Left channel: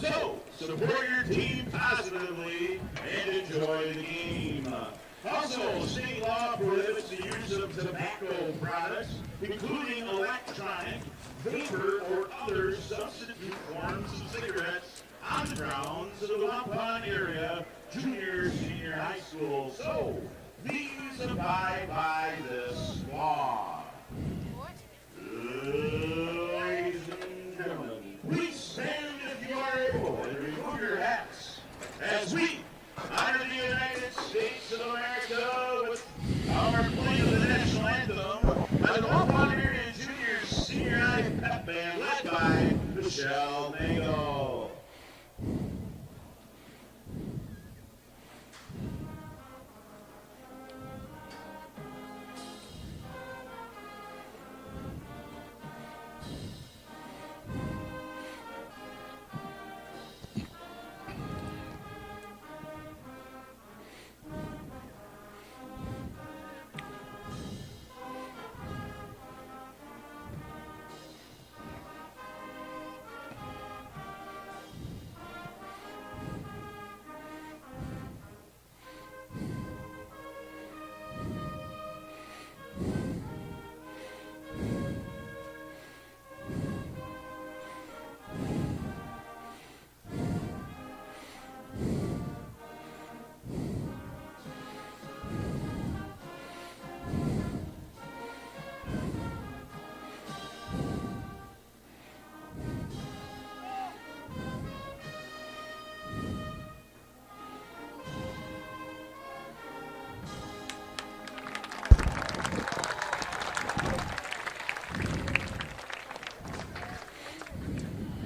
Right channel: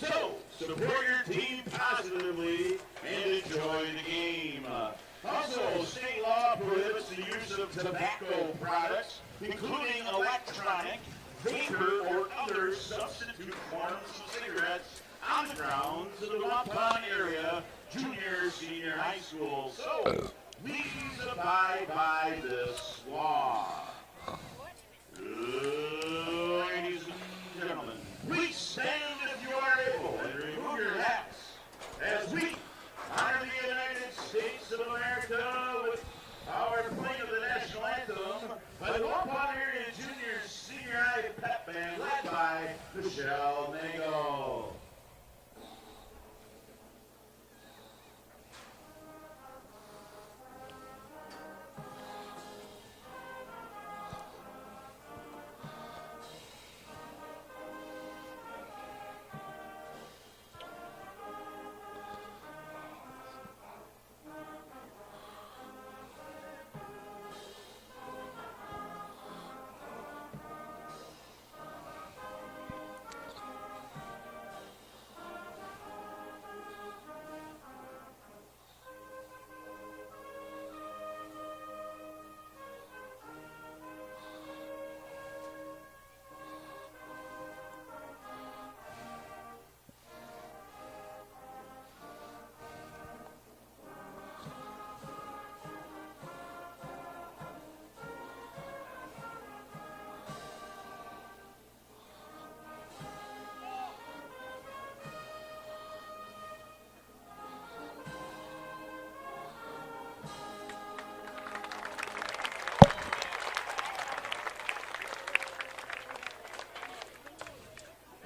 So, support your team positively and enjoy the game. Also, state law prohibits the use of tobacco products, including electronic, vapor, or other substitute forms of cigarettes on the grounds of the Waupun area junior, senior high school. So, please abide by this law. Ladies and gentlemen, please stand if you are able and remove your hats as we honor the United States of America with our play of the national anthem by the Waupun area junior, senior high pep band led by Michelle Nagle.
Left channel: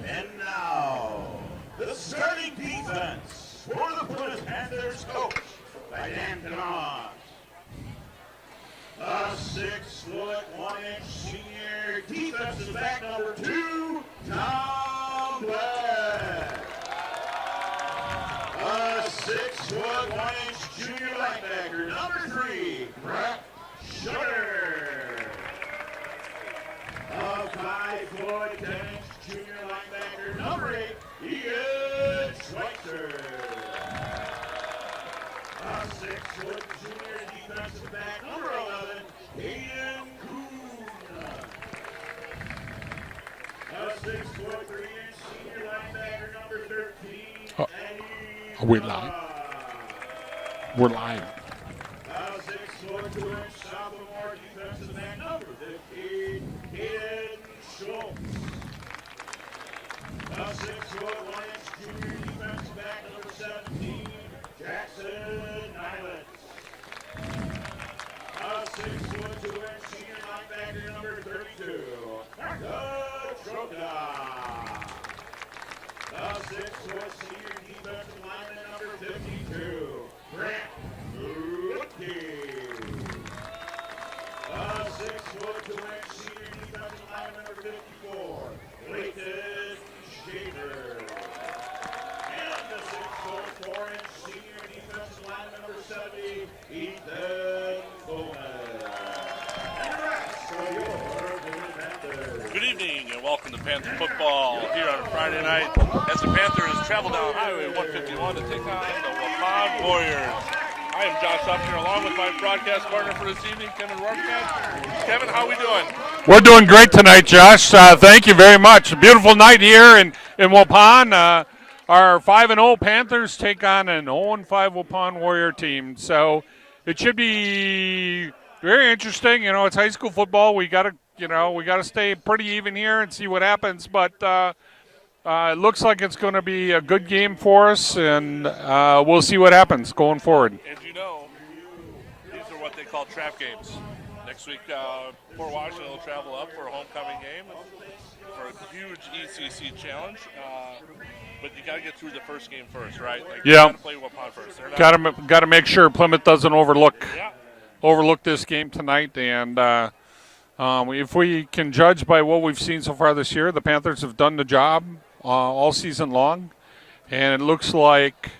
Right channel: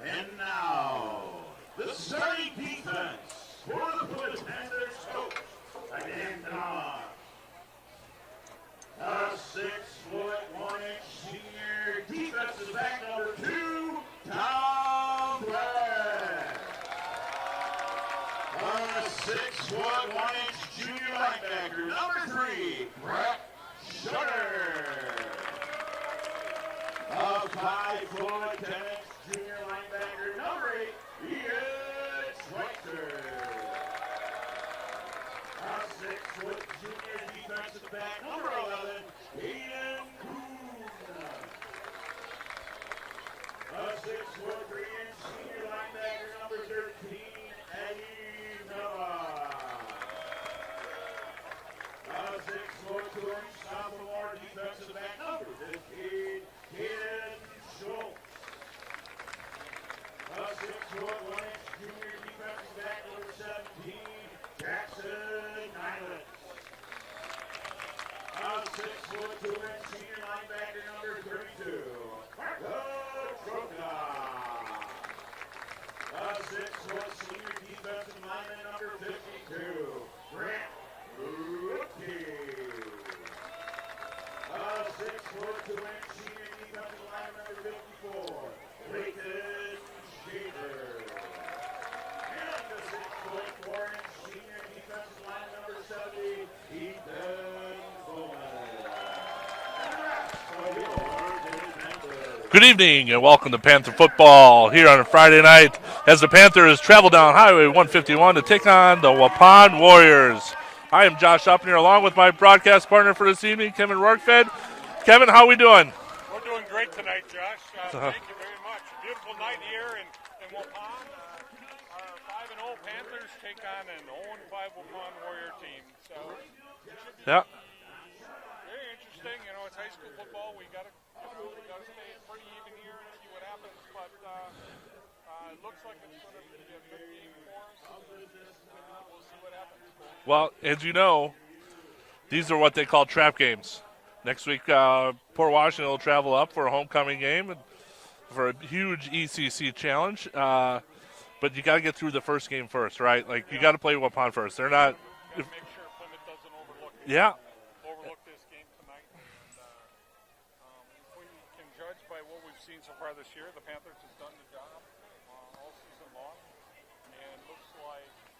And now, the starting defense for the Plymouth Panthers coach by Dan Kahn. A 6'1" senior defensive back number 2, Tom Black. A 6'1" junior linebacker number 3, Brett Sugar. A 5'10" junior linebacker number 8, Ian Schweitzer. A 6-foot junior defensive back number 11, Aiden Kuhn. A 6'3" senior linebacker number 13, Eddie. Are we live? We're live. A 6'2" sophomore defensive back number 15, Aiden Schultz. A 6'1" junior defensive back number 17, Jackson Nyland. A 6'2" senior linebacker number 32, Martha Troka. A 6'1" senior defensive lineman number 52, Brent Lutke. A 6'2" senior defensive lineman number 54, Leighton Shaver. And the 6'4" senior defensive lineman number 70, Ethan Bowman. And the rest of your Plymouth Panthers. Good evening and welcome to Panther football here on a Friday night as the Panthers travel down Highway 151 to take on the Waupun Warriors. I am Josh Upner along with my broadcast partner for this evening, Kevin Rorkfed. Kevin, how we doing? We're doing great tonight, Josh. Thank you very much. A beautiful night here in Waupun. Our 5-0 Panthers take on an 0-5 Waupun Warrior team. So it should be very interesting. You know, it's high school football. We gotta stay pretty even here and see what happens. But it looks like it's going to be a good game for us, and we'll see what happens going forward. As you know, these are what they call trap games. Next week, Port Washington will travel up for a homecoming game and for a huge ECC challenge. But you got to get through the first game first, right? Like, you got to play Waupun first. They're not got to make sure Plymouth doesn't overlook this game tonight. And if we can judge by what we've seen so far this year, the Panthers have done the job all season long, and it looks like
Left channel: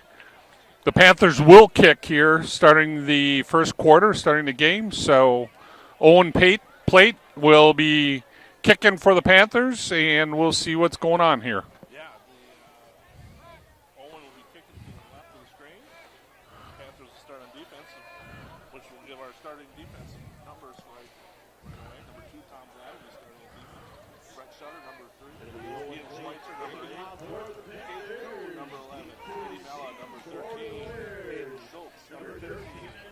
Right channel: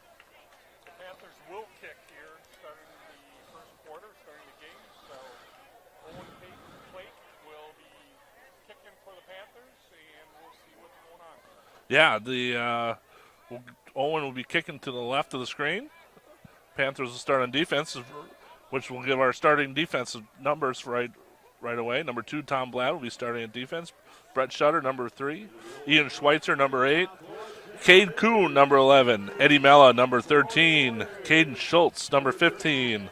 the Panthers will kick here starting the first quarter, starting the game. So Owen Plate will be kicking for the Panthers, and we'll see what's going on here. Yeah, the Owen will be kicking to the left of the screen. Panthers will start on defense, which will give our starting defensive numbers right away. Number 2, Tom Blatt will be starting at defense. Brett Shutter, number 3. Ian Schweitzer, number 8. Cade Kuhn, number 11. Eddie Mella, number 13. Caden Schultz, number 15.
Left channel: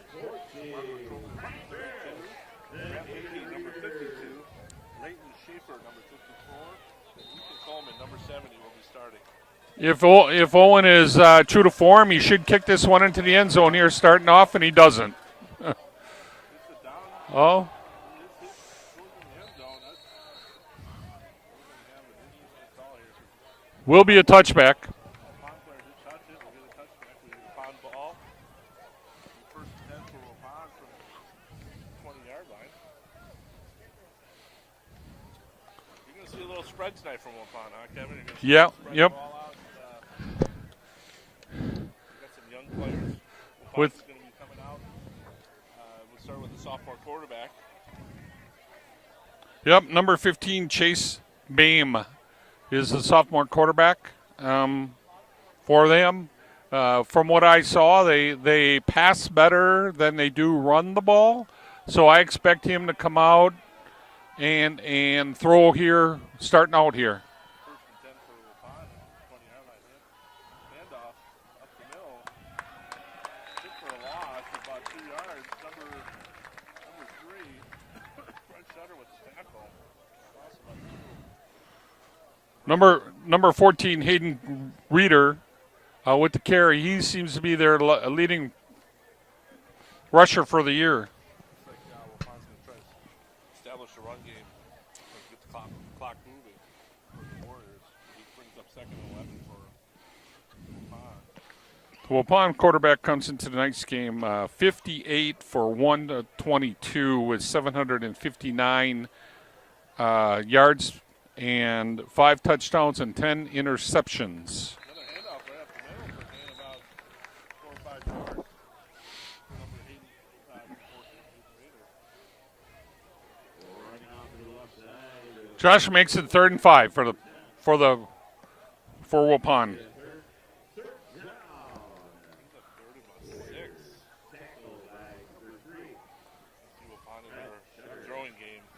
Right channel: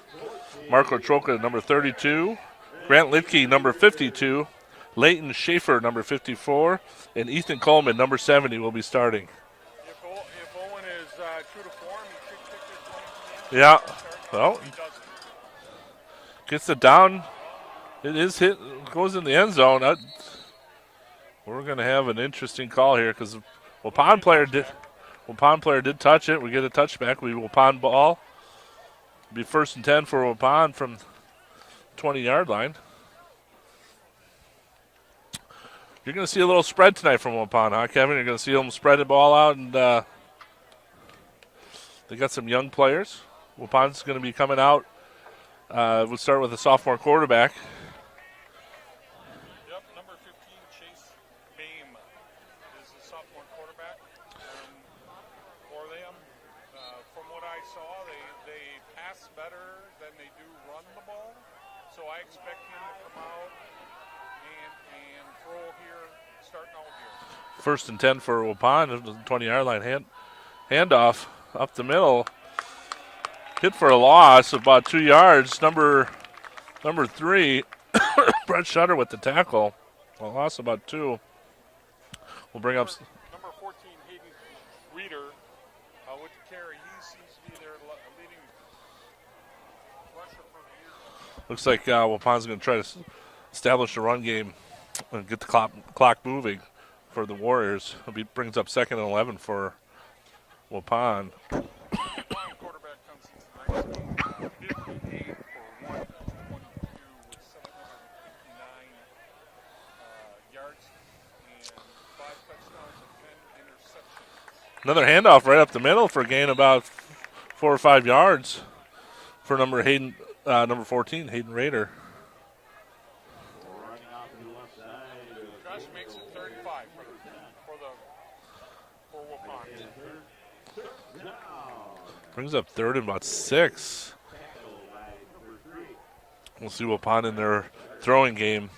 Marco Troca, number 32. Grant Litke, number 52. Leighton Schaefer, number 54. And Ethan Coleman, number 70, will be starting. If Owen is true to form, he should kick this one into the end zone here starting off, and he doesn't. Gets it down. Oh. It is hit. Goes in the end zone. We're going to have an interesting call here because will be a touchback. Waupun player did touch it. We get a touchback. We Waupun ball. Be 1st and 10 for Waupun from 20-yard line. You're going to see a little spread tonight from Waupun, huh, Kevin? You're going to see them spread the ball out, and they got some young players. Waupun's going to be coming out. We'll start with a sophomore quarterback. Yep, number 15, Chase Bame, is the sophomore quarterback for them. From what I saw, they pass better than they do run the ball, so I expect him to come out and throw here, starting out here. 1st and 10 for Waupun, 20-yard line handoff up the middle. Hit for a loss of about 2 yards. Number 3, Brett Shutter with the tackle. A loss about 2. Number 14, Hayden Reeder with the carry. He seems to be their leading rusher for the year. Looks like Waupun's going to try to establish a run game and get the clock moving for the Warriors. Brings up 2nd and 11 for Waupun. Waupun quarterback comes into tonight's game 58 for 122 with 759 yards and 5 touchdowns and 10 interceptions. Another handoff right up the middle for a gain about 4 or 5 yards for number 14, Hayden Rader. Josh makes it 3rd and 5 for Waupun. Brings up 3rd and about 6. We'll see Waupun in their throwing game.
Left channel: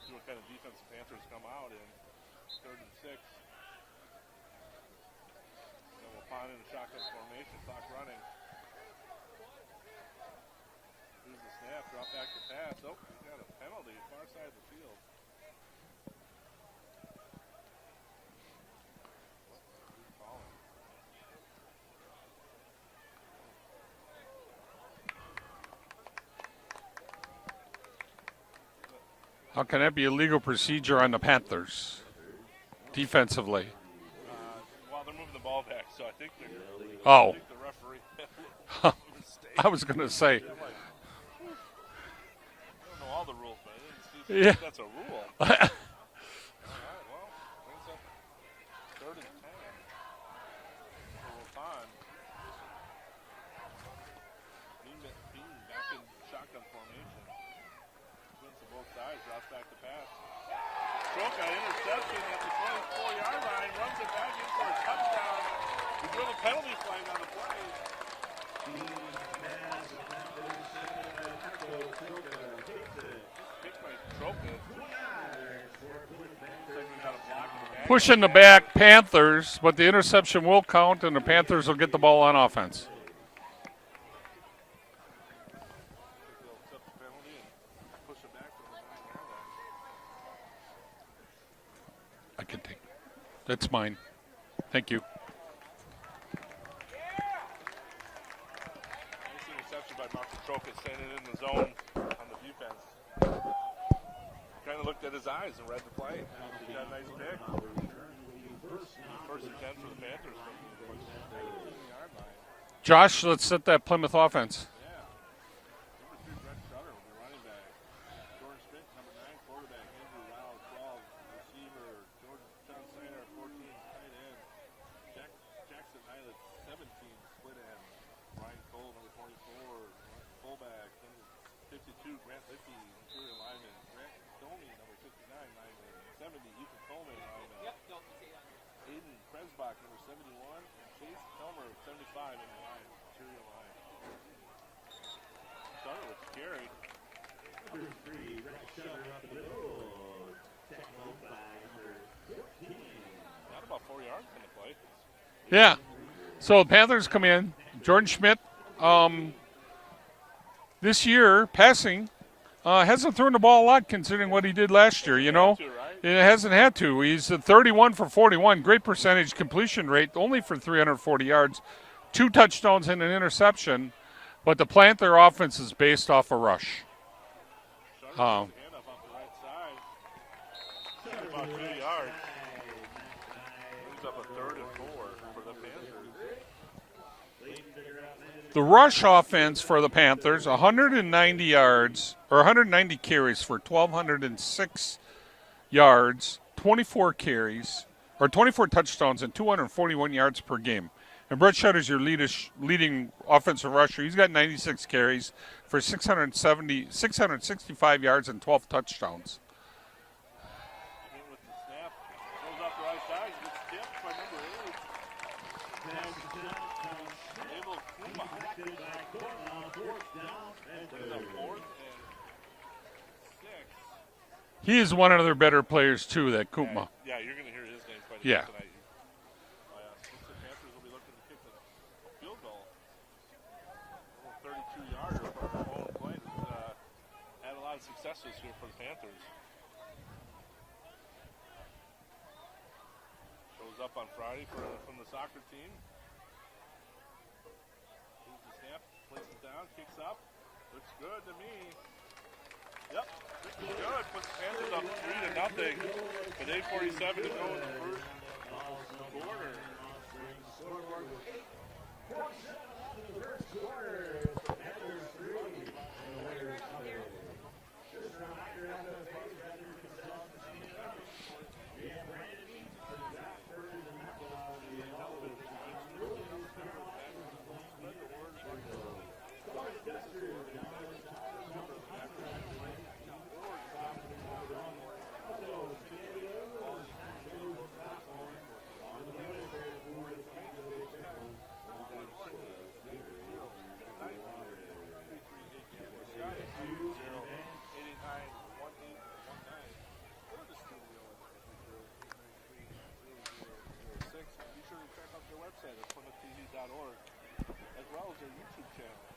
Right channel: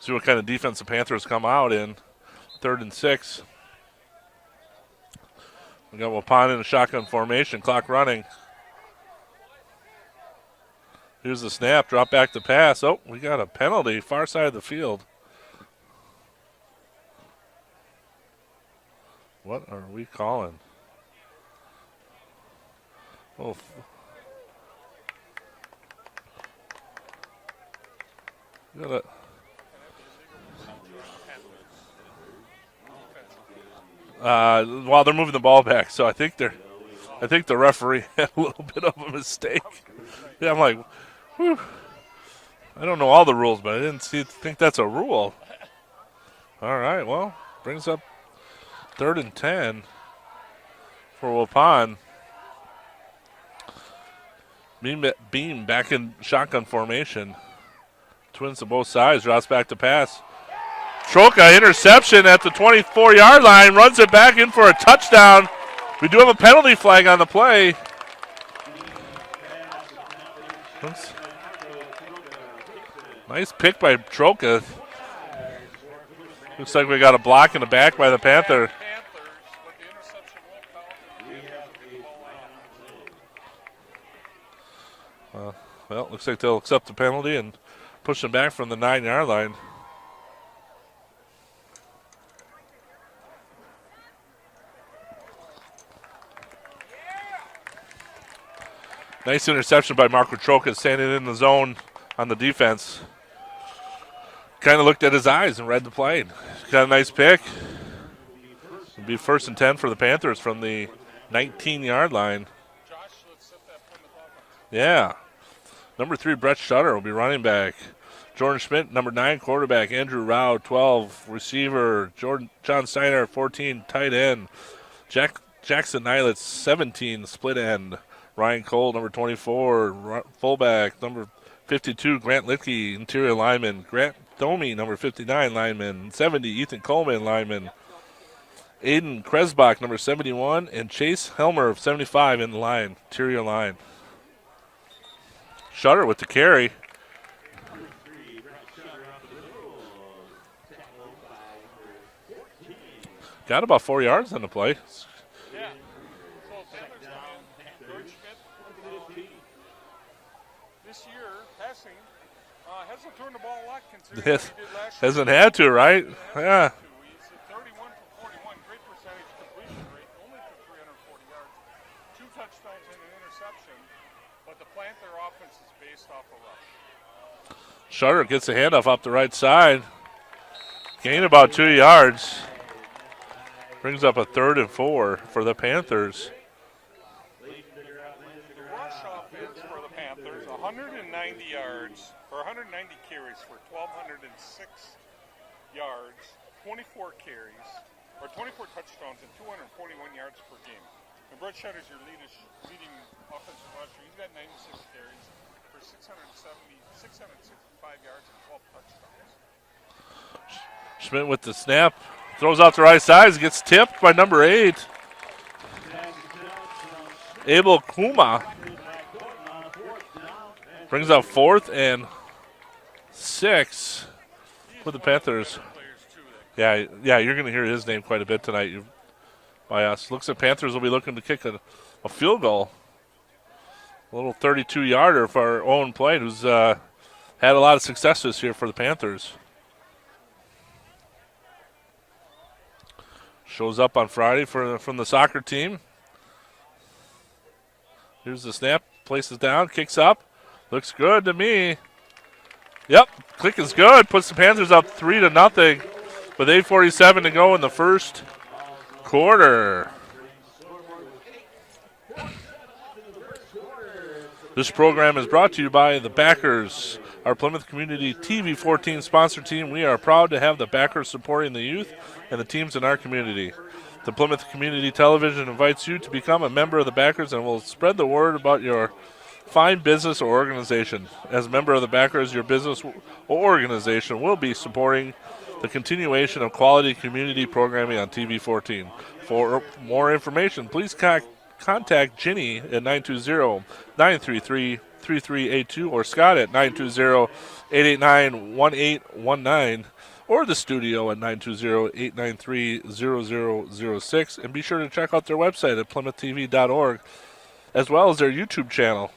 See what kind of defense the Panthers come out in. 3rd and 6. We got Waupun in a shotgun formation. Clock running. Here's the snap. Drop back to pass. Oh, we got a penalty. Far side of the field. What are we calling? Oh. How can that be a legal procedure on the Panthers defensively? Well, they're moving the ball back, so I think I think the referee had a little bit of a mistake. I was going to say. Yeah, I'm like, whew. I don't know all the rules, but I didn't think that's a rule. All right, well, brings up 3rd and 10 for Waupun. Beam back in shotgun formation. Twins to both sides. Drops back to pass. Troca interception at the 24-yard line. Runs it back in for a touchdown. We do have a penalty flag on the play. Oops. Nice pick by Troca. Looks like we got a block in the back by the Pushing the Panther. back Panthers, but the interception will count, and the Panthers will get the ball on offense. Well, looks like they'll accept the penalty and push them back from the 9-yard line. I can take it. That's mine. Thank you. Nice interception by Marco Troca, standing in the zone on the defense. Kind of looked at his eyes and read the play. Got a nice pick. It'll be 1st and 10 for the Panthers from the 19-yard line. Josh, let's set that Plymouth offense. Yeah. Number 3, Brett Shutter will be running back. Jordan Schmidt, number 9, quarterback. Andrew Rao, 12, receiver. John Steiner, 14, tight end. Jackson Nilitz, 17, split end. Ryan Cole, number 24, fullback. Number 52, Grant Litke, interior lineman. Grant Domi, number 59, lineman. 70, Ethan Coleman, lineman. Aiden Kresbach, number 71, and Chase Helmer of 75 in the line, interior line. Shutter with the carry. Got about 4 yards on the play. Yeah. So the Panthers come in. Jordan Schmidt, this year, passing, hasn't thrown the ball a lot considering what he did last year. Hasn't had to, right? It hasn't had to. He's at 31 for 41. Great percentage completion rate, only for 340 yards. 2 touchdowns and an interception. But the Panther offense is based off a rush. Shutter gets a handoff up the right side. Gained about 2 yards. Brings up a 3rd and 4 for the Panthers. The rush offense for the Panthers, 190 yards, or 190 carries for 1,206 yards, 24 carries, or 24 touchdowns and 241 yards per game. And Brett Shutter's your leading offensive rusher. He's got 96 carries for 665 yards and 12 touchdowns. Schmidt with the snap. Throws out the right side. Gets tipped by number 8. Abel Kuma. Brings up 4th and 6. He is one of the better players, too, that Kuma. Yeah, you're going to hear his name quite a bit tonight by us. Looks like Panthers will be looking to kick a field goal. A little 32-yarder for our Owen Plate, who's had a lot of success this year for the Panthers. Shows up on Friday from the soccer team. Here's the snap. Places down. Kicks up. Looks good to me. Yep. Click is good. Puts the Panthers up 3-0 with 8:47 to go in the first quarter. This program is brought to you by the Backers, our Plymouth Community TV14 sponsor team. We are proud to have the Backers supporting the youth and the teams in our community. The Plymouth Community Television invites you to become a member of the Backers and will spread the word about your fine business or organization. As a member of the Backers, your business or organization will be supporting the continuation of quality community programming on TV14. For more information, please contact Ginny at 920-933-3382 or Scott at 920-889-1819. Or the studio at 920-893-0006. And be sure to check out their website at PlymouthTV.org, as well as their YouTube channel.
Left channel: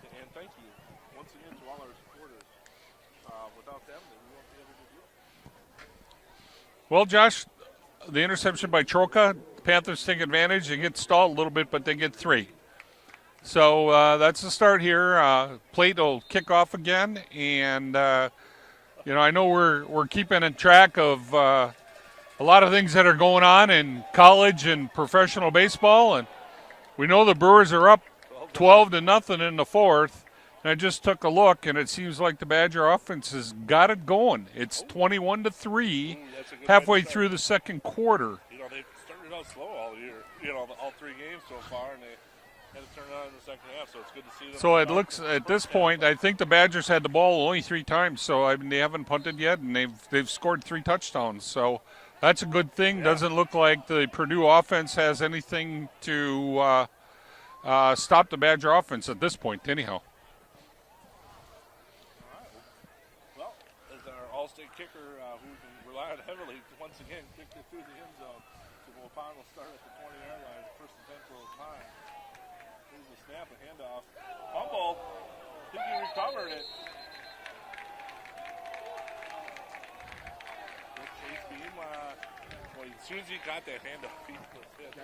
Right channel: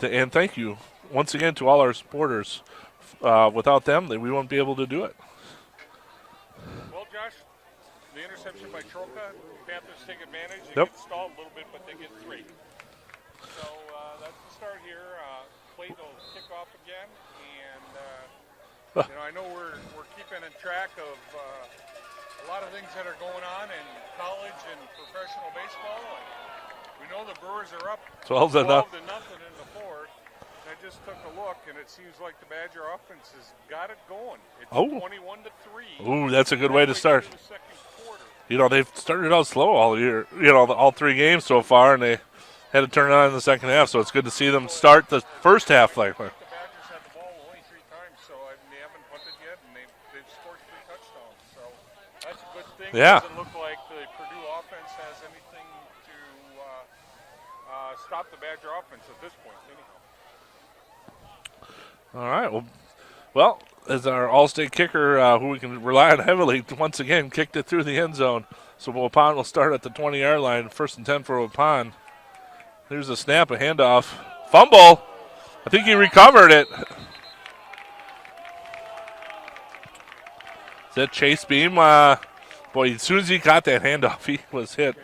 And thank you once again to all our supporters. Without them, we won't be able to do it. Well, Josh, the interception by Troca, Panthers take advantage. They get stalled a little bit, but they get 3. So that's the start here. Plate will kick off again, and I know we're keeping in track of a lot of things that are going on in college and professional baseball, and we know the Brewers are up 12-0 in the 4th. And I just took a look, and it seems like the Badger offense has got it going. It's 21-3. Ooh, that's a good way to start. Halfway through the second quarter. They've started out slow all year. All 3 games so far, and they had to turn it on in the second half. So it's good to see them start the first half. I think the Badgers had the ball only 3 times, so they haven't punted yet, and they've scored 3 touchdowns. So that's a good thing. Yeah. Doesn't look like the Purdue offense has anything to stop the Badger offense at this point, anyhow. All right. Well, as our all-state kicker, who we can rely on heavily, once again kicked it through the end zone. So Waupun will start at the 20-yard line. 1st and 10 for Waupun. There's a snap, a handoff. Fumble. I think he recovered it. Is that Chase Beam? Boy, as soon as he got that handoff, he was hit.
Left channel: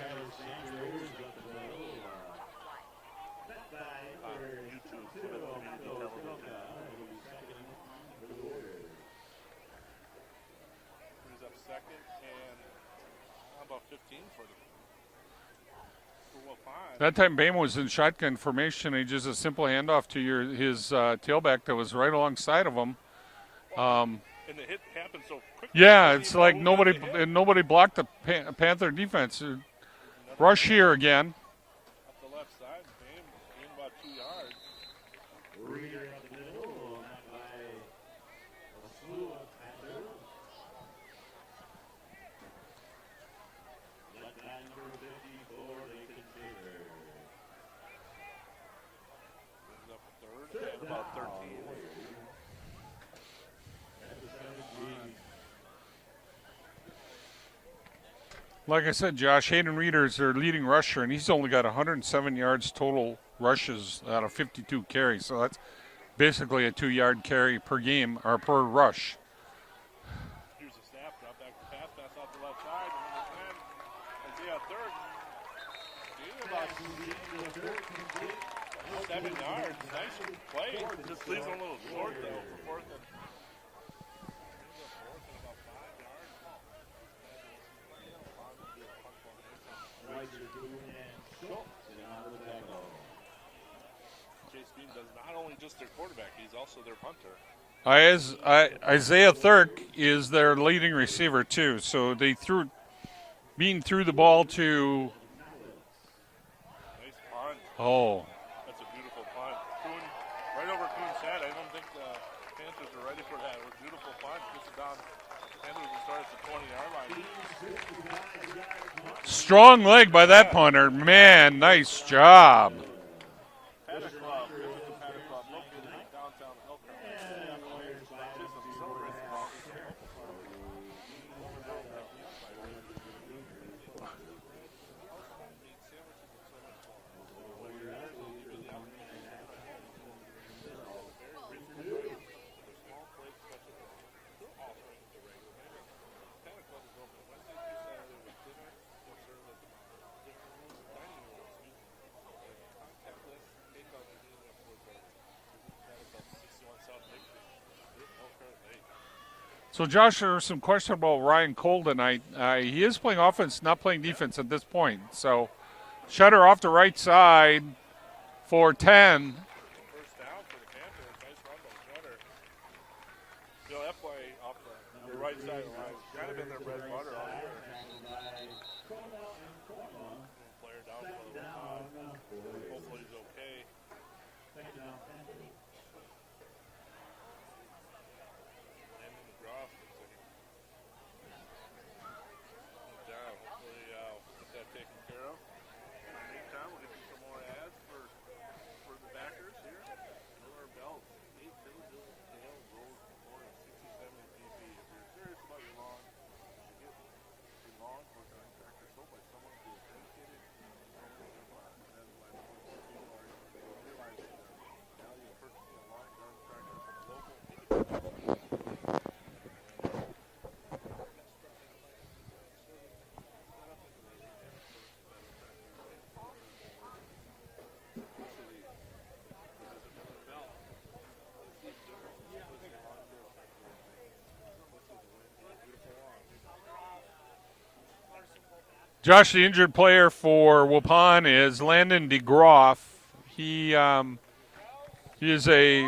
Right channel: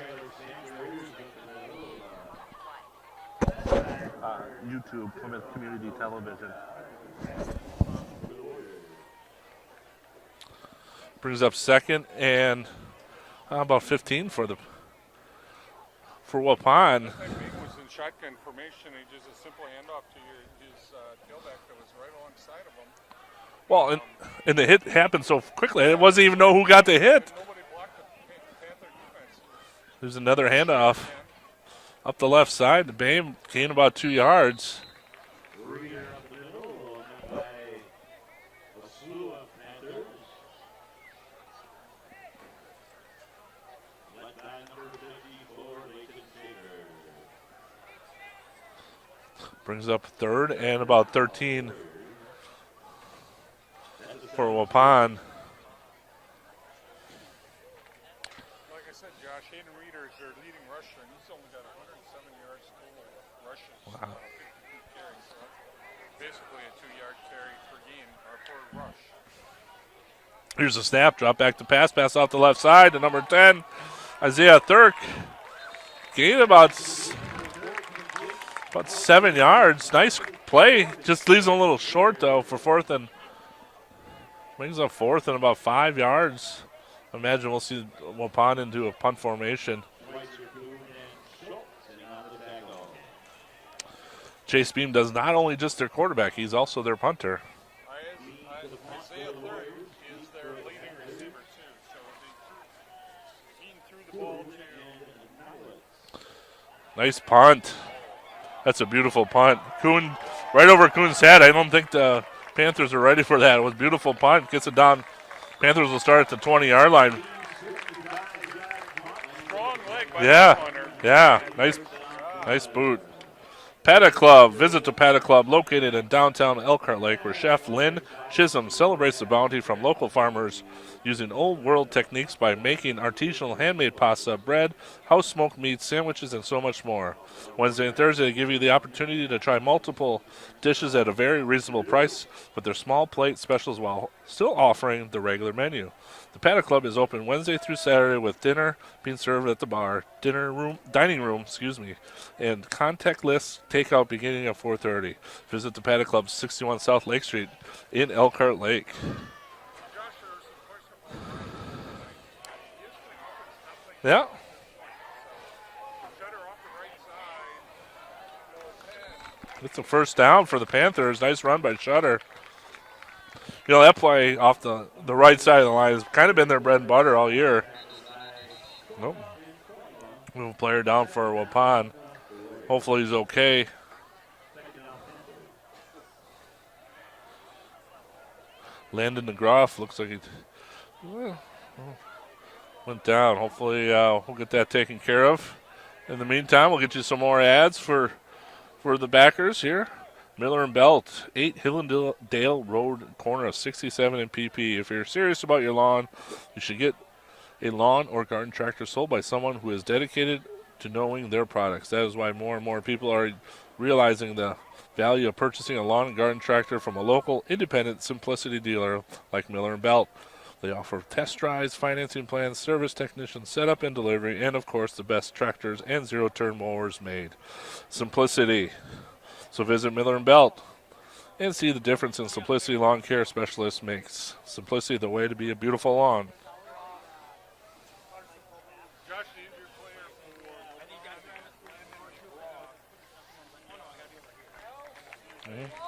YouTube, Plymouth Community Television. Brings up 2nd and about 15 for Waupun. That time Bama was in shotgun formation. He just a simple handoff to his tailback that was right alongside of him. Well, and the hit happened so quickly. It wasn't even know who got the hit. And nobody blocked the Panther defense. There's another rush handoff here again. Up the left side. The Bame gained about 2 yards. Brings up third and about 13 for Waupun. Like I said, Josh, Hayden Reeder is their leading rusher, and he's only got 107 yards total rushes out of 52 carries. So that's basically a 2-yard carry per game or per rush. Here's a snap, drop back to pass off the left side to number 10, Isaiah Thurk. Gain about 7 yards. Nice play. Just leaves him a little short, though, for fourth and brings up fourth and about 5 yards. I imagine we'll see Waupun into a punt formation. Chase Beam does not only just their quarterback, he's also their punter. Isaiah Thurk is their leading receiver, too. So they threw the ball to. Nice punt. Oh. That's a beautiful punt. Kuhn, right over Kuhn's head. I don't think the Panthers are ready for that. It was a beautiful punt. Gets it down. Panthers will start at the 20-yard line. Strong leg by that punter. Man, nice job. Nice boot. Paddock Club. Visit the Paddock Club located in downtown Elkhart Lake, where Chef Lynn Chisholm celebrates the bounty from local farmers using old world techniques by making artisanal handmade pasta, bread, house smoked meats, sandwiches, and so much more. Wednesday and Thursday they give you the opportunity to try multiple dishes at a very reasonable price with their small plate specials while still offering the regular menu. The Paddock Club is open Wednesday through Saturday with dinner being served at the bar, dining room, and contactless takeout beginning at 4:30. Visit the Paddock Club, 61 South Lake Street in Elkhart Lake. So, Josh, there was some question about Ryan Cole tonight. He is playing offense, not playing defense at this point. So, Shutter off the right side for 10. It's a first down for the Panthers. Nice run by Shutter. You know, that play off the right side of the line has kind of been their bread and butter all year. Nope. Move a player down for Waupun. Hopefully he's okay. Landon DeGroff looks like he went down. Hopefully we'll get that taken care of. In the meantime, we'll get you some more ads for the backers here. Miller and Belt, 8 Hillendale Road, corner of 67 and PP. If you're serious about your lawn, you should get a lawn or garden tractor sold by someone who is dedicated to knowing their products. That is why more and more people are realizing the value of purchasing a lawn and garden tractor from a local independent Simplicity dealer like Miller and Belt. They offer test drives, financing plans, service technicians, setup and delivery, and of course the best tractors and zero-turn mowers made. Simplicity. So visit Miller and Belt and see the difference in Simplicity Lawn Care Specialist makes. Simplicity the way to be a beautiful lawn. Josh, the injured player for Waupun is Landon DeGroff. He is a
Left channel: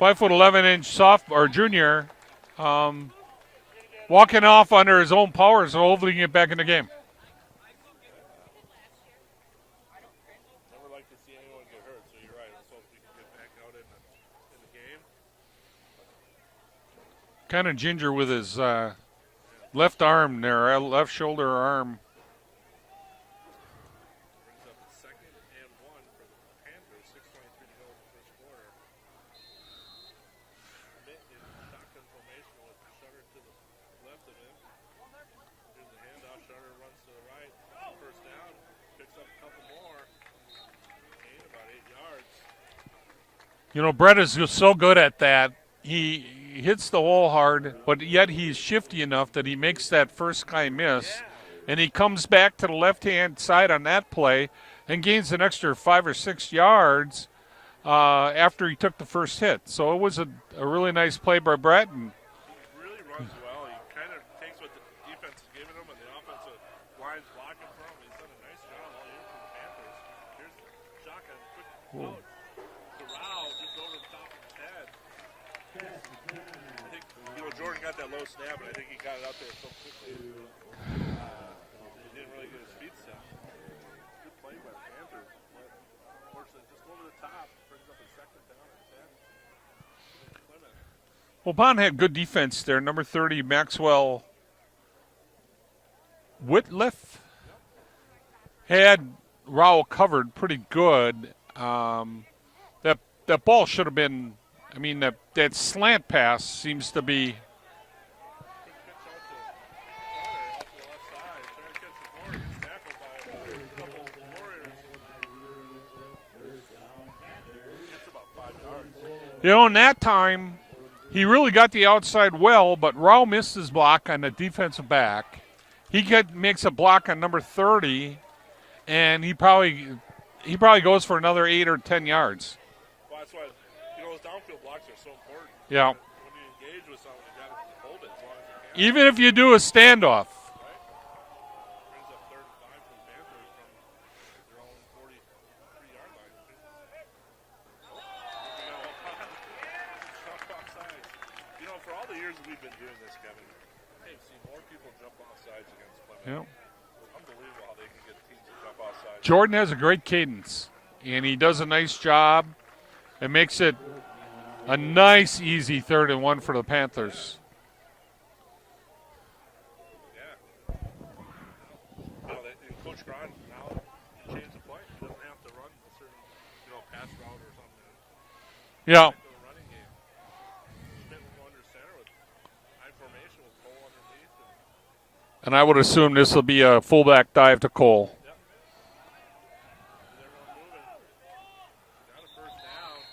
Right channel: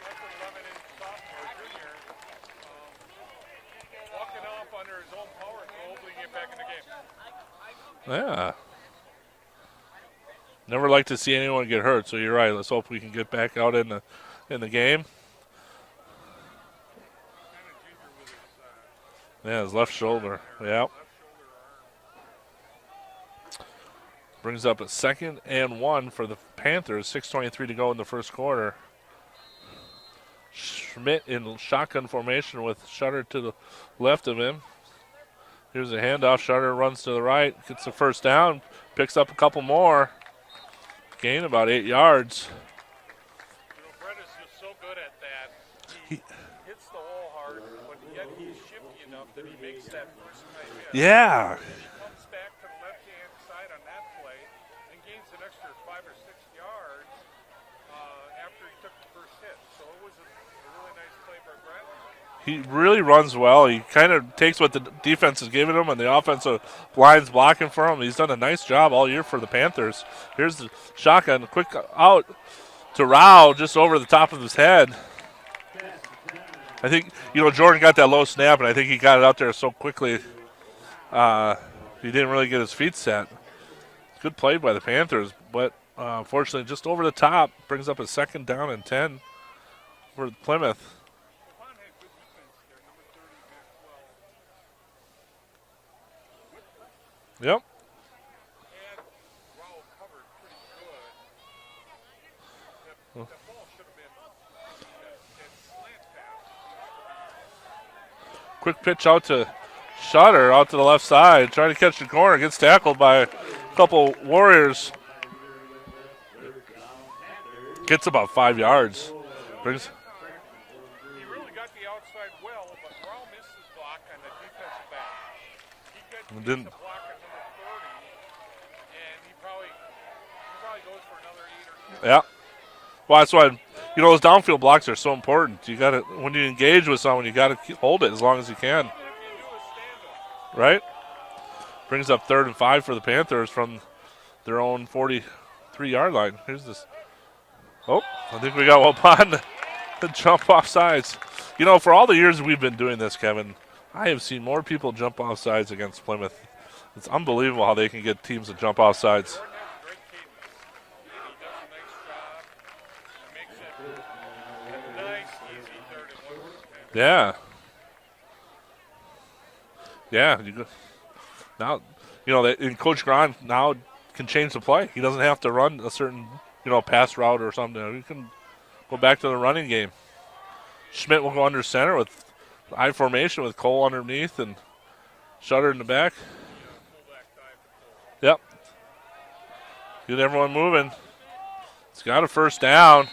5'11" junior, walking off under his own powers and hopefully he can get back in the game. Yeah. Never like to see anyone get hurt, so you're right. Let's hope we can get back out in the game. Kind of ginger with his, his left arm shoulder. there, Yep. left shoulder arm. Brings up a 2nd and 1 for the Panthers. 6:23 to go in the first quarter. Schmidt in shotgun formation with Shutter to the left of him. Here's a handoff. Shutter runs to the right, gets the first down, picks up a couple more. Gain about 8 yards. You know, Brett is just so good at that. He hits the hole hard, but yet he's shifty enough that he makes that first guy miss. Yeah. And he comes back to the left-hand side on that play and gains an extra 5 or 6 yards after he took the first hit. So it was a really nice play by Brett. And he really runs well. He kind of takes what the defense is giving him and the offensive line's blocking for him. He's done a nice job all year for the Panthers. Here's the shotgun, quick out to Rao just over the top of his head. I think, Jordan got that low snap, and I think he got it out there so quickly he didn't really get his feet set. Good play by the Panthers, but unfortunately just over the top. Brings up a 2nd down and 10 for Plymouth. Waupun had good defense there. Number 30, Maxwell Whitliff. Yep. Had Rowell covered pretty good. That ball should have been. I mean, that slant pass seems to be. Quick pitch out to Shutter, out to the left side, trying to catch the corner. Gets tackled by a couple Warriors. Gets about 5 yards. You know, in that time, he really got the outside well, but Rowell missed his block on the defensive back. He makes a block on number 30, and he probably goes for another 8 or 10 yards. Well, that's why, those downfield blocks are so important. You Yeah. got to, when you engage with someone, you got to hold it as long as you can. Even if you do a standoff. Right? Brings up 3rd and 5 for the Panthers from their own 43-yard line. Here's this. Oh, I think we got Waupun to jump off sides. For all the years we've been doing this, Kevin, I have seen more people jump off sides against Plymouth. Yep. It's unbelievable how they can get teams to jump off sides. Jordan has a great cadence, and he does a nice job. It makes it a nice, easy 3rd and 1 for the Panthers. Yeah. Yeah. Now, and Coach Grahn now can change the play. He doesn't have to run a certain, pass route or something. He can go back to the running game. Schmidt will go under center with I formation with Cole underneath. And I would assume this will be a fullback dive to Cole. Yep. Get everyone moving. It's got a first down.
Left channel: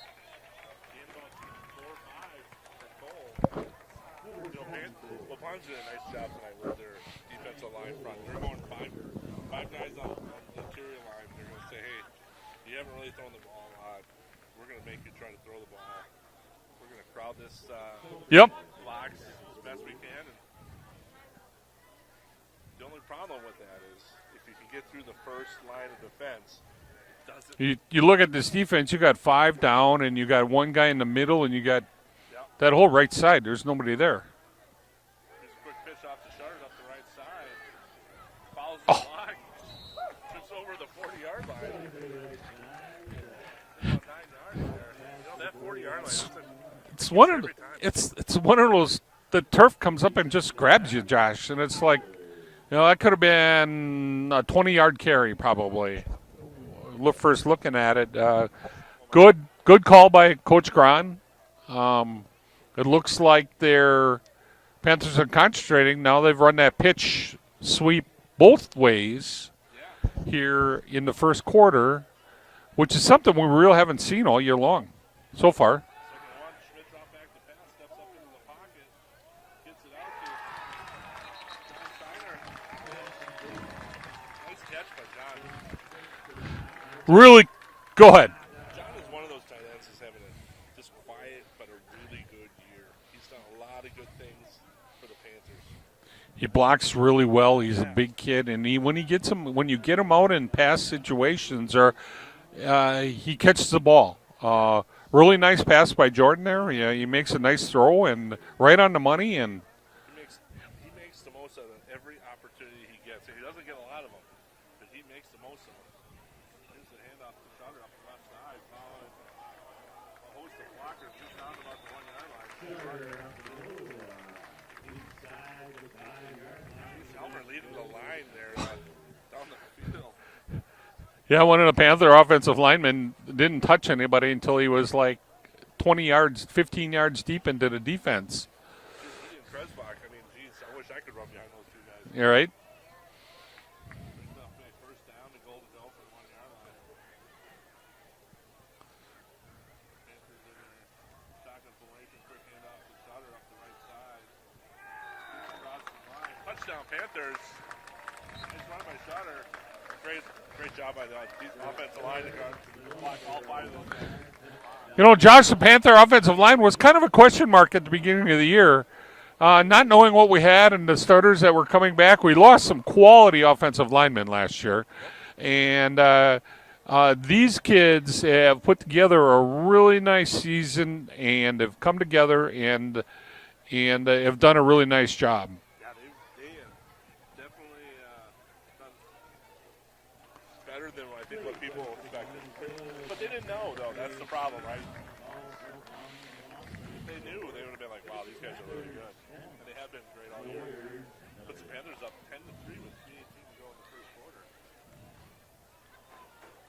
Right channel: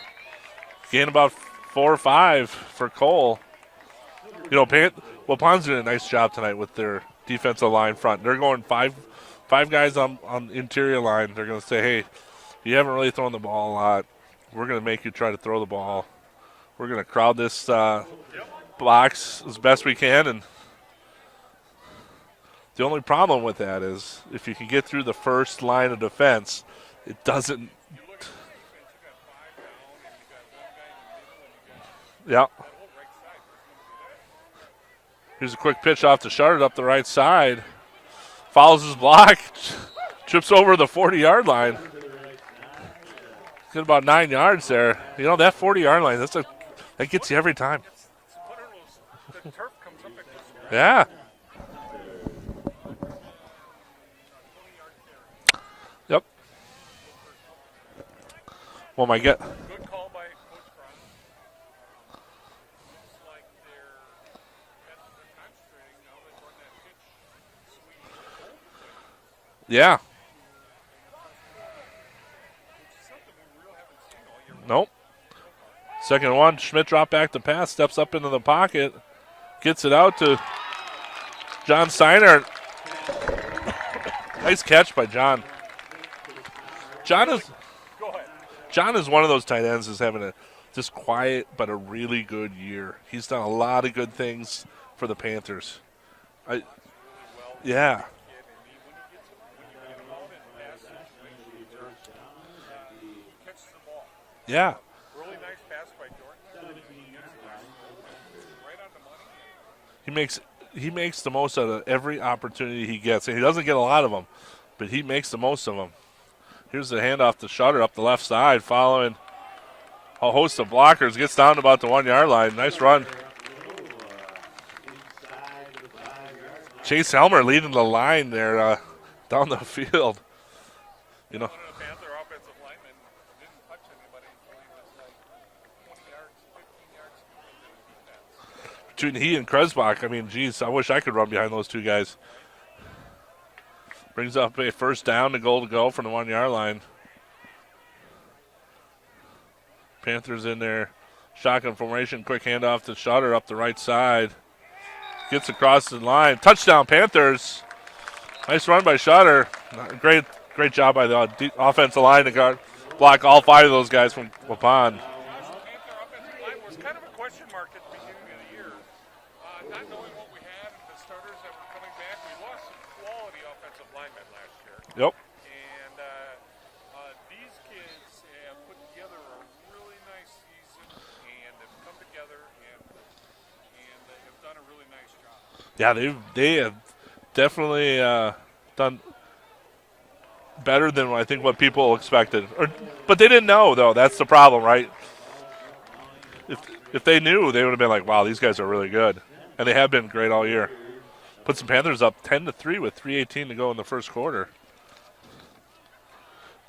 Gain about 4 or 5 for Cole. Waupun's doing a nice job tonight with their defensive line front. They're going five guys on interior line. They're going to say, hey, you haven't really thrown the ball a lot. We're going to make you try to throw the ball. We're going to crowd this box as best we can. And the only problem with that is if you can get through the first line of defense, it doesn't. You look at this defense, you got 5 down, and you got 1 guy in the middle, and you got that whole right side. There's nobody there. Here's a quick pitch off to Charlotte up the right side. Follows his block. Trips over the 40-yard line. Get about 9 yards there. That 40-yard line, that gets you every time. It's one of those, the turf comes up and just grabs you, Josh. And it's like, that could have been a 20-yard carry probably. Yep. First looking at it. Good call by Coach Grahn. It looks like their Panthers are concentrating. Now they've run that pitch sweep both ways. Yeah. Here in the first quarter, which is something we really haven't seen all year long so far. 2nd and 1. Schmidt drop back to pass, steps up into the pocket, gets it out to John Steiner. Nice catch by John. Go ahead. John is one of those tight ends who's having a just quiet but a really good year. He's done a lot of good things for the Panthers. He blocks really well. He's a big kid, and when you get him out in pass situations, or he catches the ball. Really nice pass by Jordan there. Yeah, he makes a nice throw and right on the money, and he makes the most out of every opportunity he gets. And he doesn't get a lot of them, but he makes the most of them. Here's the handoff to Shutter up the left side, following a host of blockers. Gets down to about the 1-yard line. Nice run. Chase Helmer leading the line there down the field. Yeah, one of the Panther offensive linemen didn't touch anybody until he was like 20 yards, 15 yards deep into the defense. Between he and Kresbach, I wish I could run behind those two guys. You're right. Brings up a first down to go from the 1-yard line. Panthers in there. Shotgun formation, quick handoff to Shutter up the right side. Gets across the line. Touchdown, Panthers. Nice run by Shutter. Great job by the offensive line to block all 5 of those guys from Waupun. Josh, the Panther offensive line was kind of a question mark at the beginning of the year. Not knowing what we had and the starters that were coming back. We lost some quality offensive linemen last year. Yep. And these kids have put together a really nice season and have come together and have done a really nice job. Yeah, they have definitely done better than I think what people expected. But they didn't know, though. That's the problem, right? If they knew, they would have been like, wow, these guys are really good. And they have been great all year. Put some Panthers up 10-3 with 3:18 to go in the first quarter.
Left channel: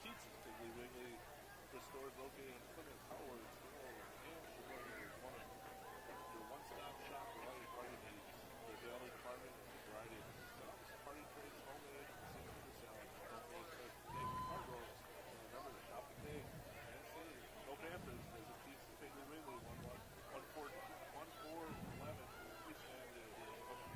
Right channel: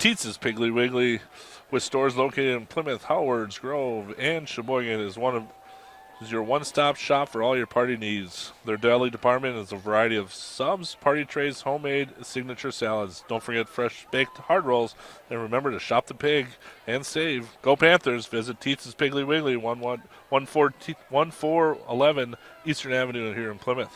Tietz's Piggly Wiggly, with stores located in Plymouth, Howards, Grove, and Sheboygan, is your one-stop shop for all your party needs. Their deli department is a variety of subs, party trays, homemade signature salads. Don't forget fresh baked hard rolls. And remember to shop the pig and save. Go Panthers. Visit Tietz's Piggly Wiggly, 1411 Eastern Avenue here in Plymouth.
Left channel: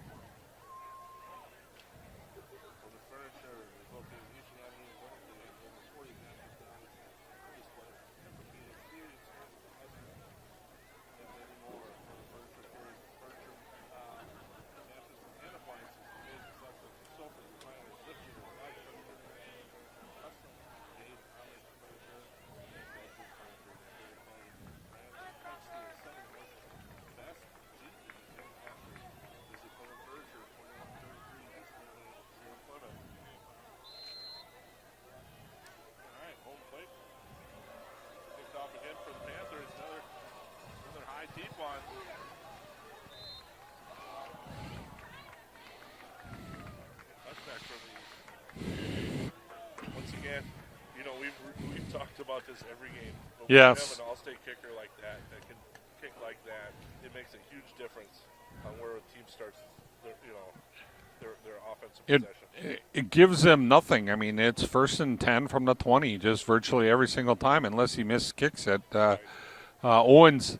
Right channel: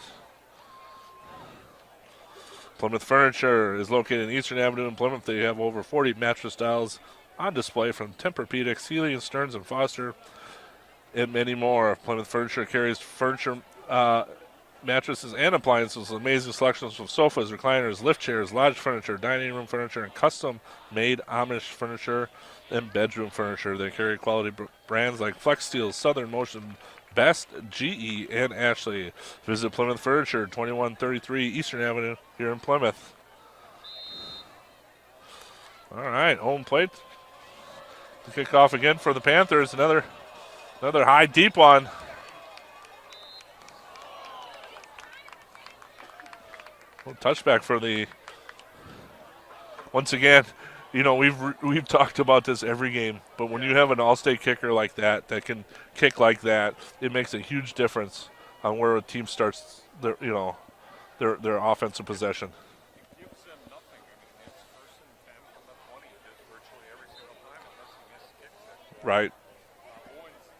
Plymouth Furniture is located in Eastern Avenue in Plymouth. They have over 40 mattress styles on display from Tempur-Pedic, Sealy & Stearns & Foster, and many more. Plymouth Furniture carries furniture, mattresses, and appliances with amazing selections of sofas, recliners, lift chairs, lodge furniture, dining room furniture, and custom-made Amish furniture and bedroom furniture. They carry quality brands like Flex Steel, Southern Motion, Best, GE, and Ashley. Visit Plymouth Furniture, 2133 Eastern Avenue here in Plymouth. All right, home plate. Kick off again for the Panthers. Another high, deep one. Touchback for the. Once again, you know, we've talked about this every game, but when you have an all-state kicker like that can kick like that, it makes a huge difference on where a team starts their offensive possession. It gives them nothing. I mean, it's 1st and 10 from the 20, just virtually every single time, unless he misses kicks it. Right. Owens,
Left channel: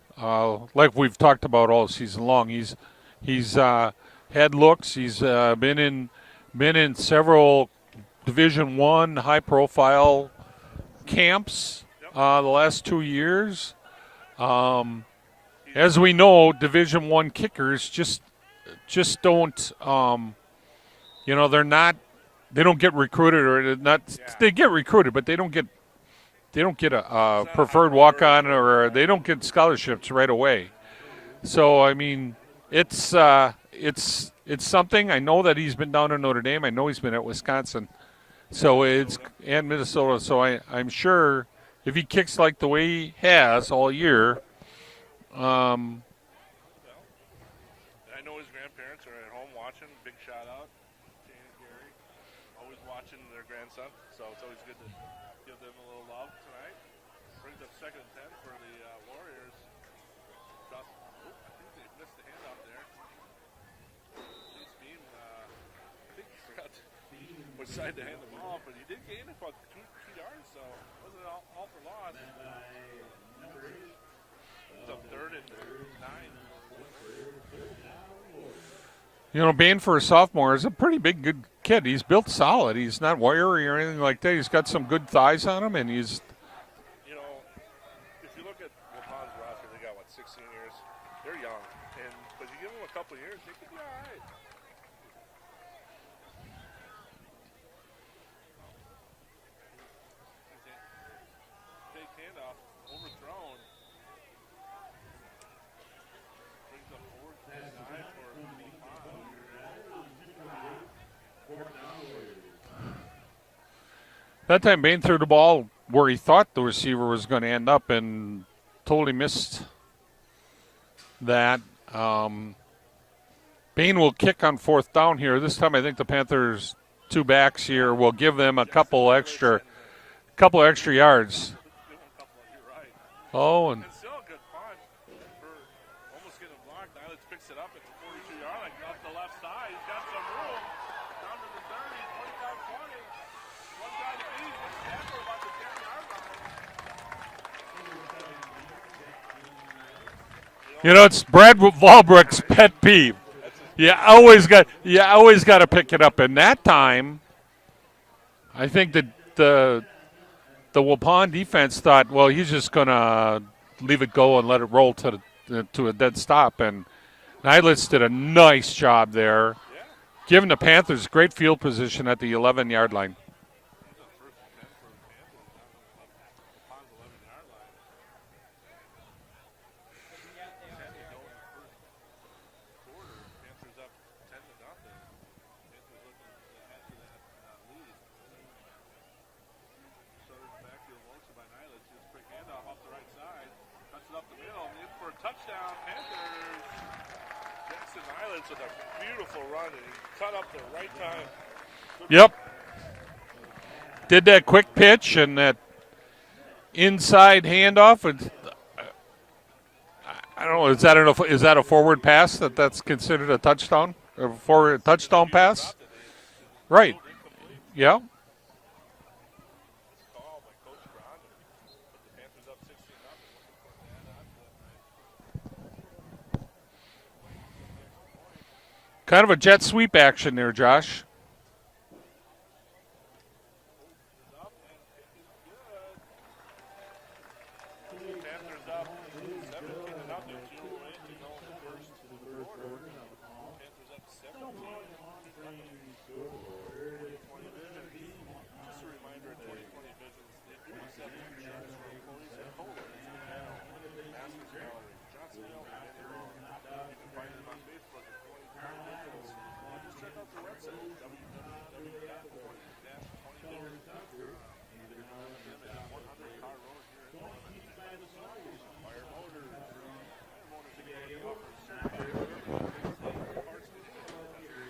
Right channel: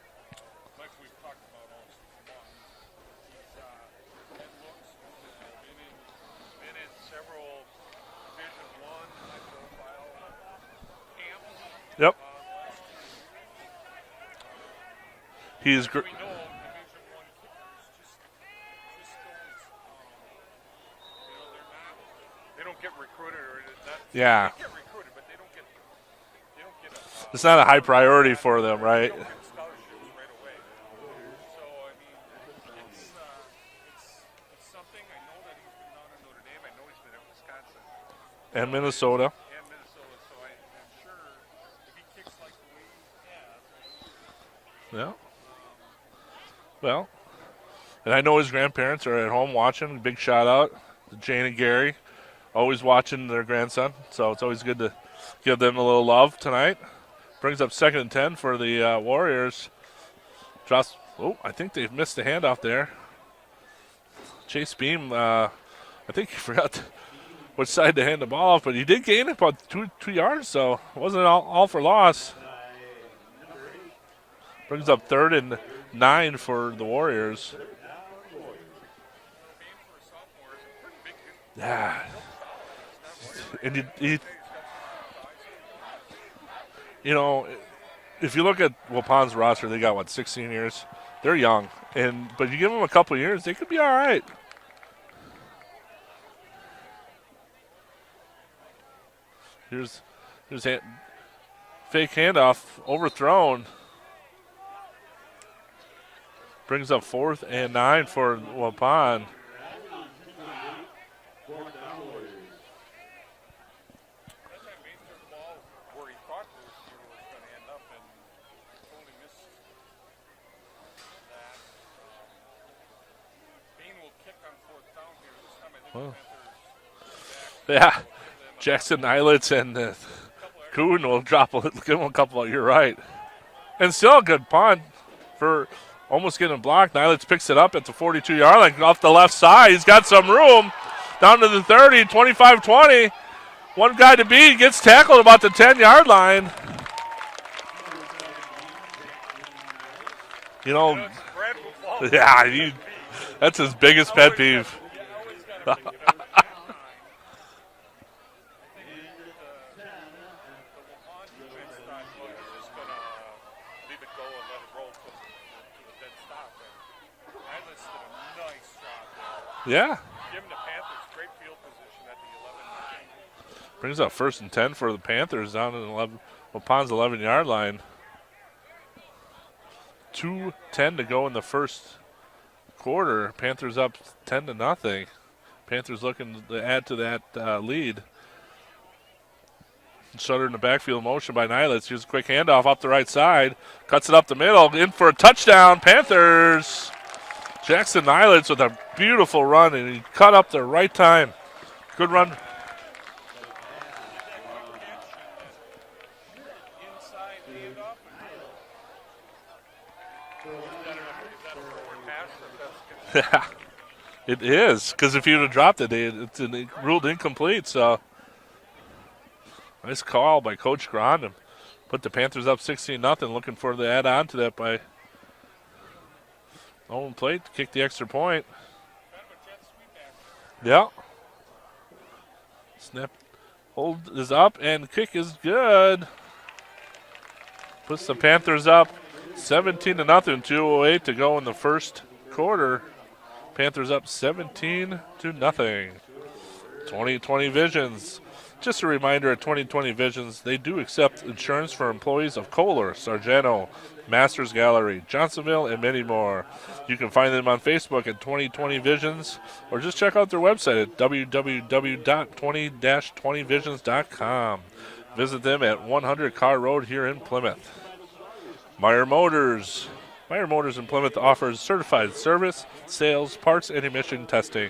like we've talked about all season long, he's had looks. He's been in several Division I high-profile camps. Yep. The last 2 years. As we know, Division I kickers just don't. They're not. They don't get recruited, or not. Yeah. They get recruited, but they don't get a it's not a high priority walk-on, for them, or right? they don't get scholarships right away. So I mean, it's something. I know that he's been down in Notre Dame. I know he's been at Wisconsin. And Minnesota. And Minnesota. So I'm sure if he kicks like the way he has all year. Yeah. And I know his grandparents are at home watching. Big shout out to Jane and Gary, always watching their grandson. So it's always good to give them a little love tonight. Brings up 2nd and 10 for the Warriors. I think they've missed the handoff there. Chase Beam, I think he forgot which side to hand the ball off, but he did gain about 2 yards, so it wasn't all for loss. Brings up 3rd and 9 for the Warriors. You know, Bain for a sophomore is a pretty big, good kid. He's built solid. He's not wiry or anything like that. He's got some good thighs on him, and he's. You know, if you look at Waupun's roster, they got 16 years. They're young, but you give them a couple of years, they could be all right. Here's fake handoff, overthrown. Brings up 4th and 9 for Waupun. That time Bain threw the ball where he thought the receiver was going to end up and totally missed that. Bain will kick on 4th down here. This time I think the Panthers' 2 backs here will give them a couple extra yards. Give them a couple. You're right. And still a good punt for almost getting blocked. Nylitz picks it up at the 42-yard line off the left side. He's got some room down to the 30, 25-20. One guy to beat, gets tackled about the 10-yard line. You know, it's Brad Valbrook's pet peeve. That's his biggest pet peeve. You always got to pick it up. And that time, I think that the Waupun defense thought, well, he's just going to leave it go and let it roll to a dead stop. And Nylitz did a nice job there. Yeah. Giving the Panthers great field position at the 11-yard line. Brings up 1st and 10 for the Panthers down at Waupun's 11-yard line. 2:10 to go in the first quarter. Panthers up 10-0. Panthers looking to add to that lead. Shutter in the backfield motion by Nylitz. Here's a quick handoff up the right side. Cuts it up the middle. In for a touchdown. Panthers. Jackson Nylitz with a beautiful run, and he cut up the right time. Good run. did that quick pitch and that inside handoff. And I don't know. Is that a forward pass that's considered a touchdown? It is, because if you would have dropped it, it's ruled incomplete. So, yeah. Nice call by Coach Grond to put the Panthers up 16-0. Looking for the add on to that by Owen Plate to kick the extra point. Kind of a jet sweep action there, Josh. Yep. Snap, hold is up, and kick is good. Puts the Panthers up 17-0. 2:08 to go in the first quarter. Panthers up 17-0. 2020 Visions. Just a reminder, at 2020 Visions, they do accept insurance for employees of Kohler, Sargento, Masters Gallery, Johnsonville, and many more. You can find them on Facebook at 2020 Visions, or just check out their website at www.20-20visions.com. Visit them at 100 Car Road here in Plymouth. Meyer Motors. Meyer Motors in Plymouth offers certified service, sales, parts, and emission testing.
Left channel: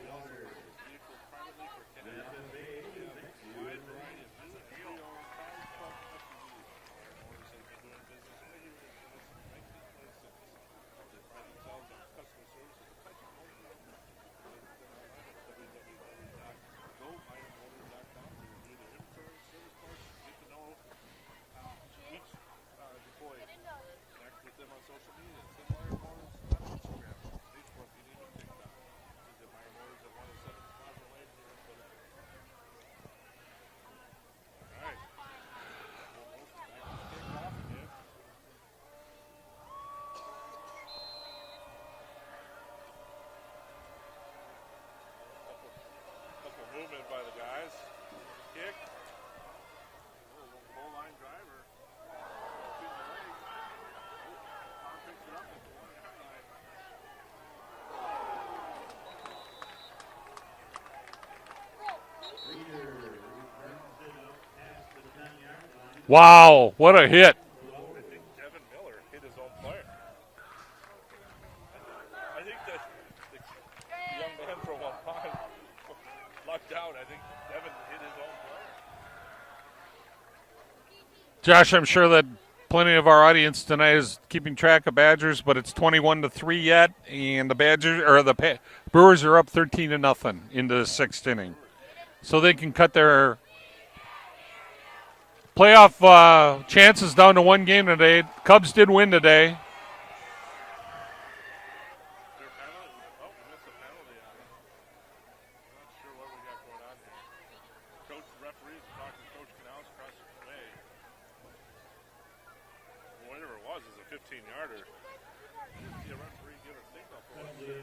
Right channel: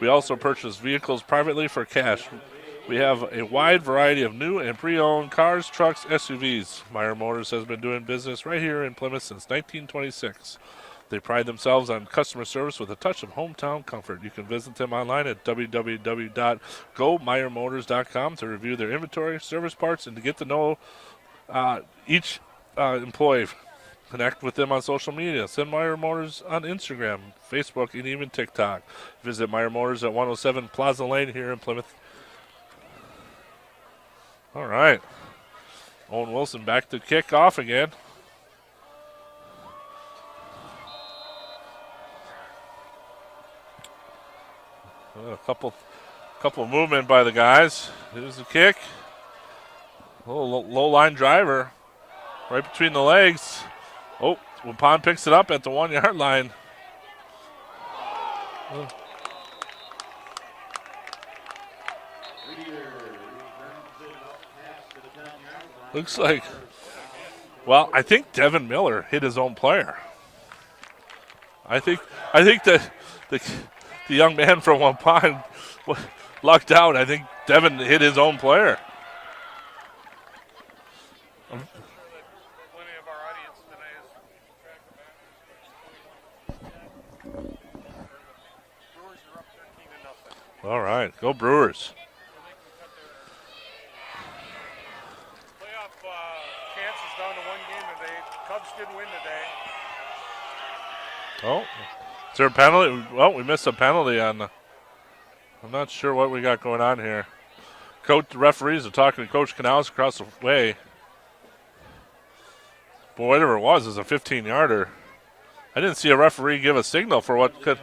We also purchase vehicles privately for cash. We have a wide variety of new and pre-owned cars, trucks, SUVs. Meyer Motors has been doing business right here in Plymouth since 1926. They pride themselves on customer service with a touch of hometown comfort. You can visit them online at www.gomeyermotors.com to review their inventory, service parts, and to get to know each employee. Connect with them on social media. Send Meyer Motors on Instagram, Facebook, and even TikTok. Visit Meyer Motors at 107 Plaza Lane here in Plymouth. All right. Owen Wilson back to kick off again. A couple movement by the guys. Here's the kick. A little low line driver right between the legs. Oh, Waupun picks it up at the 1 yard line. Wow, what a hit. Well, I think Devin Miller hit his own player. I think that the young man from Waupun lucked out. I think Devin hit his own player. Josh, I'm sure that plenty of our audience tonight is keeping track of Badgers, but it's 21-3 yet, and the Brewers are up 13-0 in the sixth inning. Go Brewers! So they can cut their playoff chances down to one game today. Cubs did win today. Oh, is there a penalty? Well, we missed a penalty on the. I'm not sure what we got going on here. The referees are talking to Coach Canals across the way. But whatever it was a 15-yarder. I didn't see a referee give a signal for what could.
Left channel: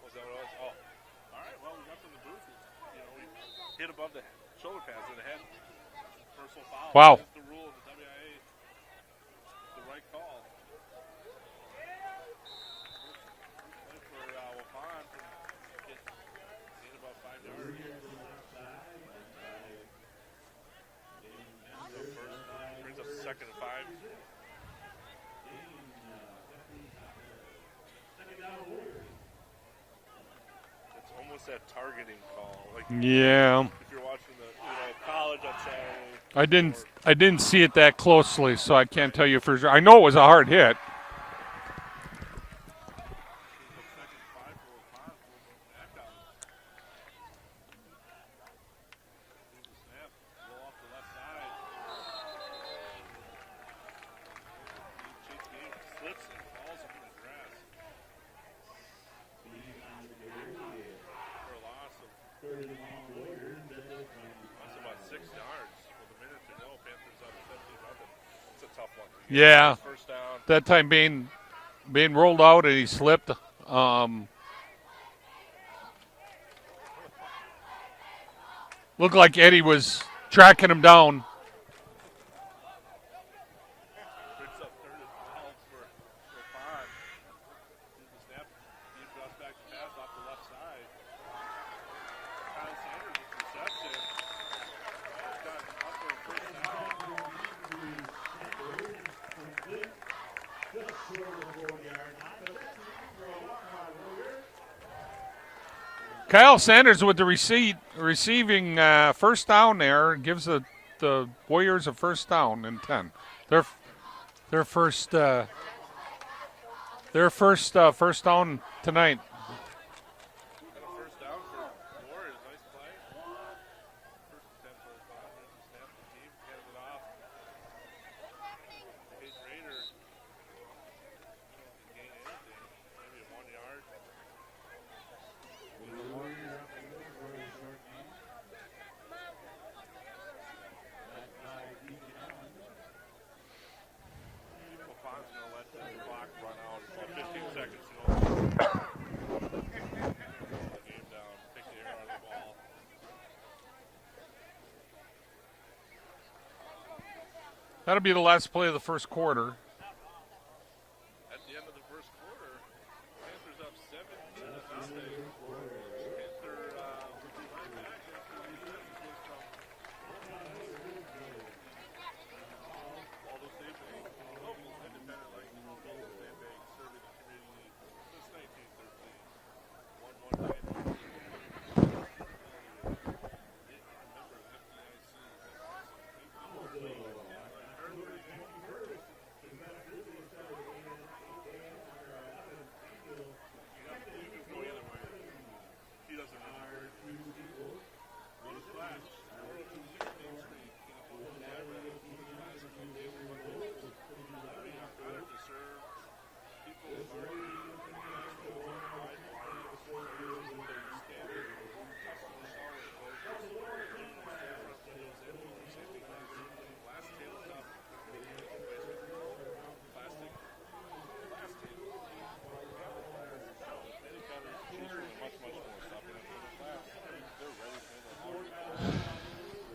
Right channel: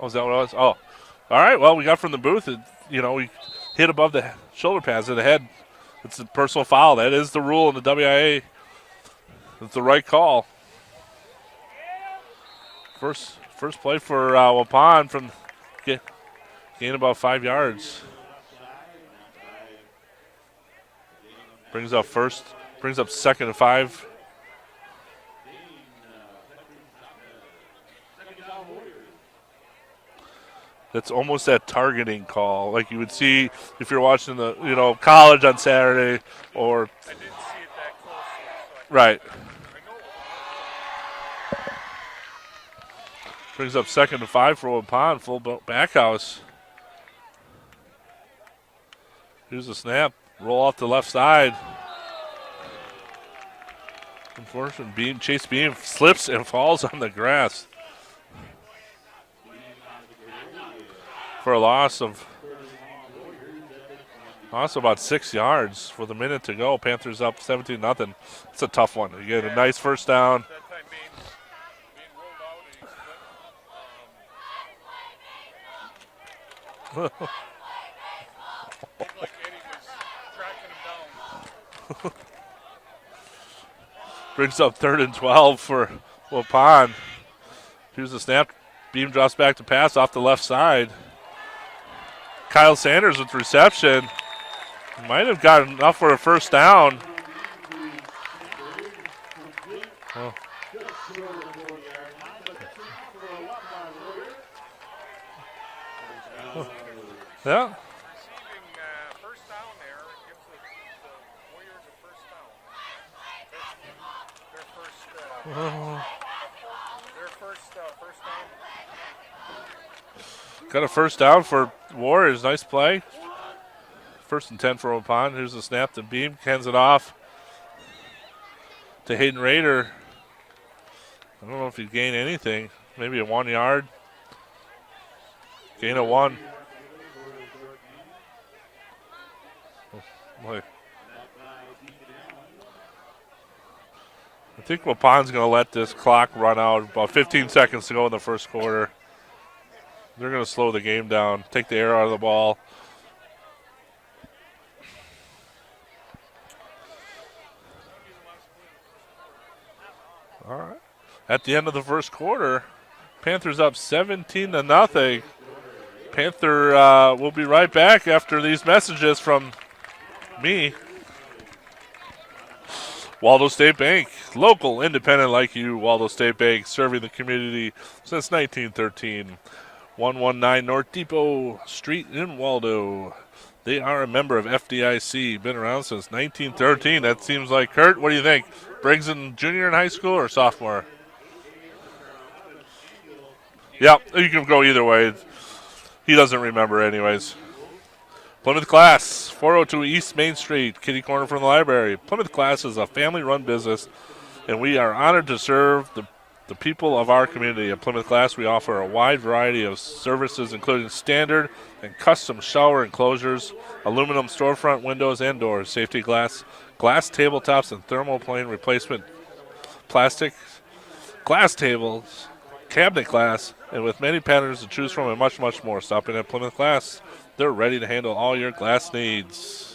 Oh, is that what it was? Oh, all right. Well, we got from the booth. We hit above the shoulder pads of the head. It's a personal foul. Wow. That is the rule in the WIA. It's the right call. First play for Waupun from gain about 5 yards. Brings up second and 5. That's almost that targeting call, like you would see if you're watching the college on Saturday. I didn't see it that closely, so I can't tell you for sure. I know it was a hard hit. Brings up second and 5 for Waupun, full back house. Here's the snap. Roll off the left side. Unfortunately, Chase Beam slips and falls on the grass for a loss of about 6 yards with a minute to go. Panthers up 17-0. It's a tough one. You get a nice first down. That time being rolled out and he slipped. Looked like Eddie was tracking him down. Brings up 3rd and 12 for Waupun. Here's the snap. Beam drops back to pass off the left side. Kyle Sanders with reception. Might have gotten enough for a first down. Oh. Kyle Sanders with the receiving first down there gives the Warriors a first down and 10. Their first first down tonight. Got a first down for Warriors. Nice play. First and 10 for Waupun. Here's the snap to Beam. Hands it off to Hayden Rader. I don't know if he'd gain anything. Maybe a 1 yard. Gain of 1. Oh, boy. I think Waupun's going to let this clock run out. About 15 seconds to go in the first quarter. They're going to slow the game down, take the air out of the ball. That'll be the last play of the first quarter. All right. At the end of the first quarter, Panthers up 17-0. Panther will be right back after these messages from me. Waldo State Bank, local, independent like you. Waldo State Bank, serving the community since 1913. 119 North Depot Street in Waldo. They are a member of FDIC, been around since 1913. That seems like, Kurt, what do you think? Briggs in junior in high school or sophomore? Yeah, you can go either way. He doesn't remember anyways. Plymouth Glass, 402 East Main Street, kitty corner from the library. Plymouth Glass is a family-run business, and we are honored to serve the people of our community. At Plymouth Glass, we offer a wide variety of services, including standard and custom shower enclosures, aluminum storefront windows and doors, safety glass, glass tabletops, and thermoplane replacement plastic, glass tables, cabinet glass, and with many patterns to choose from and much, much more. Stopping at Plymouth Glass, they're ready to handle all your glass needs.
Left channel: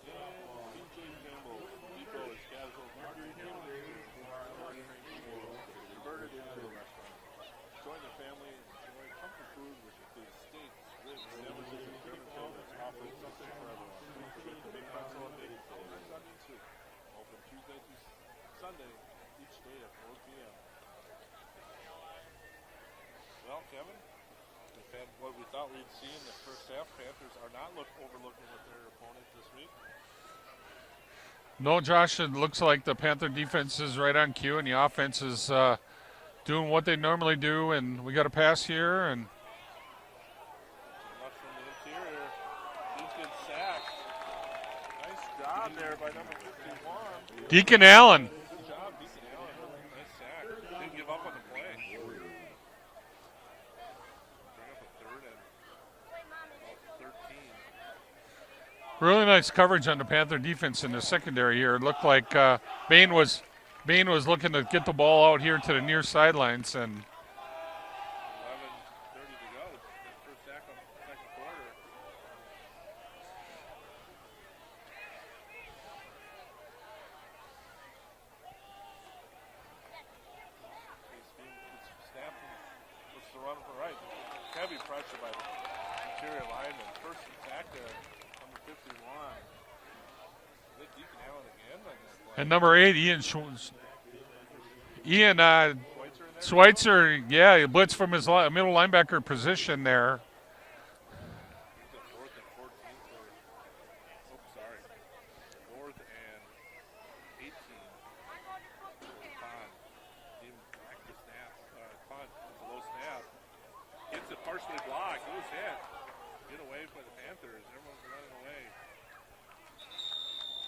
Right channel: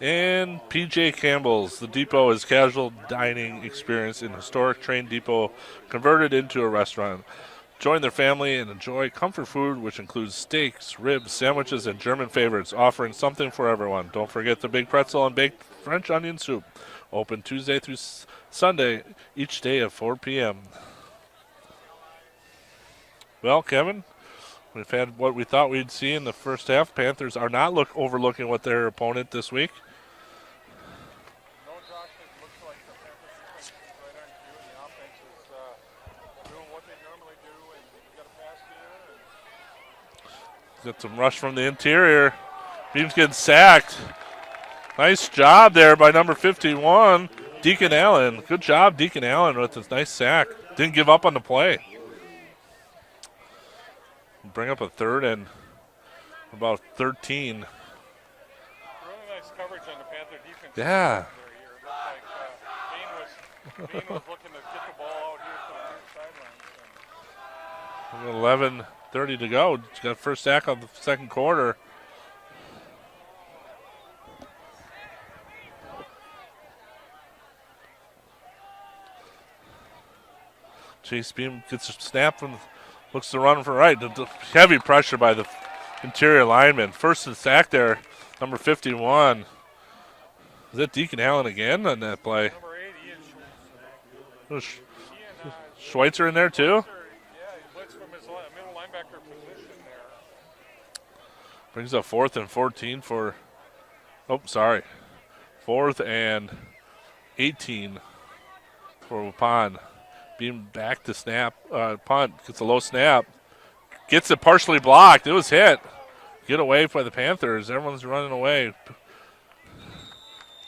And PJ Campbell's, the depot is casual dining experience in historic train depot converted into a restaurant. Join their family and enjoy comfort food, which includes steaks, ribs, sandwiches, and German favorites, offering something for everyone. Don't forget the big pretzel and baked French onion soup. Open Tuesday through Sunday, each day at 4 p.m. Well, Kevin, we've had what we thought we'd see in the first half. Panthers are not overlooking what their opponent this week. No, Josh, it looks like the Panther defense is right on cue, and the offense is doing what they normally do, and we got a pass here. And got some rush from the interior. Beams getting sacked. Nice job there by number 51, Deacon Allen. Good job, Deacon Allen, with this nice sack. Didn't give up on the play. Bring up a third and about 13. Really nice coverage on the Panther defense in the secondary here. It looked like Bain was looking to get the ball out here to the near sidelines. And 11:30 to go. He's got first sack of the second quarter. Chase Beam gets a snap from, looks to run for right. The heavy pressure by the interior lineman. First and sack there, number 51. Is that Deacon Allen again on that play? And number 8, Ian Schweitzer in there too? Schweitzer, yeah, he blitzed from his middle linebacker position there. Brings up 4th and 14 for, sorry. 4th and 18 for Waupun. Being back to snap, punt, gets a low snap. Gets it partially blocked. It was hit. Get away by the Panthers. Everyone's running away.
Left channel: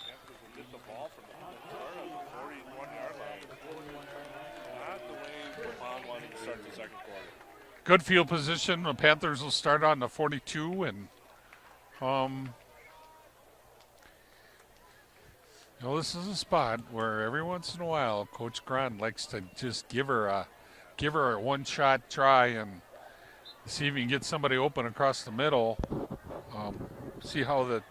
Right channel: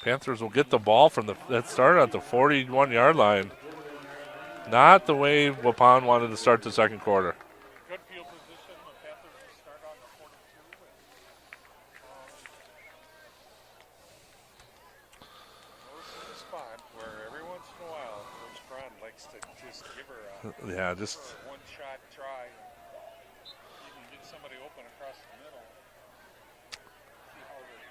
Panthers will get the ball from that started at the 41-yard line. Not the way Waupun wanted to start the second quarter. Good field position. The Panthers will start on the 42, and well, this is a spot where every once in a while Coach Grant likes to just give her a one-shot try and see if he can get somebody open across the middle. See how the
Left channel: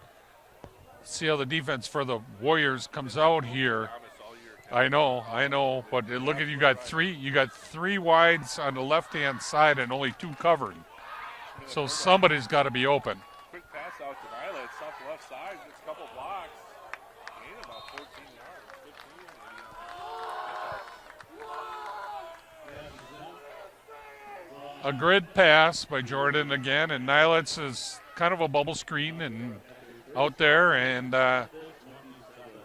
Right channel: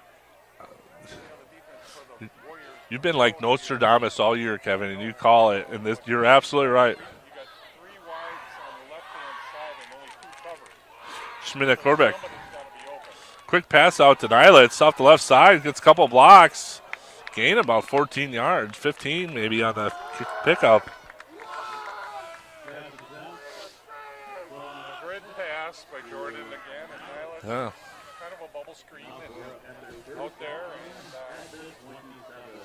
defense for the Warriors You've comes been like out Nostradamus all year, Kevin. I know, you call I know, it, and but you're absolutely right. You got 3 wides on the left-hand side and only 2 covered. Schmidt at So quarterback. somebody's got to be open. Quick pass out to Nyla. It's off the left side. Gets a couple blocks. Gain about 14 yards, 15 maybe on the pickup. a grid pass by Jordan again, and Nilitz Yeah. is kind of a bubble screen and out there, and the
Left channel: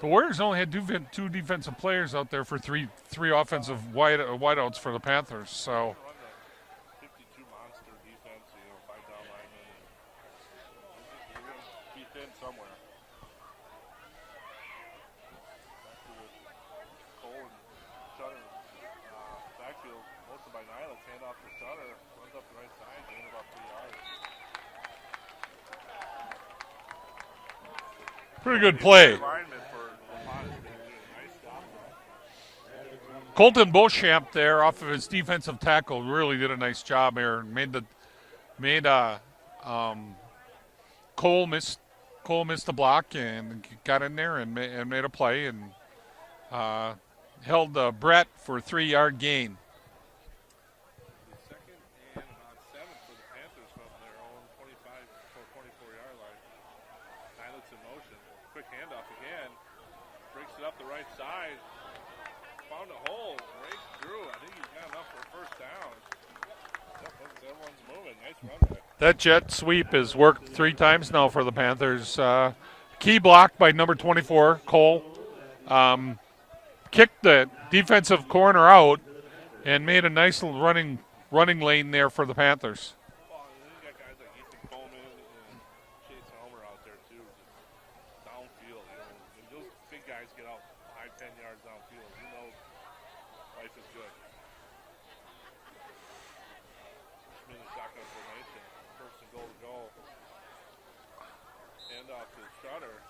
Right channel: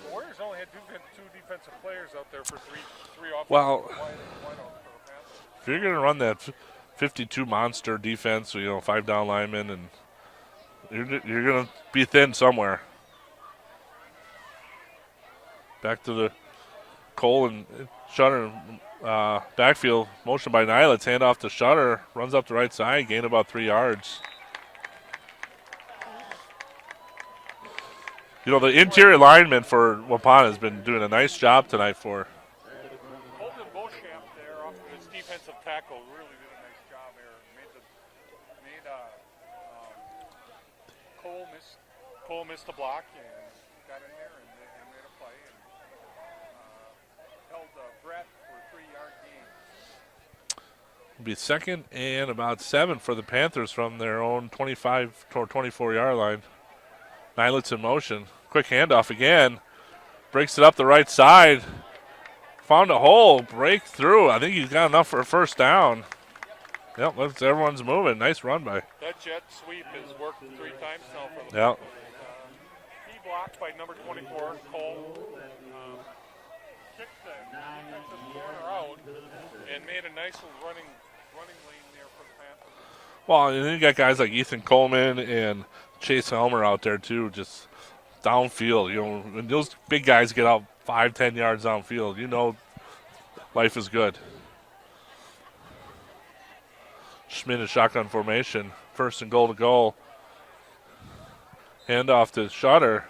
Warriors only had two defensive players out there for three offensive wideouts for the Panthers. So you're going to run that 52 monster defense, 5 down linemen, and you're going to be thin somewhere. Back to the Cole and Shutter backfield motion by Nilitz. Hand off to Shutter. Runs up the right side. Gain about 3 yards. The interior lineman for Waupun has been doing a nice job tonight for. Colton Beauchamp there off of his defensive tackle really did a nice job here and made Cole missed the block and got in there and made a play and held Brett for a 3-yard gain. It'll be 2nd and about 7 for the Panthers from their own 25 or 24-yard line. Nilitz in motion. Quick handoff again. Breaks it up the right side. Found a hole. Break through. I think he's got enough for a first down. Yep, everyone's moving. Nice run by. That jet sweep has worked 3 times now for the Panthers. Key blocked by number 24, Cole. Kicked the defensive corner out and made a nice little running lane there for the Panthers. Well, and then you got guys like Ethan Coleman and Chase Helmer out there too, just downfield. When those big guys get out 5-10 yards downfield, life is good. Schmidt in shotgun formation. 1st and goal to goal. Hand off to Shutter.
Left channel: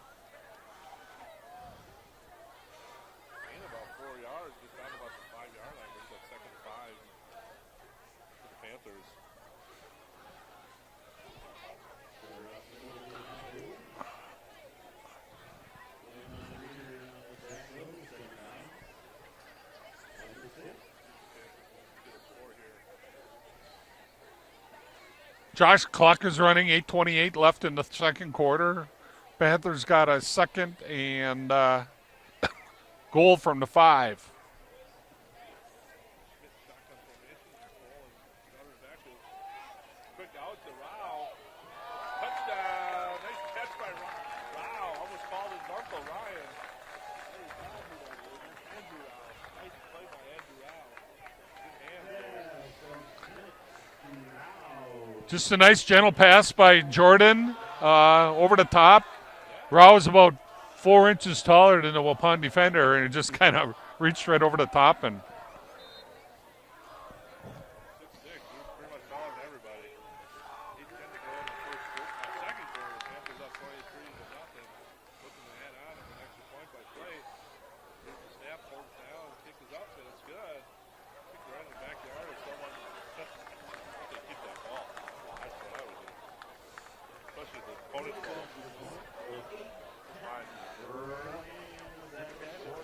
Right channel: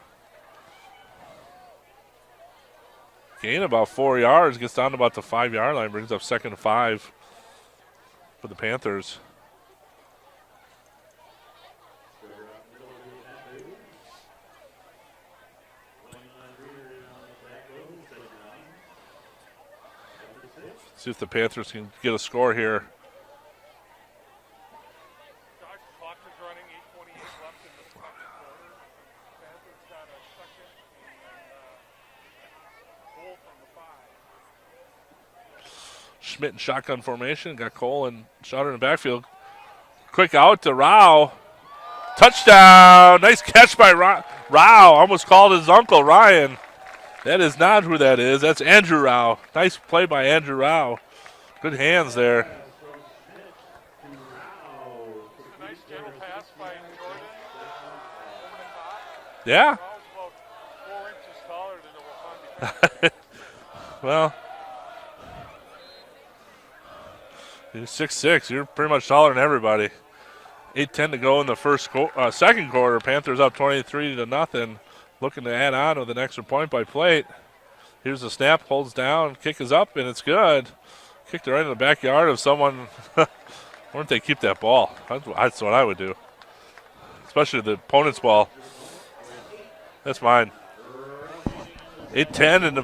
Gain about 4 yards. Gets down to about the 5-yard line. Brings up 2nd and 5 for the Panthers. See if the Panthers can get a score here. Josh, clock is running, 8:28 left in the second quarter. Panthers got a 2nd and goal from the 5. Schmidt in shotgun formation. Got Cole and Shutter in the backfield. Quick out to Rao. Touchdown. Nice catch by Rao. Almost called his uncle, Ryan. That is not who that is. That's Andrew Rao. Nice play by Andrew Rao. Good hands there. Just a nice gentle pass by Jordan over the top. Yeah. Rao is about 4 inches taller than the Waupun defender, and it just kind of reached right over the top. And you're 6'6". You're pretty much taller than everybody. 8:10 to go in the second quarter. Panthers up 23-0. Looking to add on with an extra point by Plate. Here's the snap, holds down, kick is up, and it's good. Kicked it right in the backyard of someone. Why don't they keep that ball? That's what I would do. Especially the opponent's ball. That's mine. 8:10 in the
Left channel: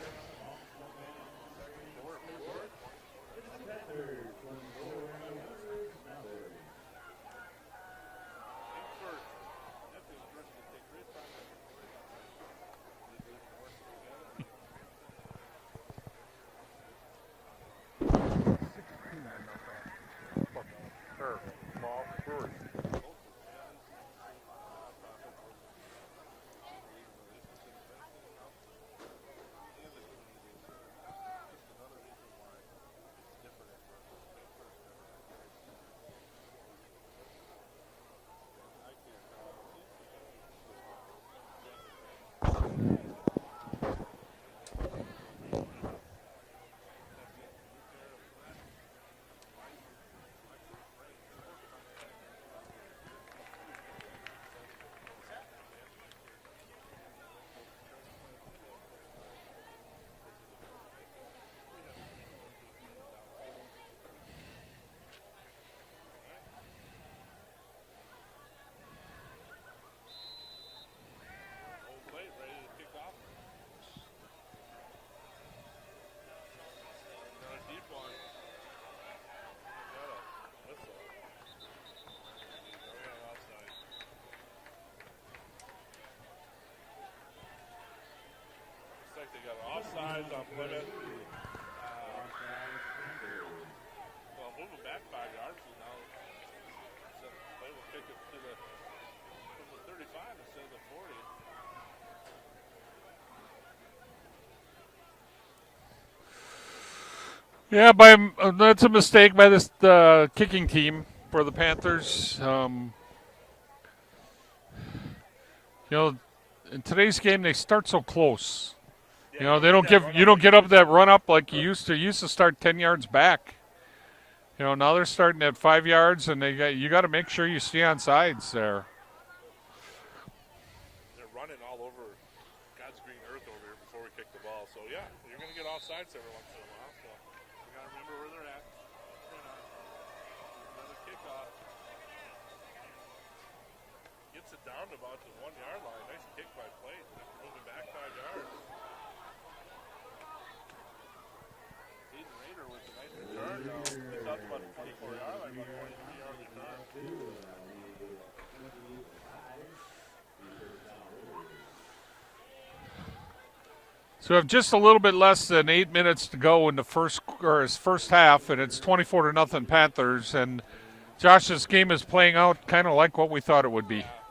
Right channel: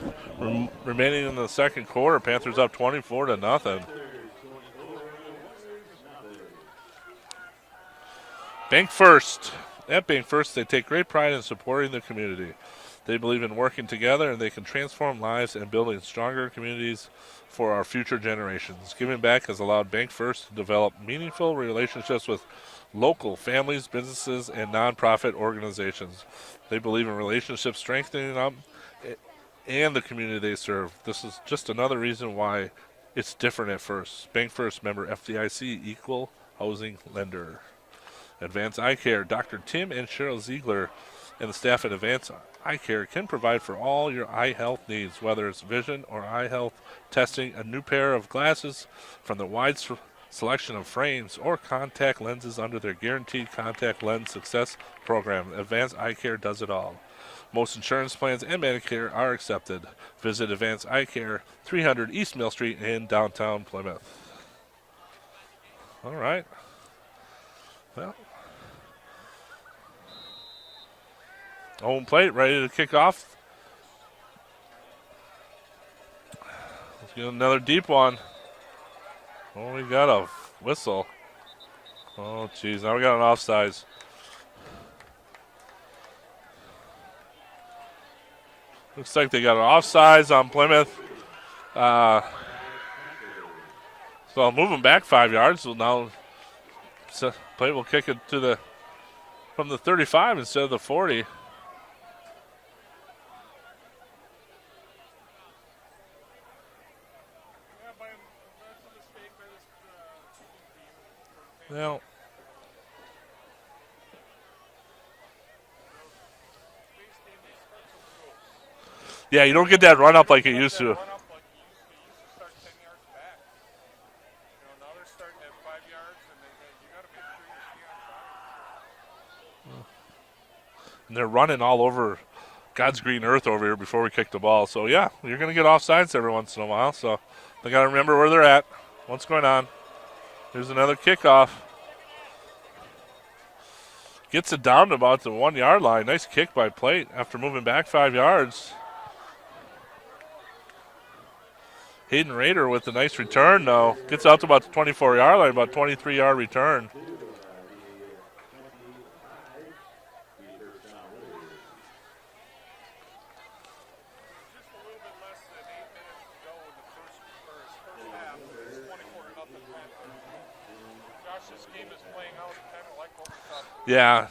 remaining in the second quarter. Panthers up 24-0. Bank First. At Bank First, they take great pride in supporting the community. They believe in working together, and they can transform lives and building stronger communities for our future generations. Giving back has allowed Bank First to develop meaningful relationships with local families, businesses, and nonprofit organizations. They believe in relationships strengthening them and the community they serve. This is just another reason why it's different at First. Bank First, member FDIC, equal housing lender. Advanced Eye Care, Dr. Tim and Cheryl Ziegler and the staff at Advanced Eye Care can provide for all your eye health needs, whether it's vision or eye health testing, a new pair of glasses from the wide selection of frames, or contact lenses under their guaranteed contact lens success program. Advanced Eye Care does it all. Most insurance plans and Medicare are accepted. Visit Advanced Eye Care, 300 East Mill Street in downtown Plymouth. All right. Well, home plate ready to kick off. Let's get another deep one. Oh, we got a whistle. Oh, geez. Now we got an offsides. Looks like they got an offsides on Plymouth. So I'll move them back 5 yards. So now Plate will kick it from the 35 instead of the 40. Yeah, that's a mistake by this kicking team for the Panthers. In today's game they start so close. Yeah, you don't get that run up like you used to. You don't get that run up like you used to. You used to start 10 yards back. Now they're starting at 5 yards, and you got to make sure you stay on sides there. And they're running all over God's green earth over here before we kick the ball. So, yeah, you're going to get off sides every once in a while. So they got to remember where they're at, what's going on. Here's another kickoff. Gets it down to about the 1 yard line. Nice kick by Plate after moving back 5 yards. Hayden Rader with a nice return, though. Gets out to about the 24 yard line, about 23-yard return. So we have just a little bit less than 8 minutes to go in the first half, and it's 24-0 Panthers. And Josh, this game is playing out kind of like what we thought it would be. Yeah.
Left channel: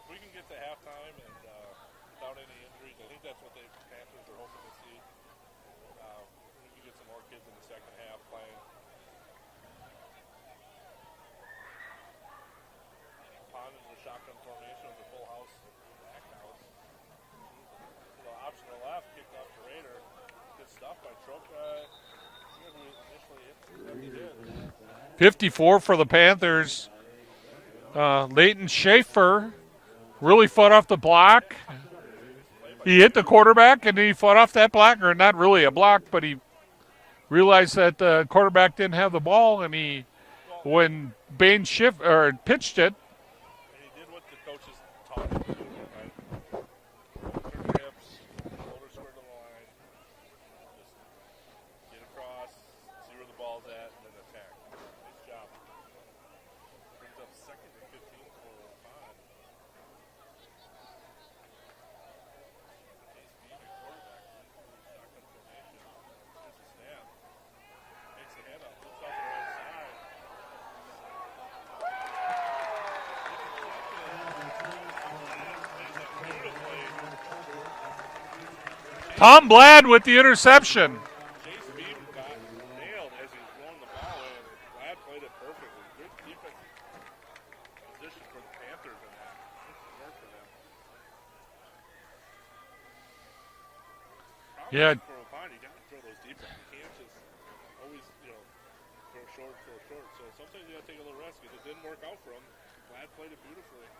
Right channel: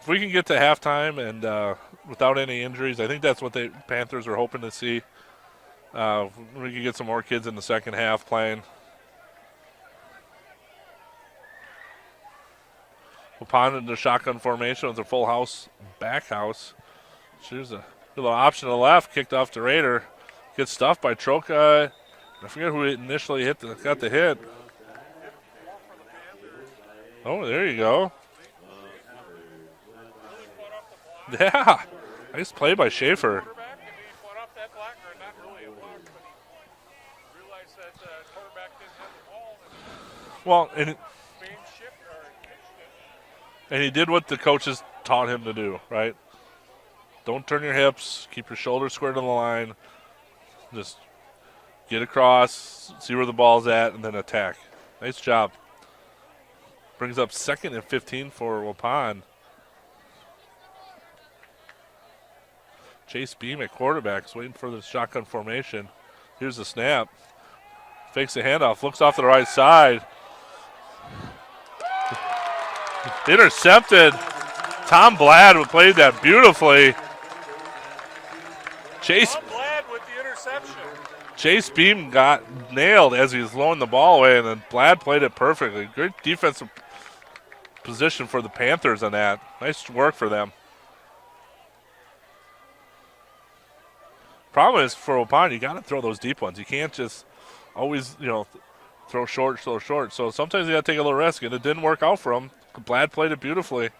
If we can get to halftime and without any injuries, I think that's what the Panthers are hoping to see. We can get some more kids in the second half playing. Waupun in the shotgun formation with a full house back house. There's a little option to the left, kicked off to Raider. Gets stuffed by Troca. I forget who initially got the hit. 54 for the Panthers. Oh, there you go. Leighton Schaefer really fought off the block. Yeah. Nice play by Schaefer. He hit the quarterback, and he fought off that block, or not really a block, but he realized that the quarterback didn't have the ball, and when Bain pitched it. And he did what the coaches taught him to do, right? Don't turn your hips. Keep your shoulders square to the line. Just get across, see where the ball's at, and then attack. Nice job. Brings up 2nd and 15 for Waupun. Chase Beam at quarterbacks, waiting for the shotgun formation. Here's the snap. Fakes the handoff, looks off to the right side. Intercepted. Tom Bladd played that beautifully. Tom Bladd with the interception. Chase Beam got nailed as he was throwing the ball away, and then Bladd played it perfectly. Great defensive position for the Panthers on that. Nice work for them. Problem is for Waupun, you got to throw those deep ones. You can't just always, throw short. So sometimes you got to take a little risk, and it didn't work out for him. Bladd played it beautifully.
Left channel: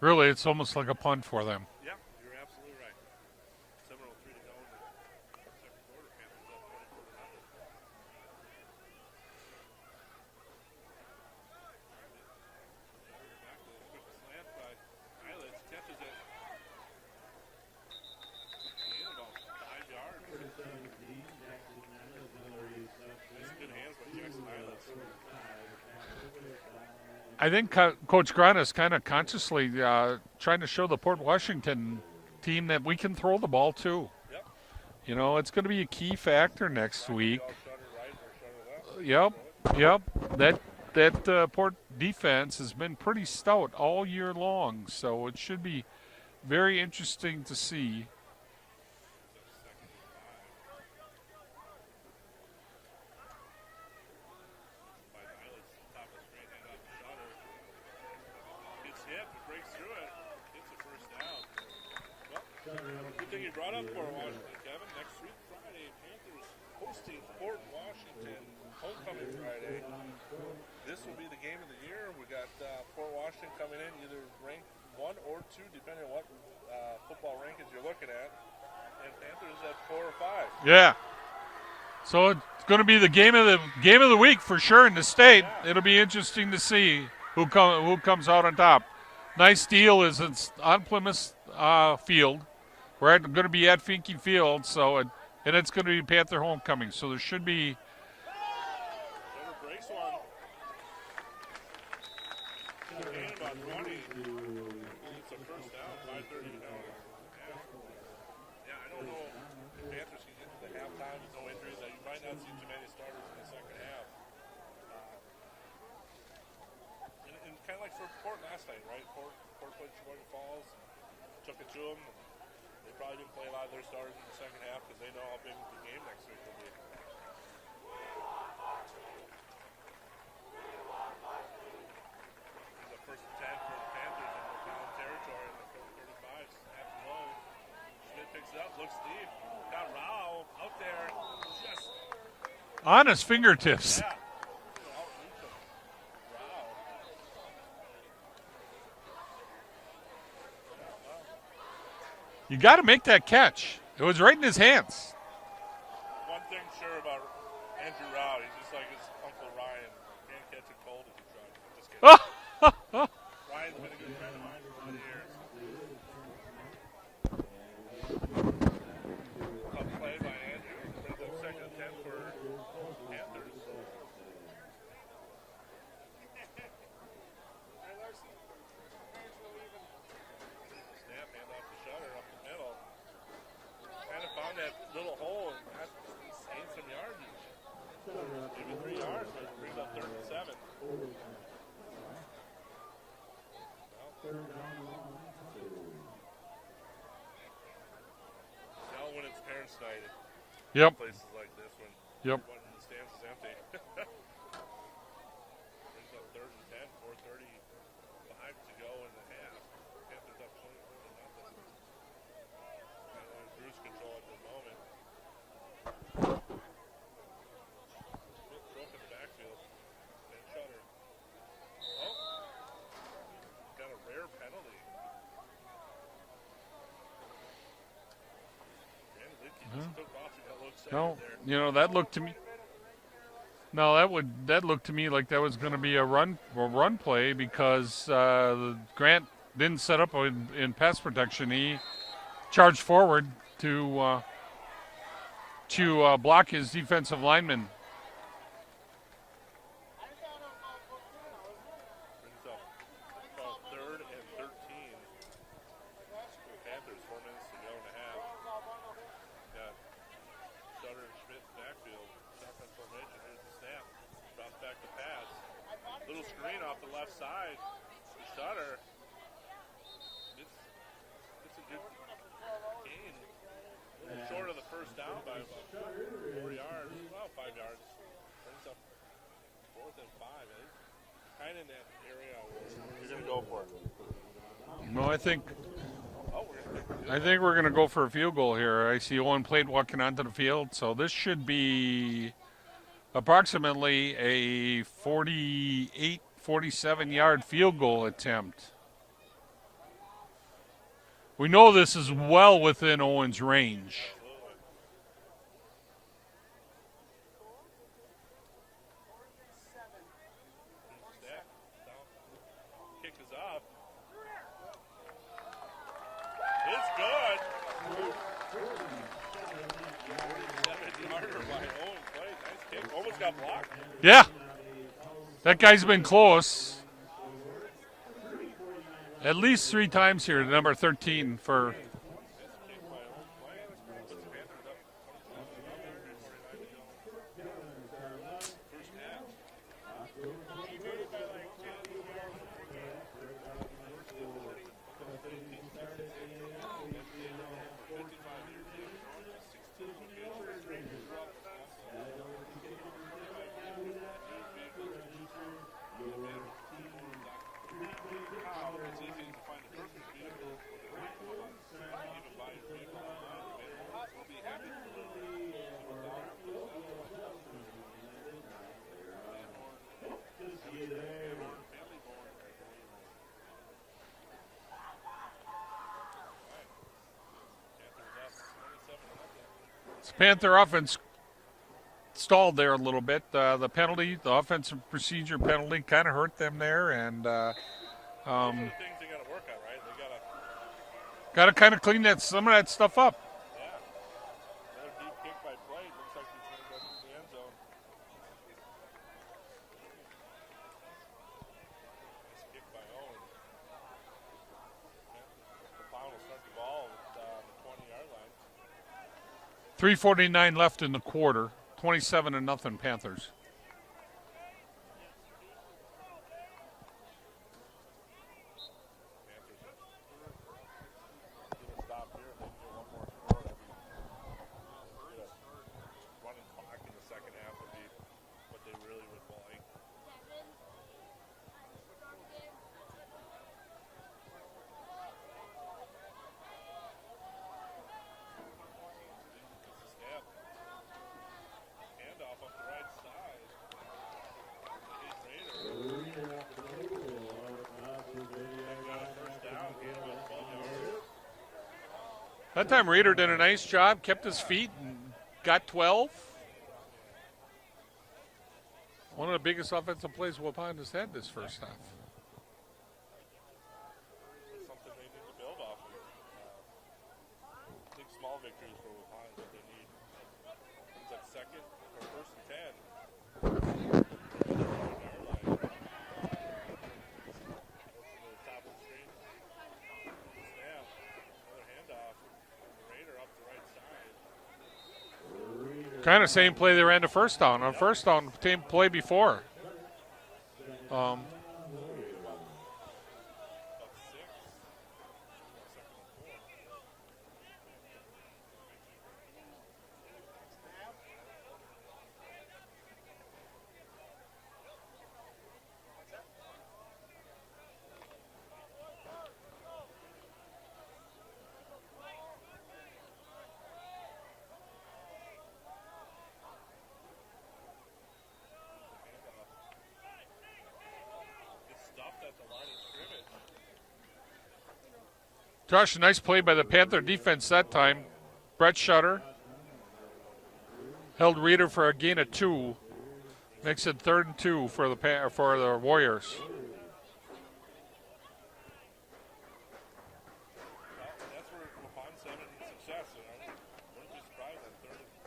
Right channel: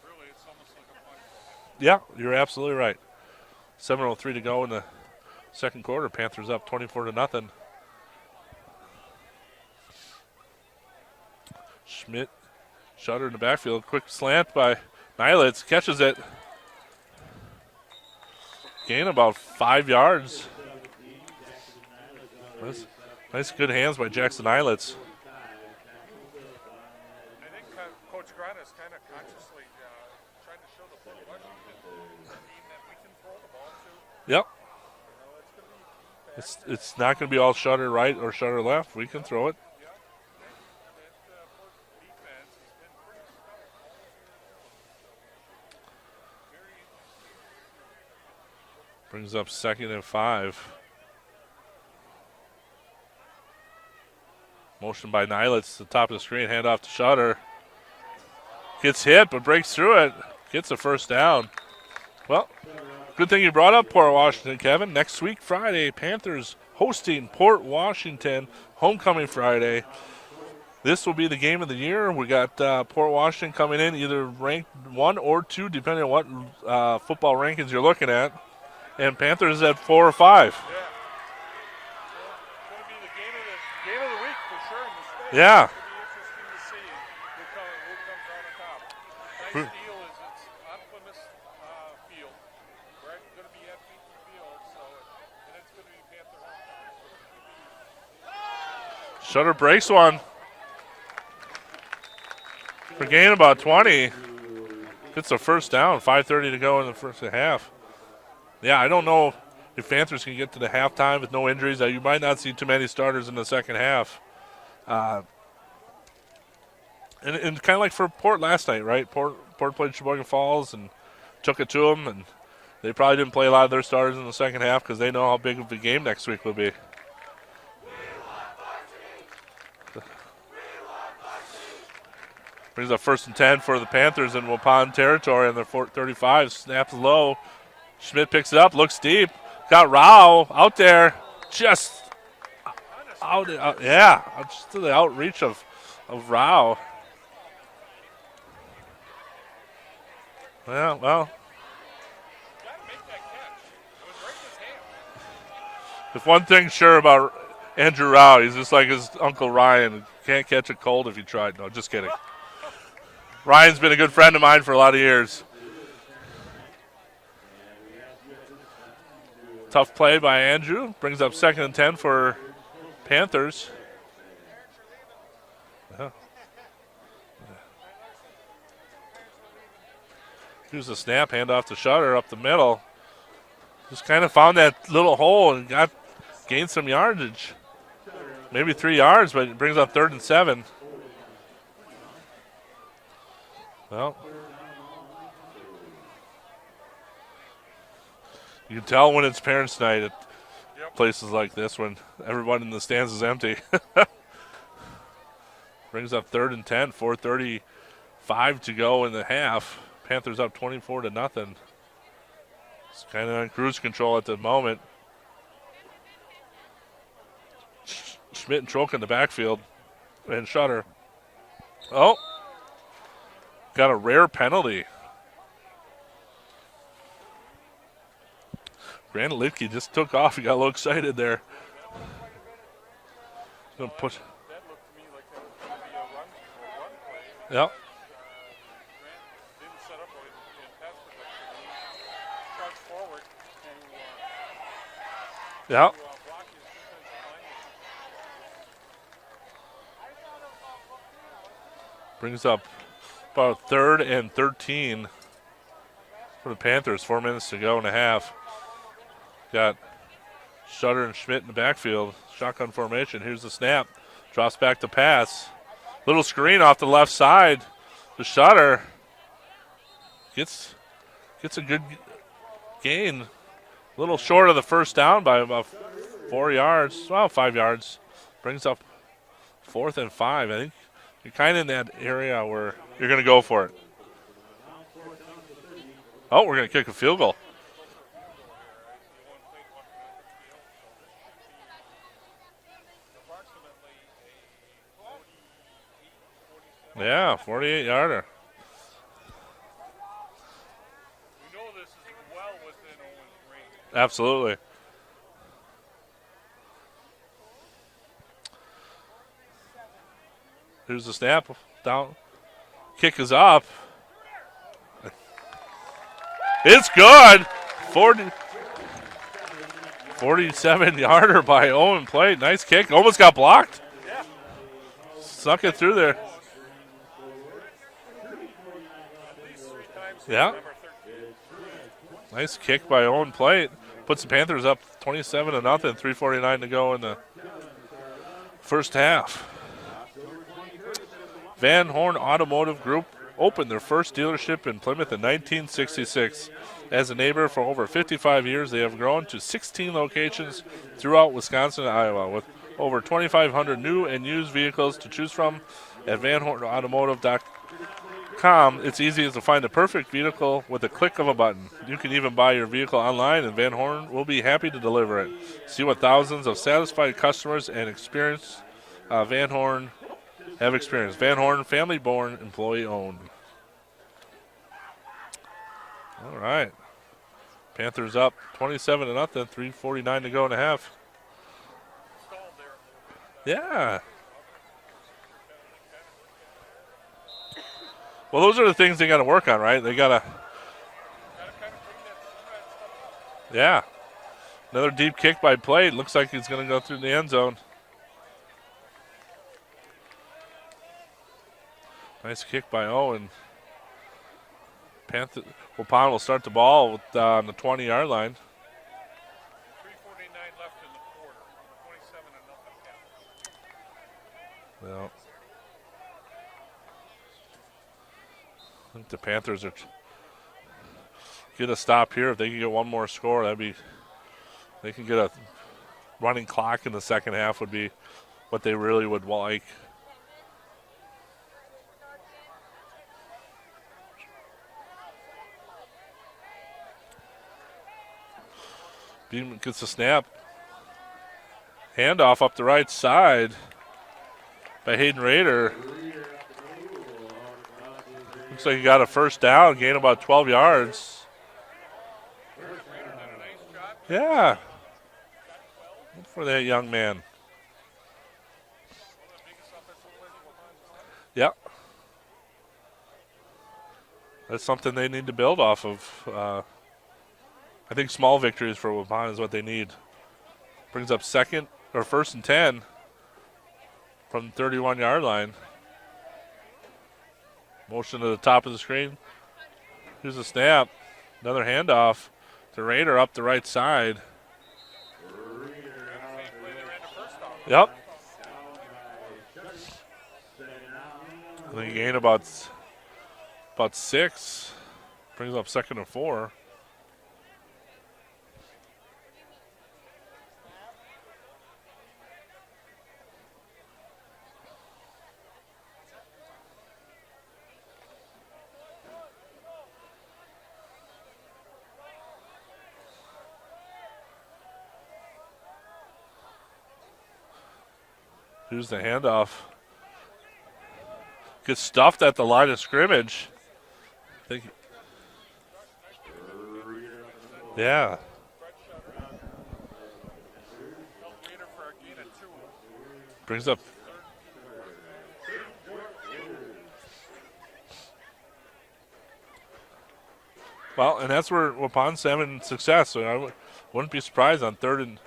Really, it's almost like a punt for them. Yeah, you're absolutely right. 7:03 to go in the second quarter. Panthers up 24-0. Schmidt, Shutter in the backfield. Quick slant by Nylitz. Catches it. Gain about 5 yards. Nice good hands by Jackson Nylitz. I think Coach Grant is kind of consciously trying to show the Port Washington team that we can throw the ball too. Yep. It's going to be a key factor next week. It's not going to be all Shutter right or Shutter left. We can throw it. Yep. That Port defense has been pretty stout all year long, so it should be very interesting to see. Brings up 2nd and 5. Motion by Nylitz to the top of the screen, hand off to Shutter. Gets hit, but breaks through it. Gets a first down. Well, good thing you brought up Port Washington, Kevin. Next week, Friday, Panthers hosting Port Washington, homecoming Friday. This will be the game of the year. We got Port Washington coming in either ranked 1 or 2, depending on what football rankings you're looking at. And Panthers at 4 or 5. Yeah. So it's going to be the game of the week for sure in the state. Yeah. It'll be interesting to see who comes out on top. Nice deal is it's on Plymouth Field. We're going to be at Finke Field, and it's going to be Panther homecoming. So there should be. Shutter breaks one. For gain about 20. Gets a first down. 5:30 to go in the first half. Yeah, I don't know if Panthers can get to the halftime with no injuries, you might not see too many starters in the second half. And kind of like for Port last night, right? Port played Sheboygan Falls and took it to them, and they probably didn't play a lot of their starters in the second half because they know how big of a game next week will be. Brings up 1st and 10 for the Panthers in Waupun territory on their 35. Snaps low. Schmidt picks it up, looks deep. Got Rao out there, just on his fingertips. Just to the outreach of Rao. Well. You got to make that catch. It was right in his hands. If one thing's sure about Andrew Rao, he's just like his Uncle Ryan. Can't catch a cold if you tried. No, just kidding. Ryan's been a good friend of mine for a lot of years. Tough play by Andrew. Brings up 2nd and 10 for Panthers. Here's the snap, hand off to Shutter up the middle. Just kind of found that little hole and gained some yardage. Maybe 3 yards, but it brings up 3rd and 7. Well, you can tell when it's parents' night at places like this when everyone in the stands is empty. Brings up 3rd and 10, 4:35 to go in the half. Panthers up 24-0. It's kind of on cruise control at the moment. Schmidt and Troke in the backfield, and Shutter. Oh, got a rare penalty. Grant Litke just took off. He got a little excited there. You know, that looked to me. No, that looked to me like that was going to be a run play because Grant didn't set up in pass protection. He charged forward to block his defensive lineman. Brings up about 3rd and 13 for the Panthers. 4 minutes to go and a half. Got Shutter and Schmidt in the backfield. Shotgun formation. Here's the snap. Drops back to pass. Little screen off the left side. The Shutter gets a good gain. A little short of the first down by about 4 yards. Well, 5 yards. Brings up 4th and 5. I think you're kind of in that area where you're going to go for it. No, I think. Oh, we're going to kick a field goal. I think we're going to go for a field goal here. I see Owen Plate walking onto the field, so this should be approximately a 47 yard field goal attempt. We know this is well within Owen's range. Absolutely. Here's the snap. Down. Kick is up. It's good. 47-yarder by Owen Plate. Nice kick. Almost got blocked. Yeah. Suck that guy's been there. Close. At least 3 times here, number 13 for. Nice kick by Owen Plate. Puts the Panthers up 27-0, 3:49 to go in the first half. Van Horn Automotive Group opened their first dealership in Plymouth in 1966. As a neighbor for over 55 years, they have grown to 16 locations throughout Wisconsin and Iowa, with over 2,500 new and used vehicles to choose from. At VanHornAutomotive.com, it's easy to find the perfect vehicle with a click of a button. You can even buy your vehicle online, and Van Horn will be happy to deliver it. See what thousands of satisfied customers and experience Van Horn have experienced. Van Horn, family-born, employee-owned. All right. Panthers up 27-0, 3:49 to go. Panther offense stalled there a little bit. The penalty, the offensive procedure penalty, kind of hurt them there. And well, those are the things they got to work on, right? They got to kind of clean some of that stuff up. Yeah. Another deep kick by Plate. Looks like he's going to go through the end zone. Nice kick by Owen. Waupun will start the ball on the 20-yard line. 3:49 left in the quarter. 27-0 Panthers. Well, I think the Panthers are get a stop here. If they can get one more score, they can get a running clock in the second half would be what they really would like. Beam gets a snap. Handoff up the right side by Hayden Rader. Looks like he got a first down, gain about 12 yards. That time Rader did a nice job, kept Yeah. his feet, and got 12. For that young man. One of the biggest offensive plays Waupun has had this Yep. first time. That's something they need to build off of. I think small victories for Waupun is what they need. Brings up first and 10 from the 31-yard line. Motion to the top of the screen. Here's a snap. Another handoff to Rader up the right side. Kind of same play they ran the first down. On Yep. first down, same play before. They gain about 6. Brings up 2nd and 4. Here's the handoff. Gets stuffed at the line of scrimmage. Josh, a nice play by the Panther defense that time. Yeah. Brett Shutter held Reeder for a gain of 2. Brings up Makes it 3rd and 2 for the Warriors. well, and that's where Waupun's having success. So I wouldn't be surprised on third and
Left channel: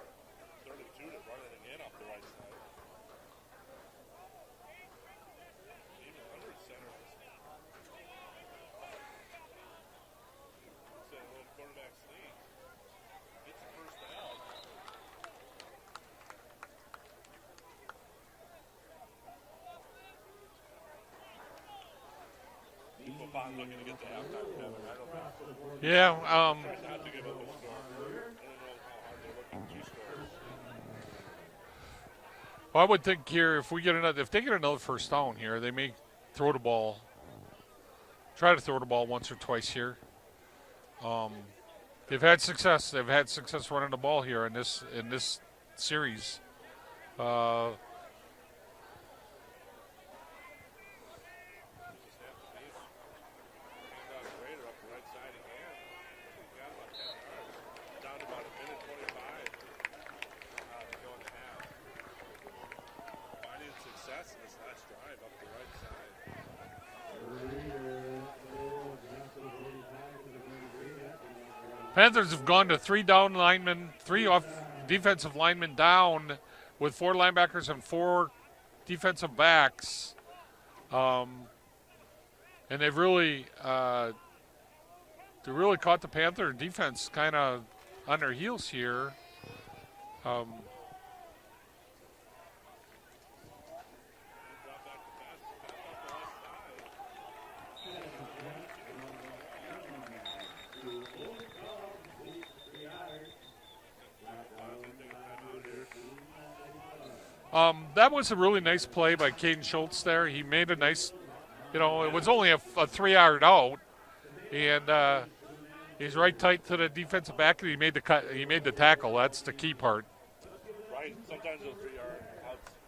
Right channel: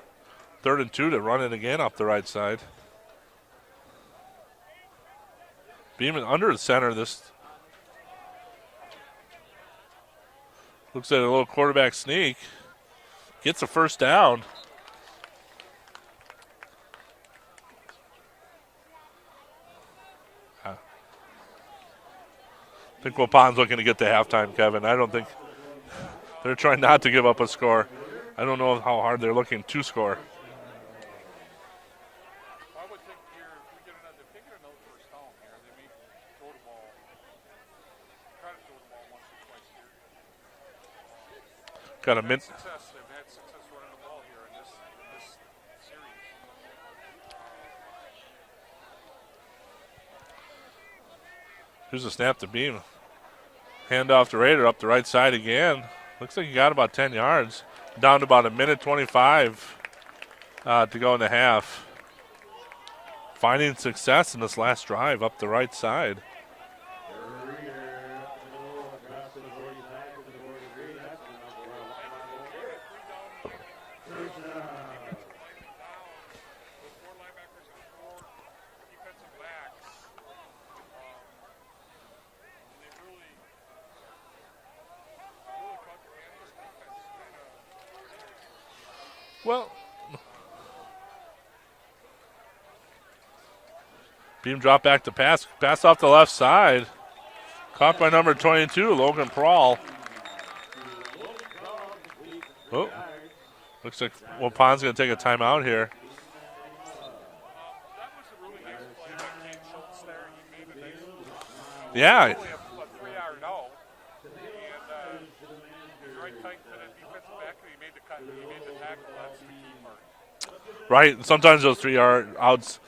2 to run it again up the right side. Beeman under the center. This looks at a little quarterback sneak. Gets a first down. I think Waupun's looking to get to halftime, Kevin. I don't think Yeah. they're trying not to give up a score. I don't know how hard they're looking to score. Well, I would think here if they get another first down here, they may try to throw the ball once or twice here. They've had success. They've had success running the ball here in this series. Here's a snap to Beam. Hand off to Rader up the right side again. Looks like he got about 10 yards. Down to about 1:25 to go in the half. Finding success in this last drive up the right side. Panthers have gone to 3 down linemen, 3 defensive linemen down with 4 linebackers and 4 defensive backs. And they've really caught the Panther defense kind of on their heels here. Well, Beam drop back to pass. Pass off the left side. Caught by number 22, Logan Prawl. Oh, looks like Waupun's going to take a timeout here. That was a really nice play by Caden Schultz there. He made a nice, Yeah. it was only a 3-yard out. And he's right tight to the defensive back, and he made the tackle. That's the key part. Right, and sometimes those 3-yard outs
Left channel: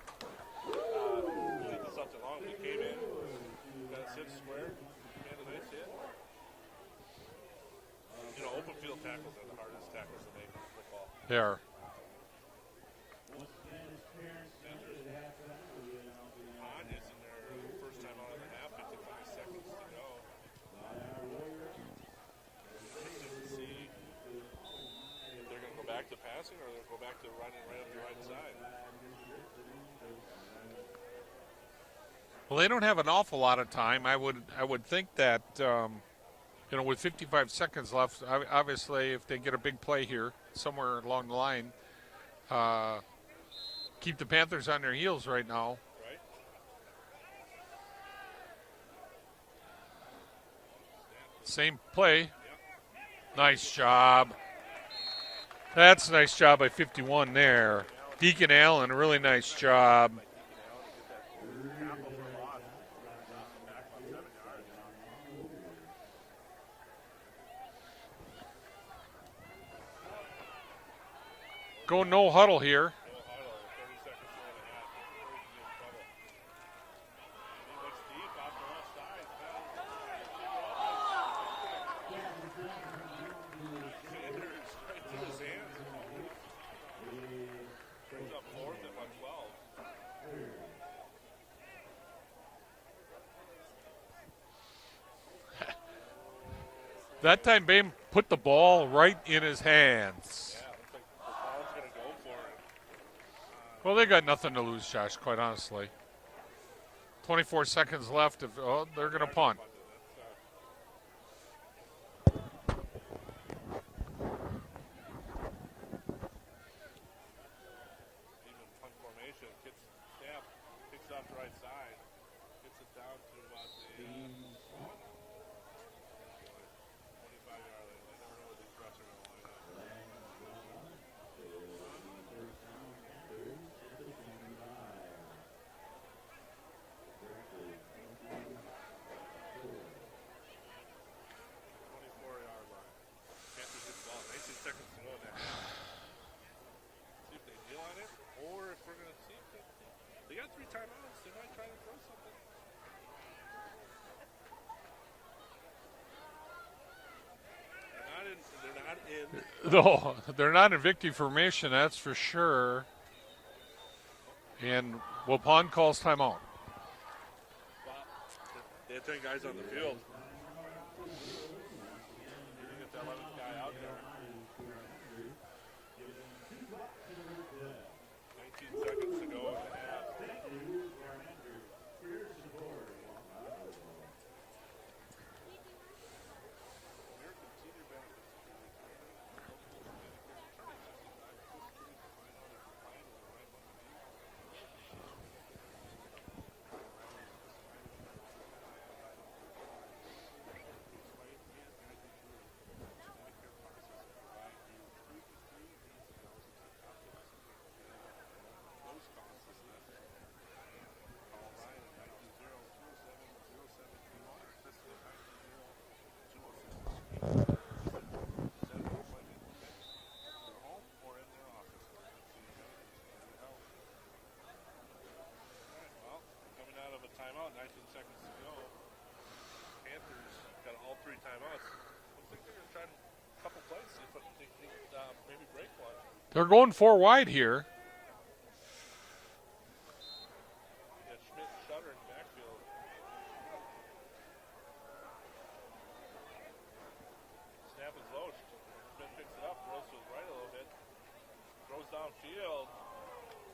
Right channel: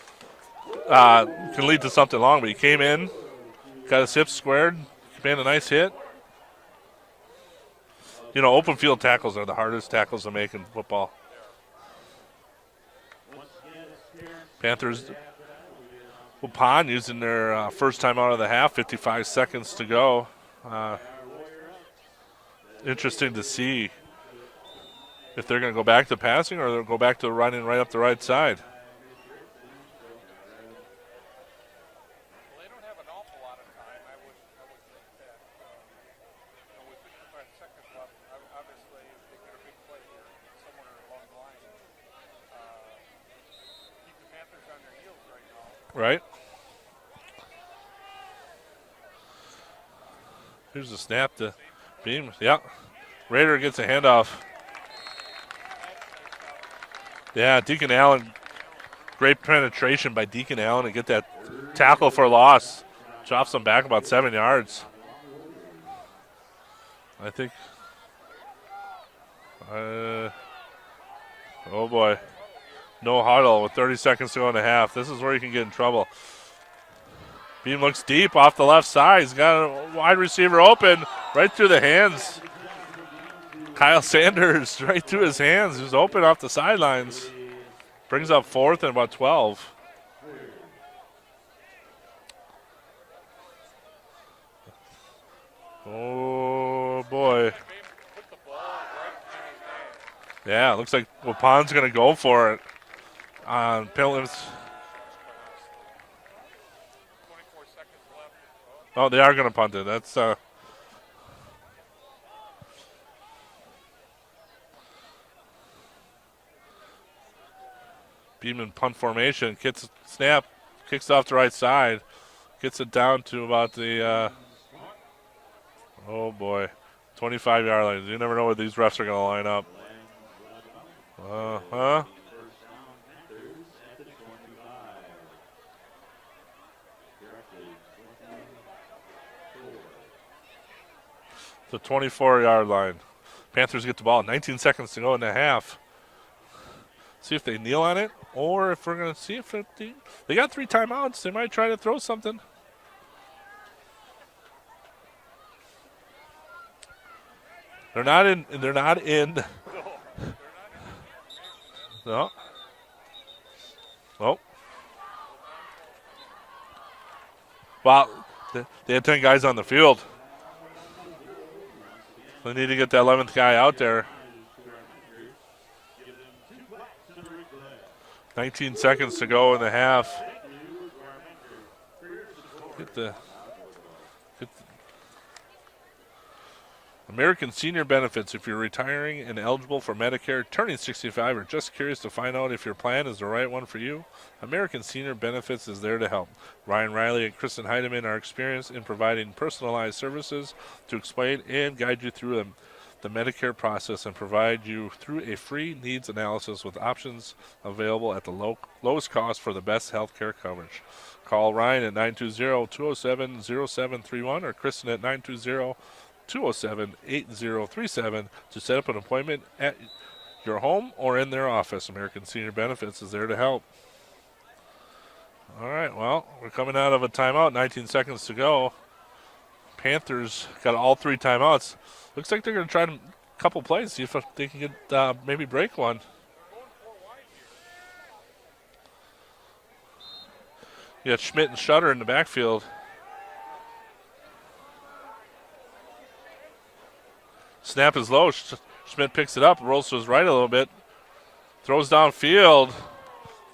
can lead to something long, but he came in, got his hips squared, made a nice hit. Open field tackles are the hardest tackles to make in football. They are. Panthers, Waupun using their first time out of the half, 55 seconds to go. Interesting to see if they're going to go back to passing or they'll go back to running right up the right side. Well, they don't have an awful lot of time. I would think that with 55 seconds left, obviously, if they get a big play here somewhere along the line, keep the Panthers on their heels right now. Right. Here's the snap. Same play. Yeah. Raider Nice gets a job. handoff. That's a nice job by 51 there. Yeah, Deacon Allen. Deacon Allen, really Great nice penetration job. by Deacon Allen to get that tackle for a loss. Drops them back about 7 yards. I think. Oh, Go boy. no huddle here. No huddle with 30 seconds to go in the half. This is where you can get in trouble. Beam looks deep off the left side. He's got a wide receiver open right through the hands. Kyle Sanders right through his hands. He's open off the sidelines. Brings up 4th and about 12. Oh, boy. That time, Bame put the ball right in his hands. Yeah, looks like Waupun's going to go for it. Well, they got nothing to lose, Josh, quite honestly. 24 seconds left. Oh, they are going to punt it. That's Beeman punt formation. Gets a snap, kicks off the right side, gets it down to about the oh boy, 25-yard line. You never know where these refs are going to line up. The 24-yard line. Panthers get the ball. 19 seconds to go in the half. See if they kneel on it, or if we're going to see if they got 3 timeouts. They might try to throw something. They're not in. No, they're not in victory formation. That's for sure. Oh, and Waupun calls timeout. Well, they had 10 guys on the field. They need to get the 11th guy out there. 19 seconds to go in the half. American Senior Benefits. If you're retiring and eligible for Medicare, turning 65, or just curious to find out if your plan is the right one for you, American Senior Benefits is there to help. Ryan Riley and Kristen Heidemann are experienced in providing personalized services to explain and guide you through the Medicare process and provide you through a free needs analysis with options available at the lowest cost for the best health care coverage. Call Ryan at 920-207-0731 or Kristen at 920-207-8037 to set up an appointment at your home or in their office. American Senior Benefits is there to help. All right, well, we're coming out of a timeout. 19 seconds to go. Panthers got all 3 timeouts. Looks like they're going to try a couple plays, see if they can get maybe break one. They're going 4 wide here. You got Schmidt and Shutter in the backfield. Snap is low. Schmidt picks it up, rolls to his right a little bit, throws downfield,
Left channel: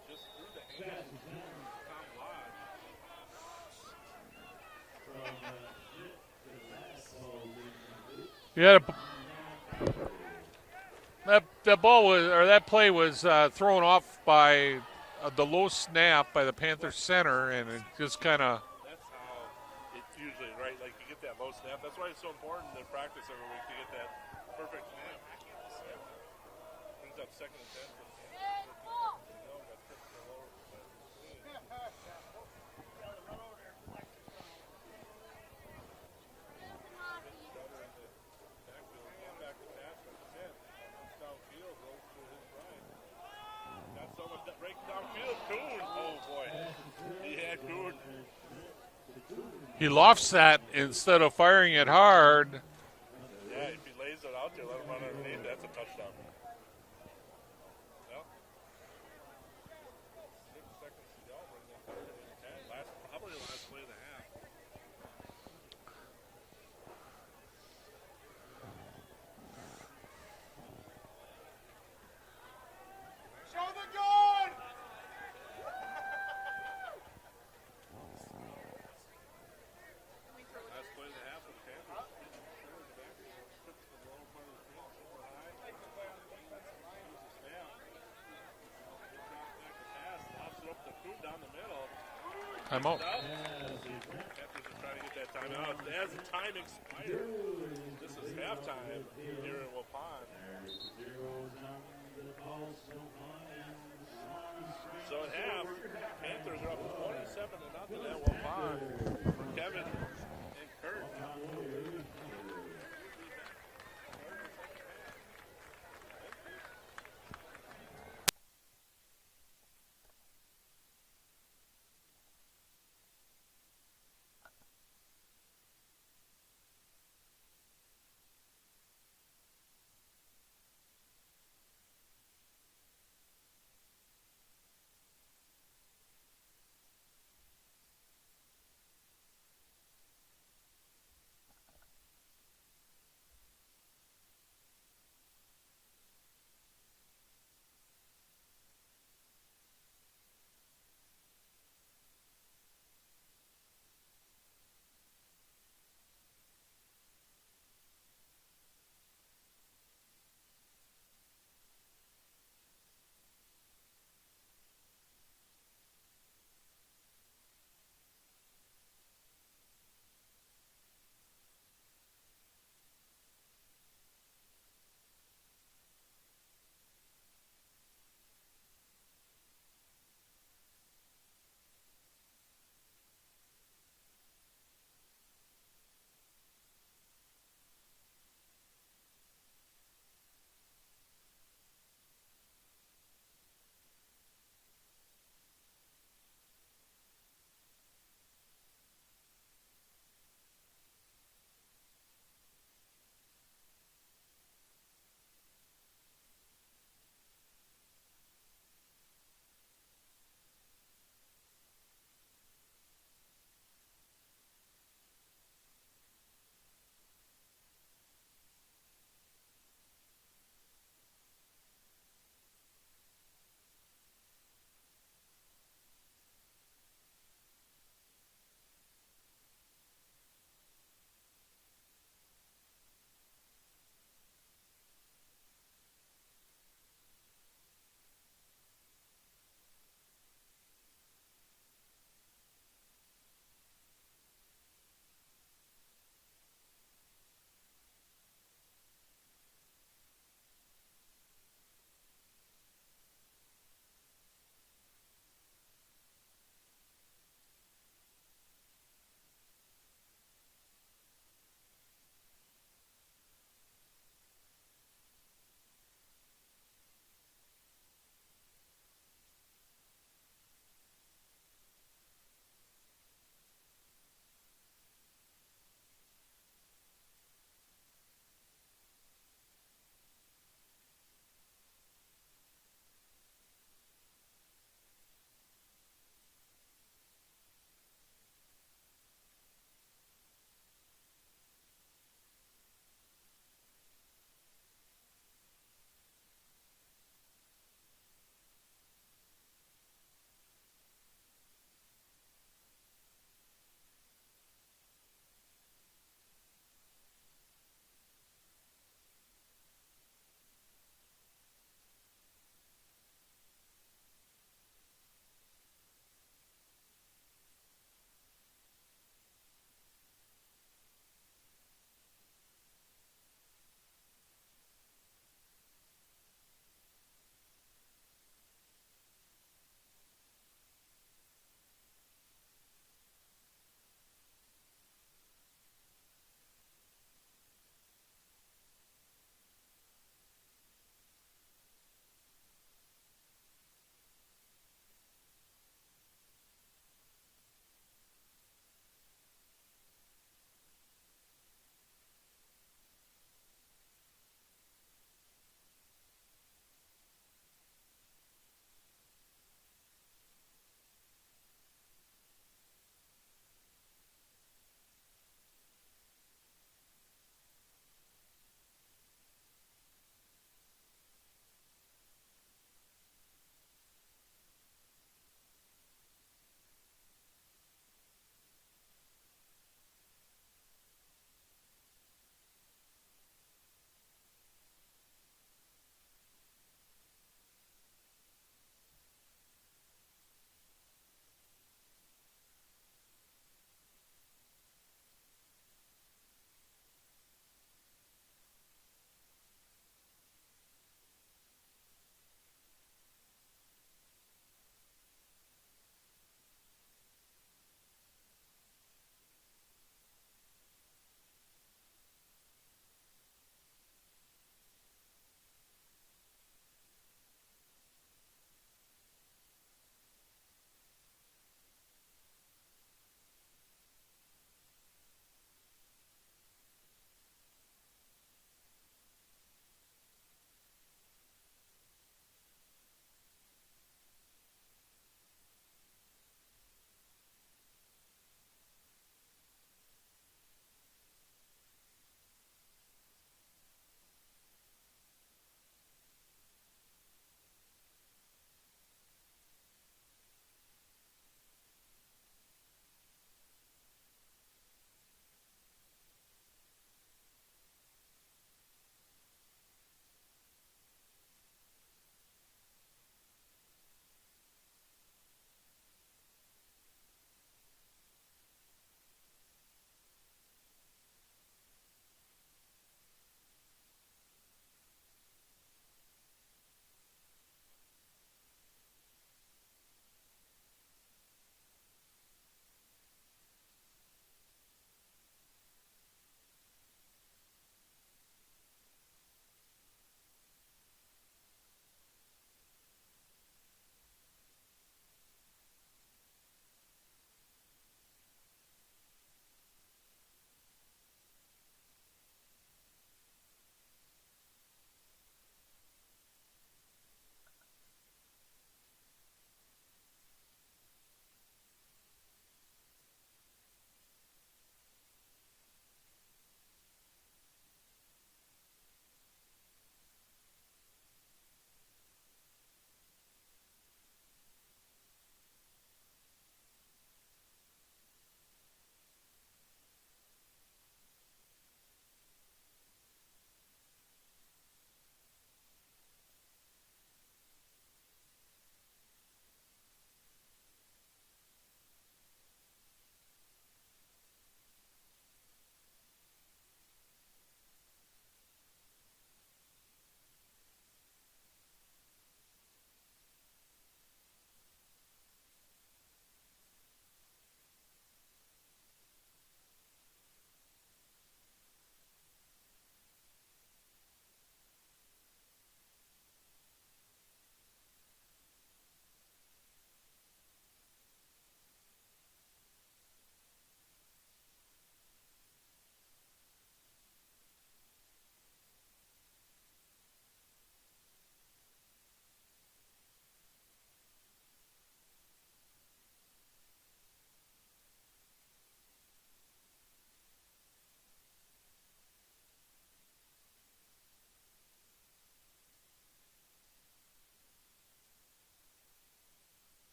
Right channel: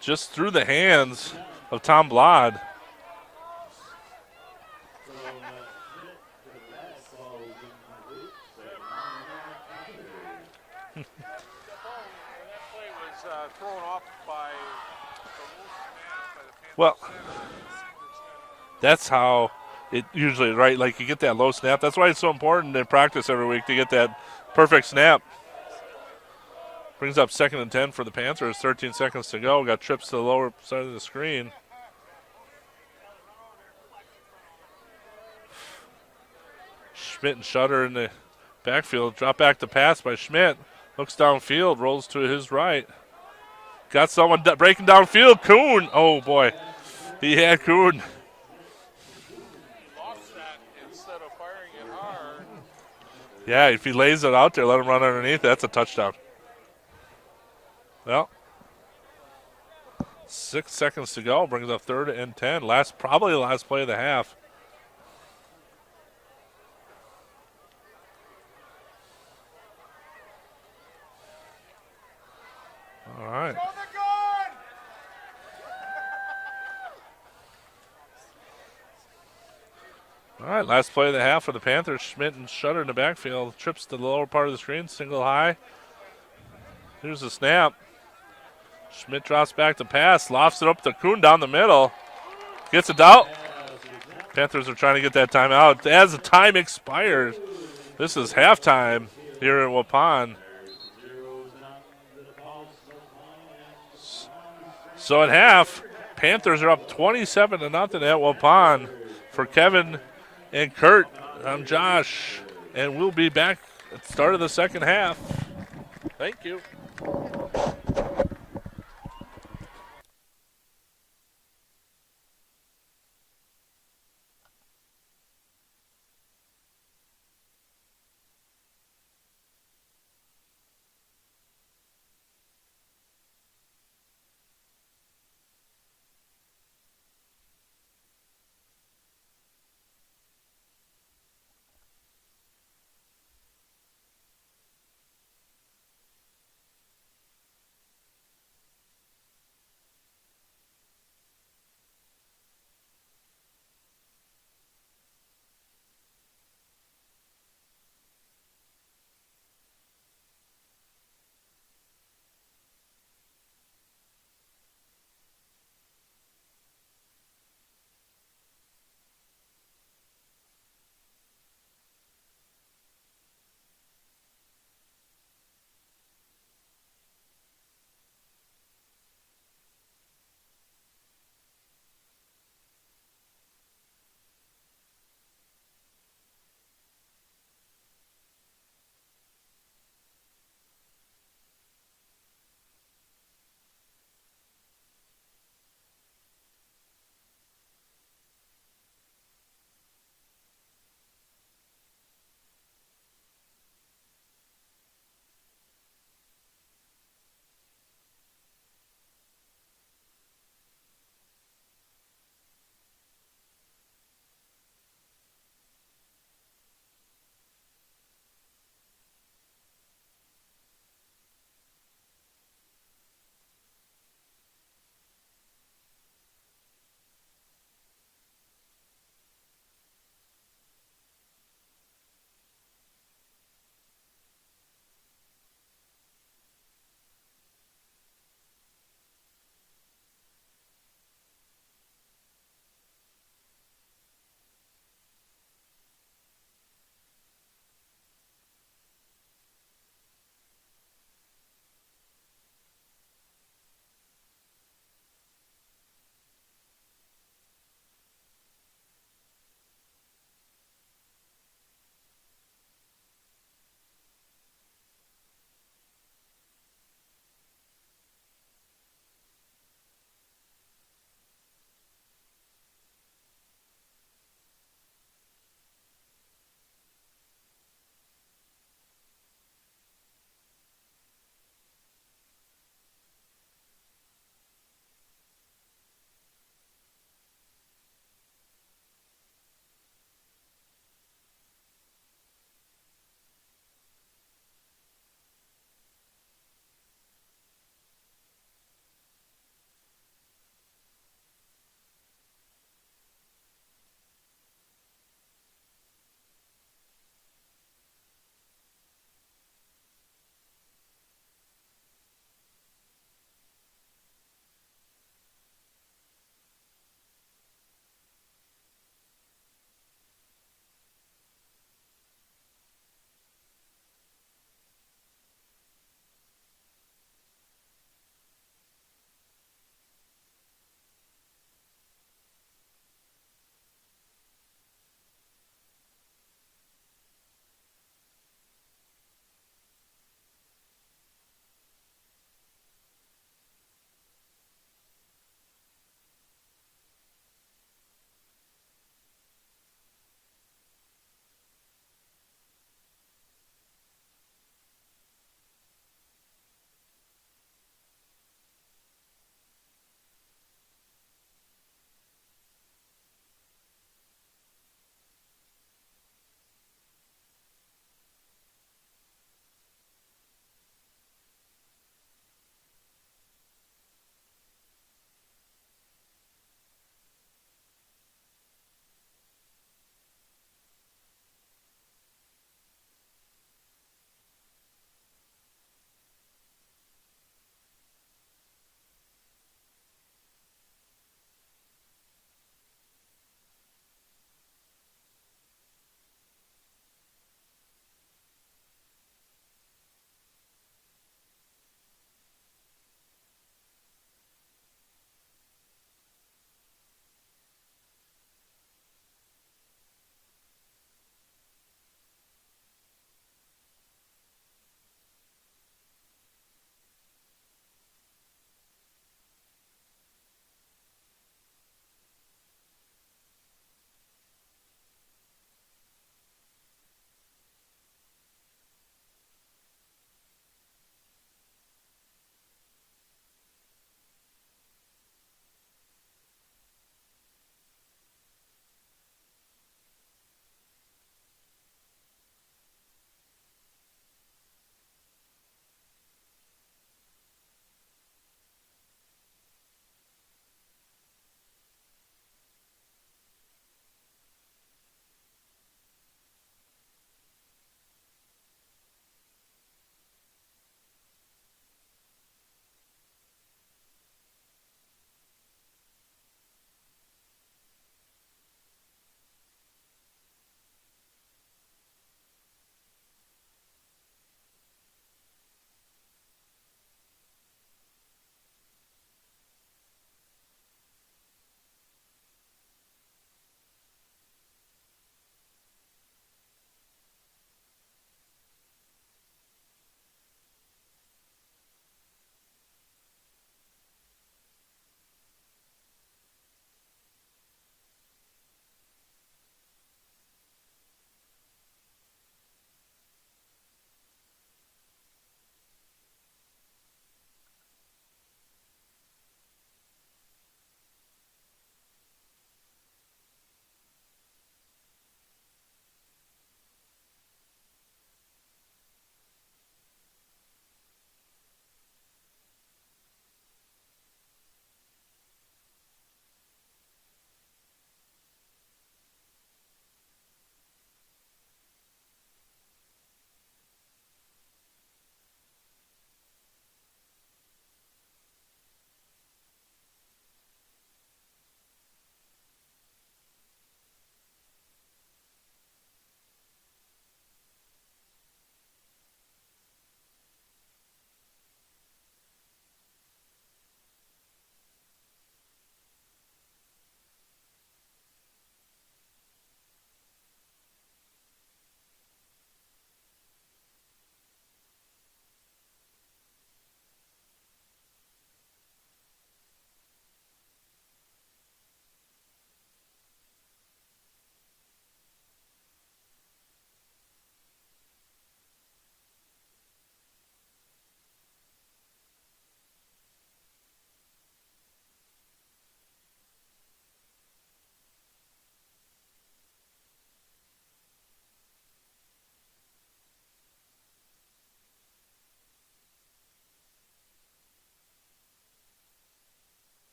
just through the hands of Tom Blod. Yeah, that play was thrown off by the low snap by the Panther center, and it just kind of. That's how it usually, right? Like you get that low snap. That's why it's so important in practice every week to get that perfect snap. Brings up 2nd and 10 for the Panthers. 13 seconds to go. Got trips to the lower side of the screen. Schmidt and Shutter in the backfield. Drop back to pass by Schmidt. Looks downfield, rolls to his right. Got someone breaking downfield. Kuhn. Oh, boy. He had Kuhn. He lofts that instead of firing it hard. Yeah, if he lays it out there, let him run underneath, that's a touchdown. Well, 6 seconds to go. Brings up 3rd and 10. Probably the last play of the half. All right. All right, last play of the half for the Panthers. Schmidt and Shutter in the backfield. Trips to the lower part of the screen, single high. Here's the snap. Schmidt drops back to pass, lofts it up to Kuhn down the middle. Gets it out. Panthers are trying to get that timeout. As the time expires, this is halftime here in Waupun. So at half, Panthers are up 27-0 at Waupun. For Kevin and Kurt, I'm Josh, and we'll be back at the start of the second half. Thank you.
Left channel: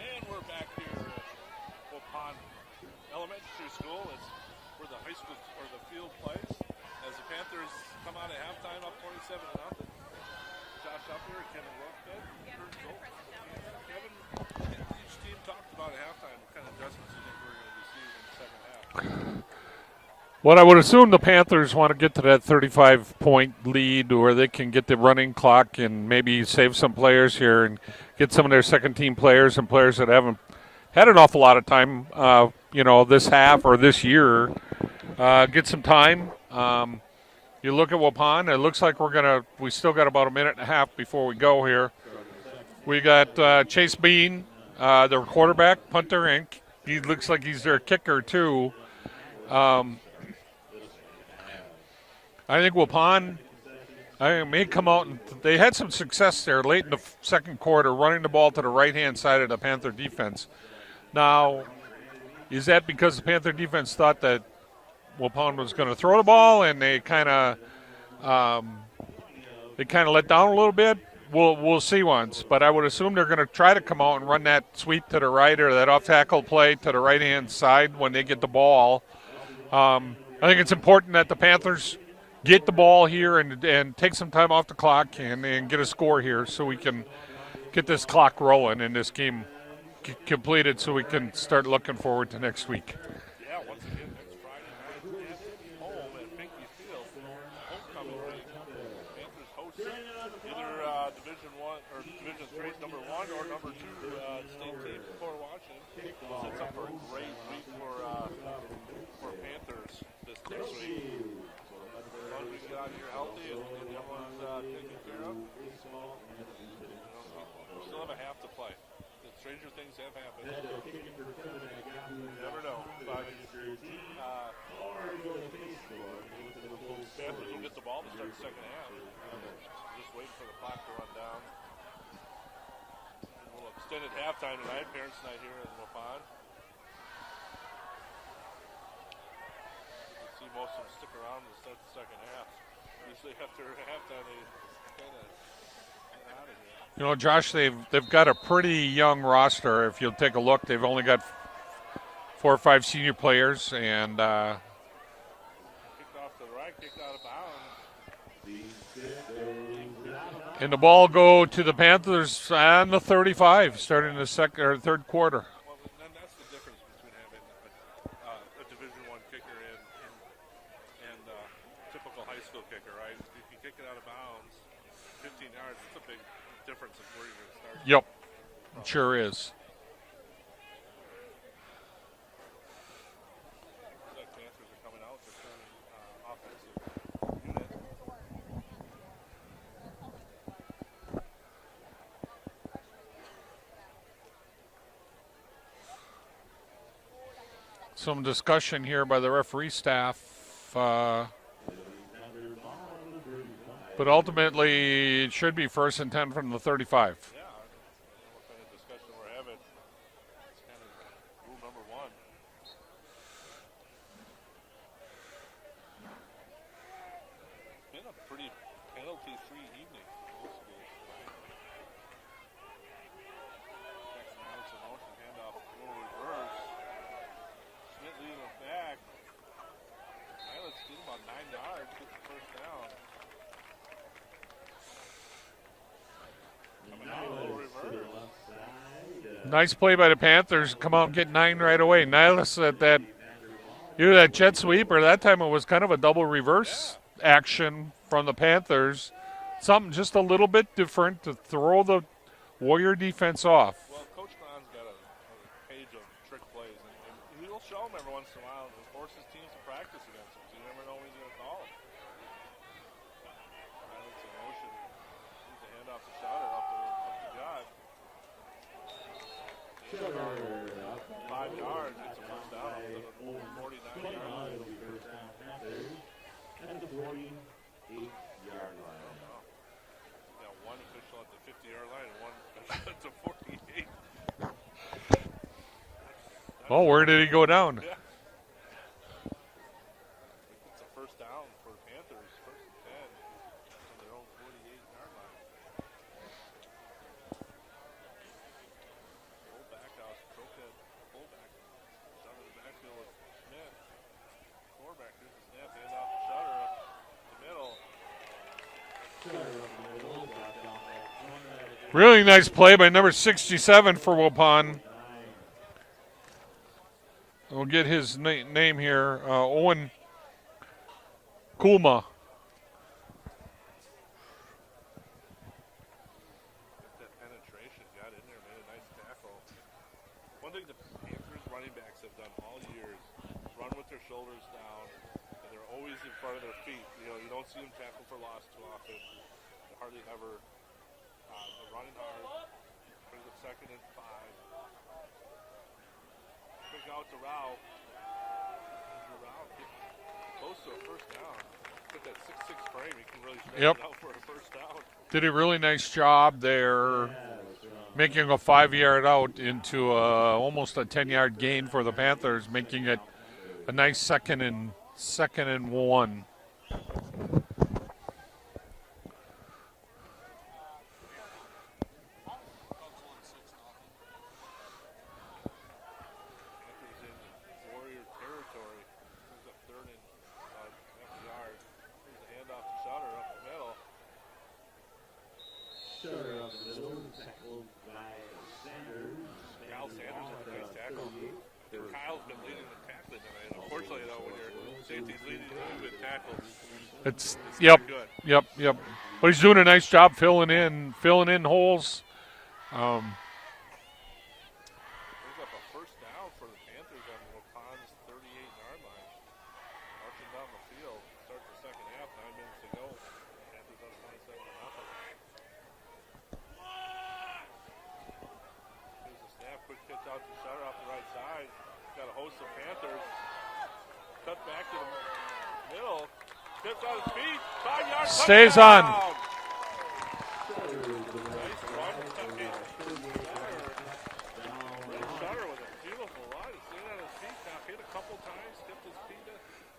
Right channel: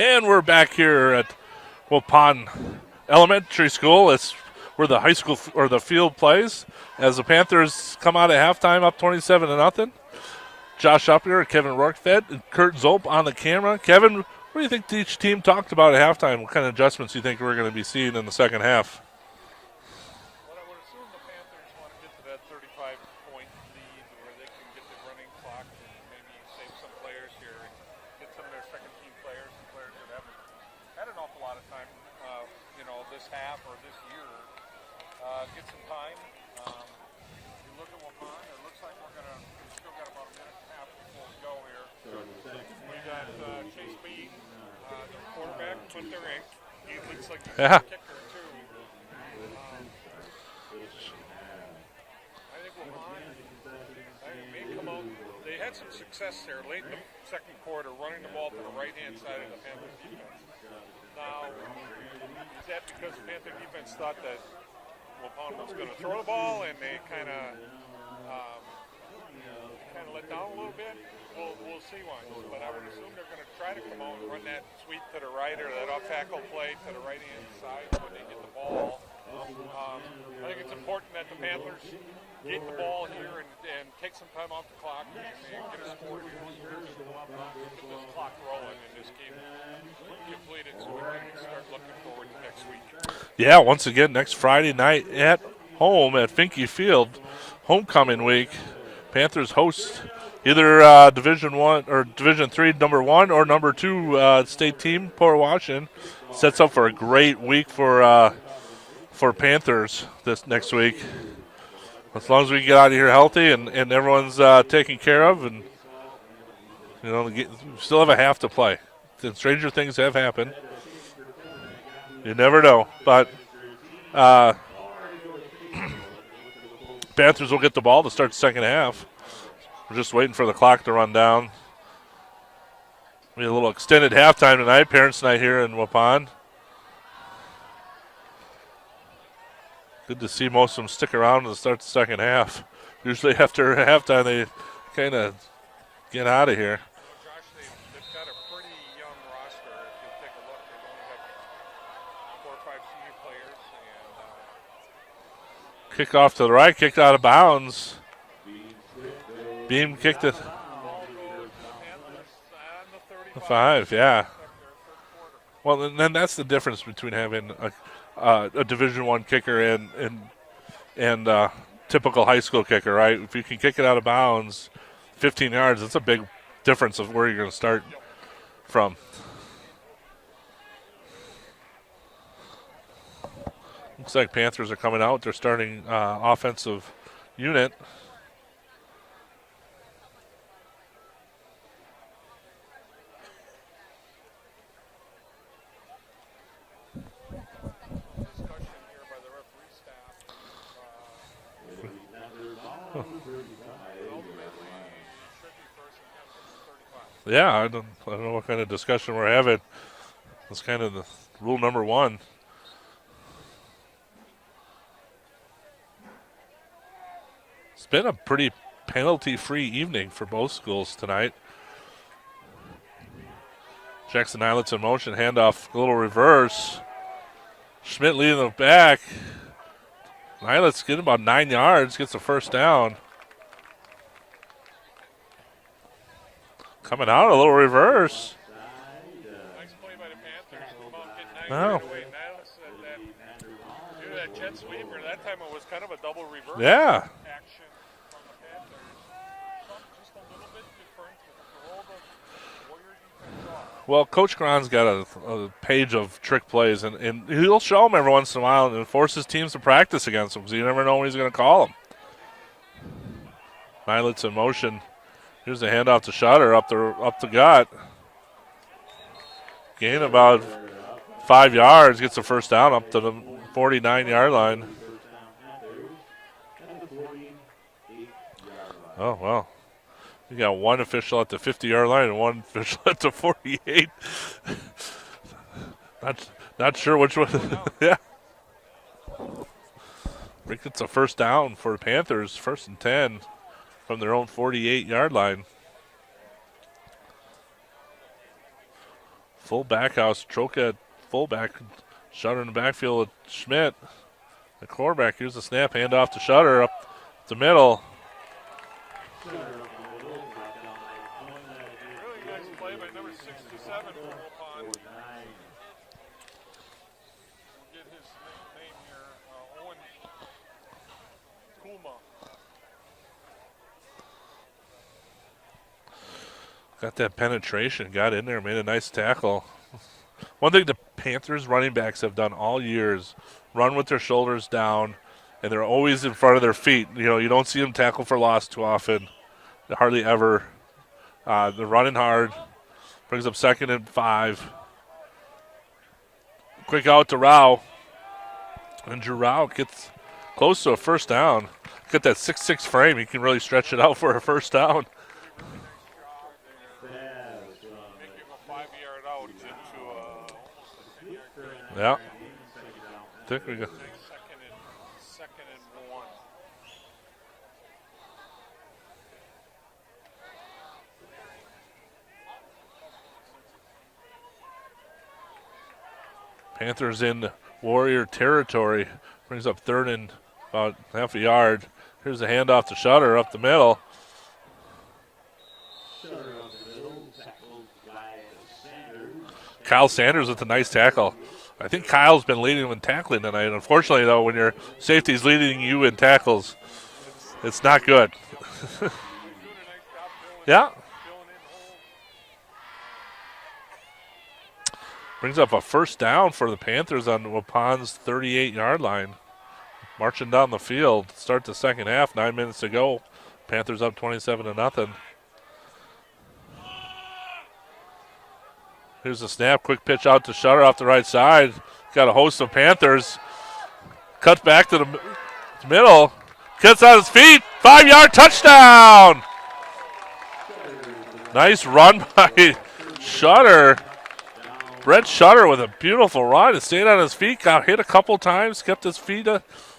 And we're back here at Waupun Elementary School. It's where the high school or the field plays as the Panthers come out at halftime up 27-0. Josh Uppier, Kevin Rourkefed, and Kurt Zolp on the camera. Kevin, what do you think each team talked about at halftime? What kind of adjustments do you think we're going to be seeing in the second half? Well, I would assume the Panthers want to get to that 35-point lead where they can get the running clock and maybe save some players here and get some of their second-team players and players that haven't had an awful lot of time, this half or this year, get some time. You look at Waupun, it looks like we still got about a minute and a half before we go here. We got Chase Bean, their quarterback, punter, and he looks like he's their kicker too. I think Waupun may come out and they had some success there late in the second quarter, running the ball to the right-hand side of the Panther defense. Now, is that because the Panther defense thought that Waupun was going to throw the ball and they kind of let down a little bit? We'll see once, but I would assume they're going to try to come out and run that sweep to the right or that off-tackle play to the right-hand side when they get the ball. I think it's important that the Panthers get the ball here and take some time off the clock and get a score here so we can get this clock rolling and this game completed so we can start looking forward to next week. Yeah, once again, next Friday night at home at Finke Field, homecoming week. Panthers host either Division 1 or Division 3 number 1 or number 2 state team, Port Washington. Sets up for a great week for Panthers this next week. As long as we get out of here healthy and everyone's taken care of, and we still have a half to play. And stranger things have happened. You never know, but Panthers will get the ball to start the second half. We're just waiting for the clock to run down. We had a little extended halftime tonight, parents' night here in Waupun. Good to see most of them stick around to start the second half. Usually after halftime they kind of get out of here. Josh, they've got a pretty young roster. If you'll take a look, they've only got 4 or 5 senior players. And kick off to the right, kicked out of bounds. Beam kicked it. And the ball go to the Panthers on the 35 starting the second or third quarter. Well, and then that's the difference between having a Division I kicker and typical high school kicker, right? If you can kick it out of bounds 15 yards, that's a big difference of where you're going to start from. Sure is. Looks like Panthers are coming out. They're starting offensive unit. Some discussion here by the referee staff. But ultimately, it should be 1st and 10 from the 35. Yeah, I don't know what kind of discussion we're having. That's kind of the rule number 1. It's been a pretty penalty-free evening for both schools tonight. Jackson Islets in motion, handoff, a little reverse. Schmidt leading the back. Islets getting about 9 yards, gets the first down. Coming out, a little reverse. Nice play by the Panthers. Come out and get 9 right away. Nihilus at that, either that jet sweep or that time it was kind of a double reverse action from the Panthers. Something just a little bit different to throw the Warrior defense off. Well, Coach Cron's got a page of trick plays, and he'll show them every once in a while and forces teams to practice against them, so you never know when he's going to call them. Violet's in motion. Here's the handoff to Shutter up the gut. Gain about 5 yards, gets the first down up to the 49-yard line. Oh, well. You got one official at the 50-yard line and one official at the 48. Not sure where which did one. he go down? Yeah. Rick gets a first down for the Panthers, 1st and 10 from their own 48-yard line. Full back house. Troca at fullback. Shutter in the backfield with Schmidt. The quarterback. Here's the snap. Hand off to Shutter up the middle. Really nice play by number 67 for Waupun. We'll get his name here. Owen Kulma. Got that penetration. Got in there. Made a nice tackle. One thing the Panthers running backs have done all years, run with their shoulders down, and they're always in front of their feet. You know, you don't see them tackle for loss too often. Hardly ever. They're running hard. Brings up 2nd and 5. Quick out to Rao. And Drew Rao gets close to a first down. Get that 6'6" frame. He can really stretch it out for a first down. Did a really nice job there, making a 5-yard out into almost a 10-yard gain for the Panthers, making it a nice second and 1. Panthers in Warrior territory. Brings up 3rd and about half a yard. Here's the handoff to Shutter up the middle. Kyle Sanders with a nice tackle. I think Kyle's been leading him in tackling tonight. Unfortunately, though, when your safety's leading you in tackles, it's not good. Yep. But he's doing a nice job filling in holes. Brings up a first down for the Panthers on Waupun's 38-yard line. Marching down the field. Start the second half. 9 minutes to go. Panthers up 27-0. Here's the snap. Quick pitch out to Shutter off the right side. Got a host of Panthers. Cuts back to the middle. Gets on his feet. 5-yard touchdown. Nice run by Shutter. Brett Shutter with a beautiful run. He stayed on his feet. Got hit a couple times. Kept his feet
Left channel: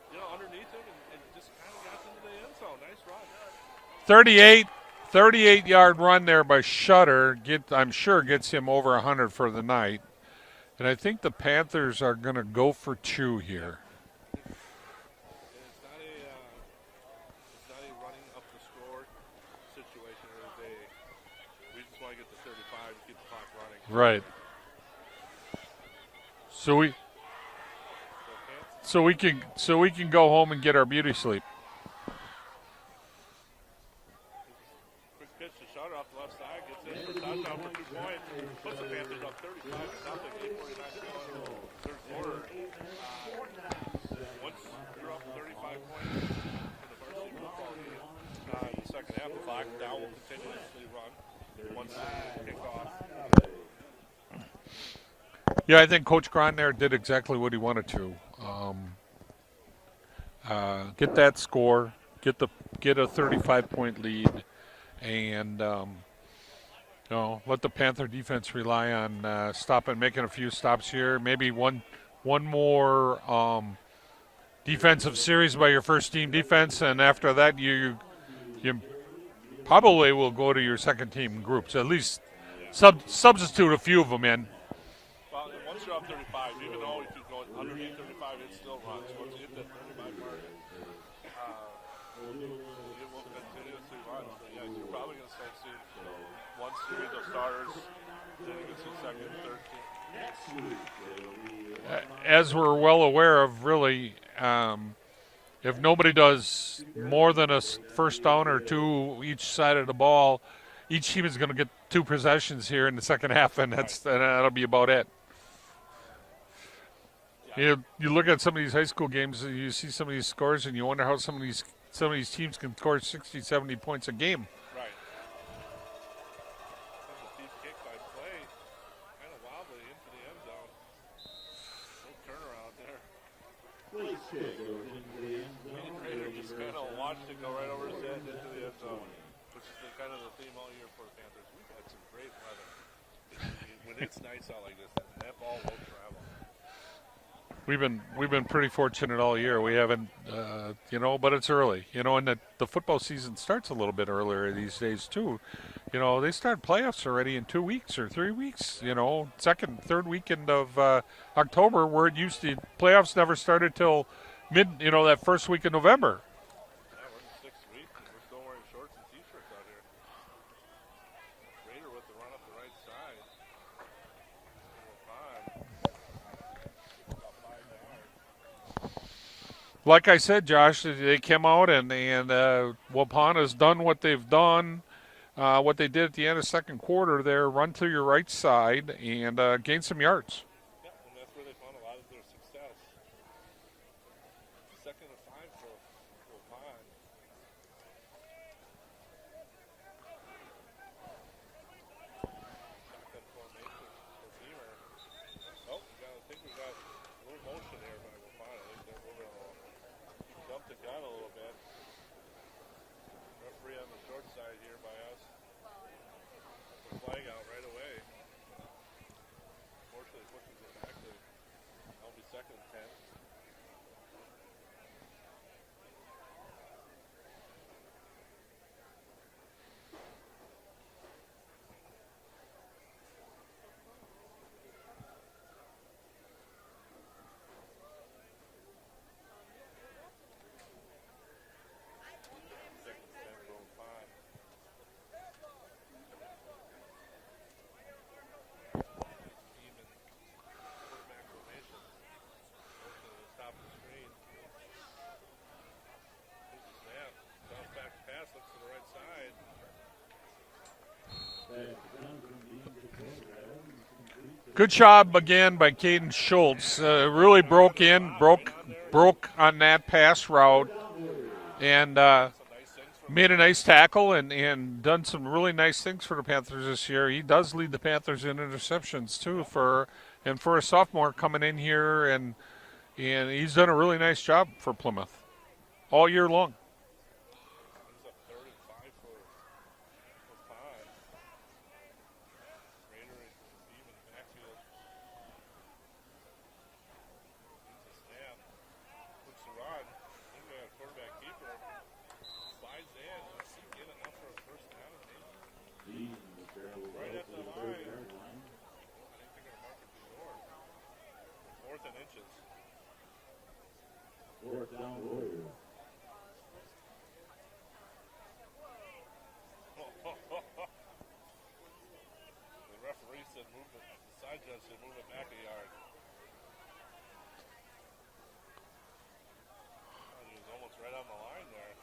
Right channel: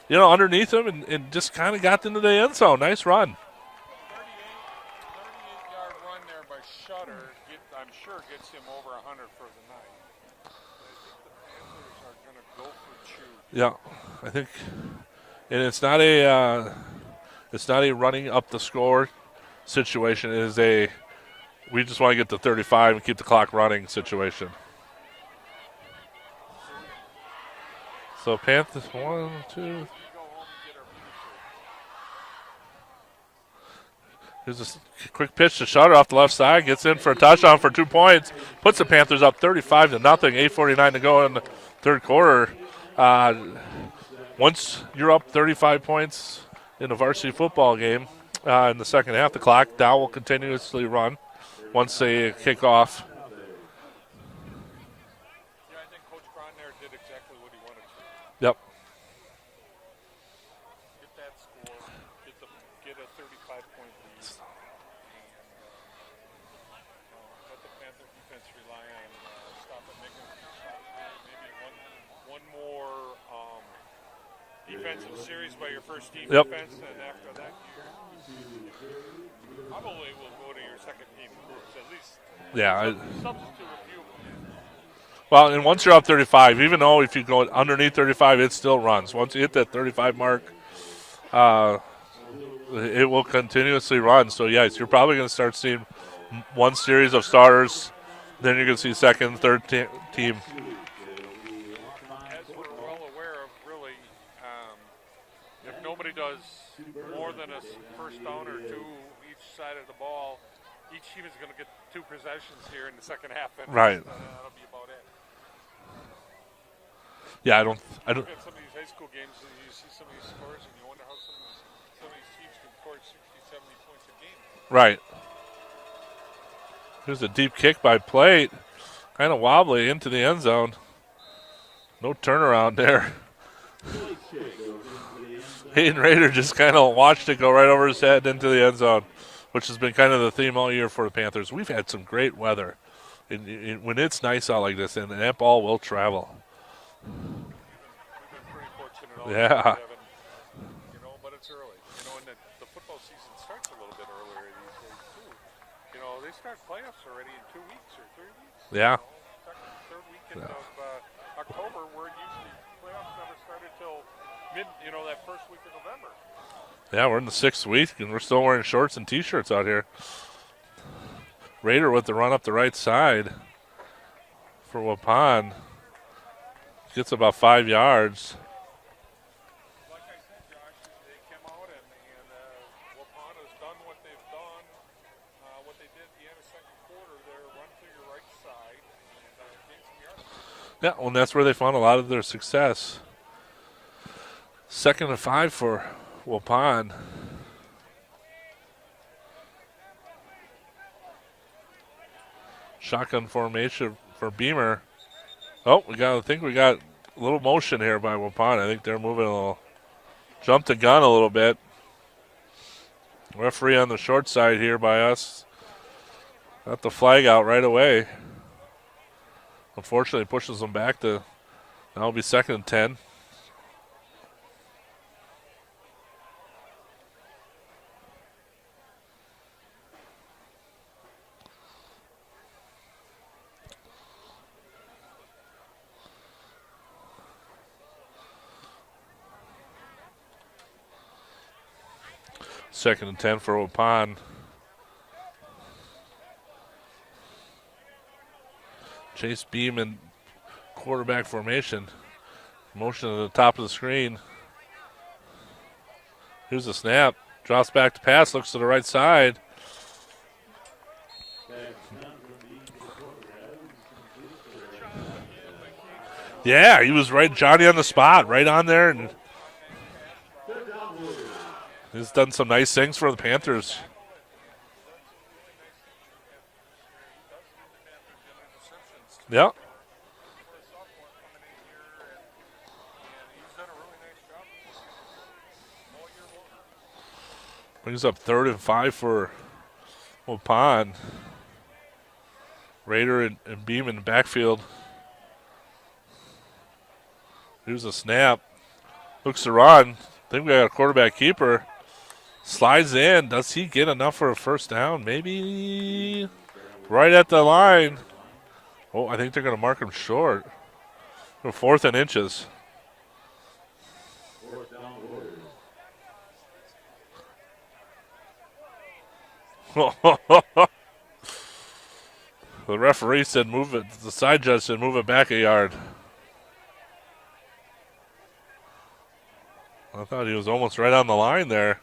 underneath him and just kind of got into the end zone. Nice run. 38-yard run there by Shutter. I'm sure gets him over 100 for the night. And I think the Panthers are going to go for 2 here. Yeah, I think. And it's not a running up the score situation. It is we just want to get to 35 and keep the clock running situation. Right. So we can go home and get our beauty sleep. Here's a quick pitch to Shutter off the left side. Gets in for a touchdown for 2 points. Puts the Panthers up 35-0. 8:49 to go in the third quarter. Once you're up 35 points in a varsity football game in the second half, the clock down will continuously run once they kick off. Yeah, I think Coach Cron there did exactly what he wanted to. Yep. Get that score, get a 35-point lead, and let the Panther defense rely on making a few stops here. Maybe one more defensive series by your first team defense, and after that you probably will go to your second team groups. At least substitute a few of them in. Well, and once you're up 35, even though if you go underneath 35, it still runs. Once you hit that 35 mark, it will continuously run. So, yes, you're probably going to start seeing one series of starters. Then you're going to see second, third team. As we're well aware of, really, if nobody does more than a first down or 2 each side of the ball, each team is going to get 2 possessions here in the second half, and that'll be about it. Yeah, you look at some of these high school games, and you see some of these scores, and you wonder how some of these teams can score 60, 70 points a game. Right. Here's a deep kick by Plate, kind of wobbly into the end zone. No turnaround there. Hayden Rader just kind of watched it go right over his head into the end zone, which has been kind of the theme all year for the Panthers. We've had some great weather. When it's nice out like this, and that ball will travel. We've been pretty fortunate all year. We haven't, but it's early. And the football season starts a little bit earlier these days too. You know, they start playoffs already in 2 weeks or 3 weeks. Yeah. You know, second, third weekend of October, where it used to, playoffs never started till that first week of November. Yeah, we're in the 6th week, and we're still wearing shorts and T-shirts out here. Raider with the run up the right side for Waupun. Gets about 5 yards. Like I said, Josh, they came out and Waupun has done what they've done. What they did at the end of second quarter there, run to your right side and gain some yards. Yeah, well, and that's where they found a lot of their success. 2nd and 5 for Waupun. Shotgun formation for Beamer. Oh, I think we got a little motion here by Waupun. I think they're moving a little, jumped the gun a little bit. Referee on the short side here by us. Got the flag out right away. Unfortunately, pushes them back to, now it'll be 2nd and 10. Second and 10 for Waupun. Chase Beam in quarterback formation. Motion to the top of the screen. Here's the snap. Drops back to pass. Looks to the right side. Good job again by Caden Schultz. Yeah, he was right, really Johnny on the broke in, spot, right on there. Broke on that pass route. And he's done some nice things for the made Panthers. a nice tackle and done some really nice things for the Panthers this year. He does lead the Panthers in interceptions too. Yep. For a sophomore coming in here, and he's done a really nice job for Plymouth all year long. Brings up 3rd and 5 for Waupun. Raider and Beam in the backfield. Here's a snap. Looks to run. I think we got a quarterback keeper. Slides in. Does he get enough for a first down? Maybe right at the line. Oh, I think they're going to mark him short. 4th and inches. The referee said move it. The side judge said move it back a yard. I thought he was almost right on the line there.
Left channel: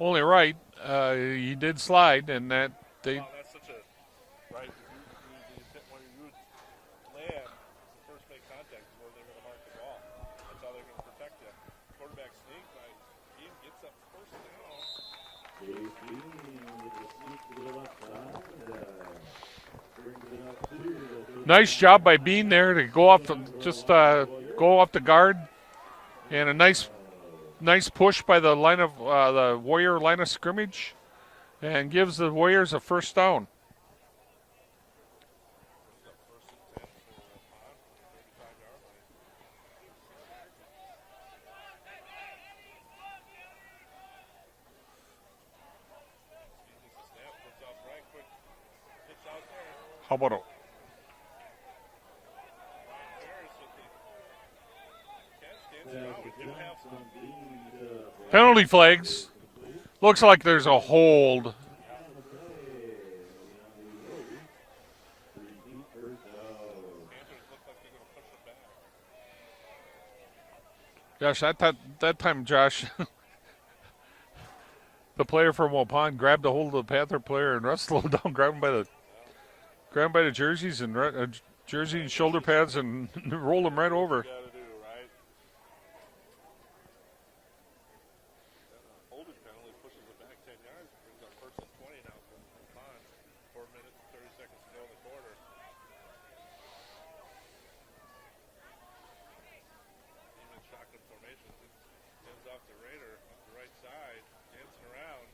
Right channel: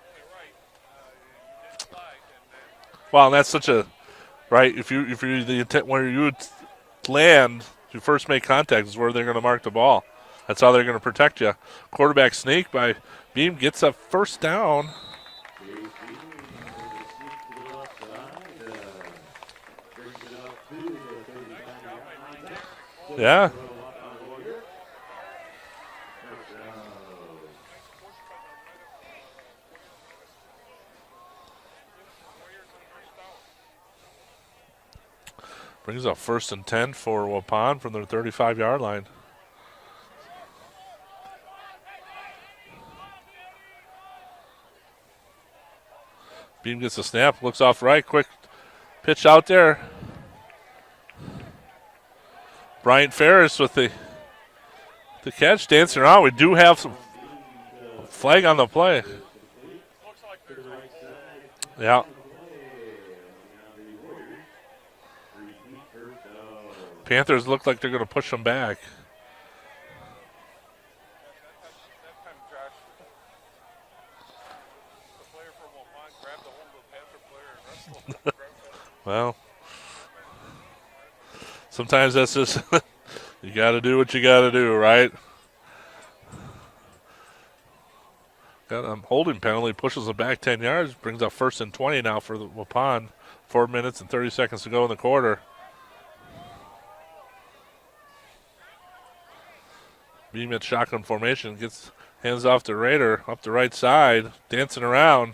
Only right. He did slide, and that. Well, that's such a right. If you the intent where you would land, you first make contact is where they're going to mark the ball. That's how they're going to protect you. Quarterback sneak by Beam gets a first down. Nice job by Bean there to go up. Yeah. Just go up the guard, and a nice push by the line of the Warrior line of scrimmage, and gives the Warriors a first down. Brings up 1st and 10 for Waupun from their 35-yard line. Beam gets a snap, looks off right, quick pitch out there. How about it? Bryant Ferris with the catch, dancing around. We do have some flag on the play. Flags. Looks like there's a hold. Yeah. Panthers look like they're going to push them back. Gosh, that time, Josh, the player from Waupun grabbed a hold of the Panther player and wrestled him down, grabbed him by the jerseys and sometimes that's shoulder just pads and you got to do what you got to do, right? Got a holding penalty, pushes them back 10 yards, brings up 1st and 20 now for the Waupun. 4 minutes and 30 seconds to go in the quarter. Beam at shotgun formation, gets hands off to Raider up the right side, dancing around.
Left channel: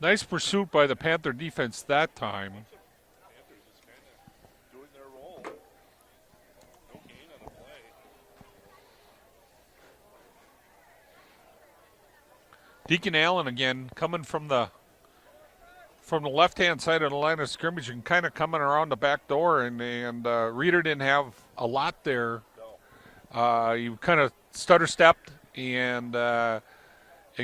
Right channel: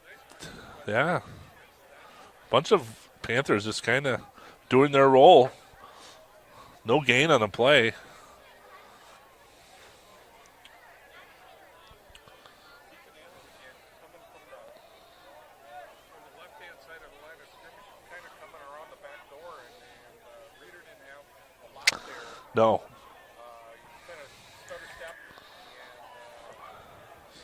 Nice pursuit by the Panther defense that time. Bunch of Panthers just kind of doing their role. No gain on a play. Deacon Allen again coming from the from the left-hand side of the line of scrimmage and kind of coming around the back door, and Reeder didn't have a lot there. No. He kind of stutter-stepped and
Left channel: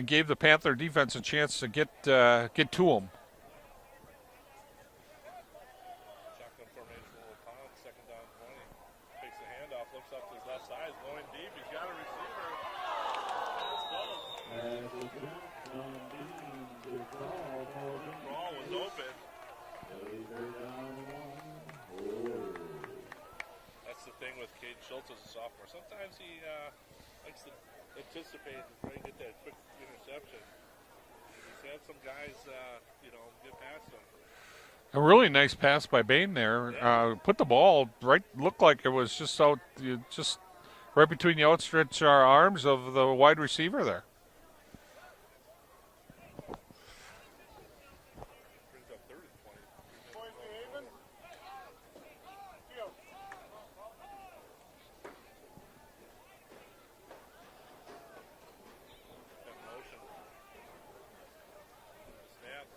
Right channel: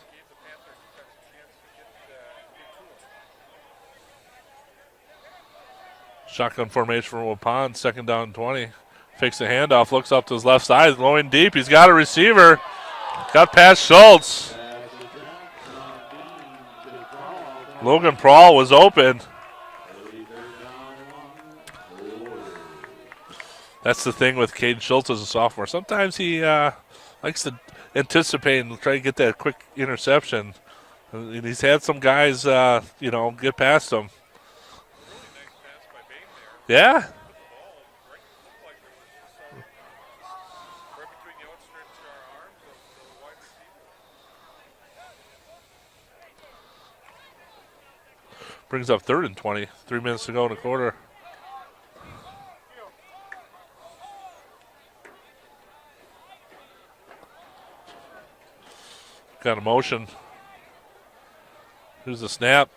gave the Panther defense a chance to get to him. Shotgun formation from Waupun, 2nd down and 20. Fakes the handoff, looks up to his left side, going deep. He's got a receiver. Got past Schultz. Logan Prawl was open. That's the thing with Cade Schultz as a sophomore. Sometimes he likes to anticipate and try to get that quick interception. And he's had some guys, get past him. A really nice pass by Bain there. Yeah. Put the ball right, looked like it was just right between the outstretched arms of the wide receiver there. Brings up 3rd and 20. 3 minutes to go in the quarter. Got a motion. Here's the snap.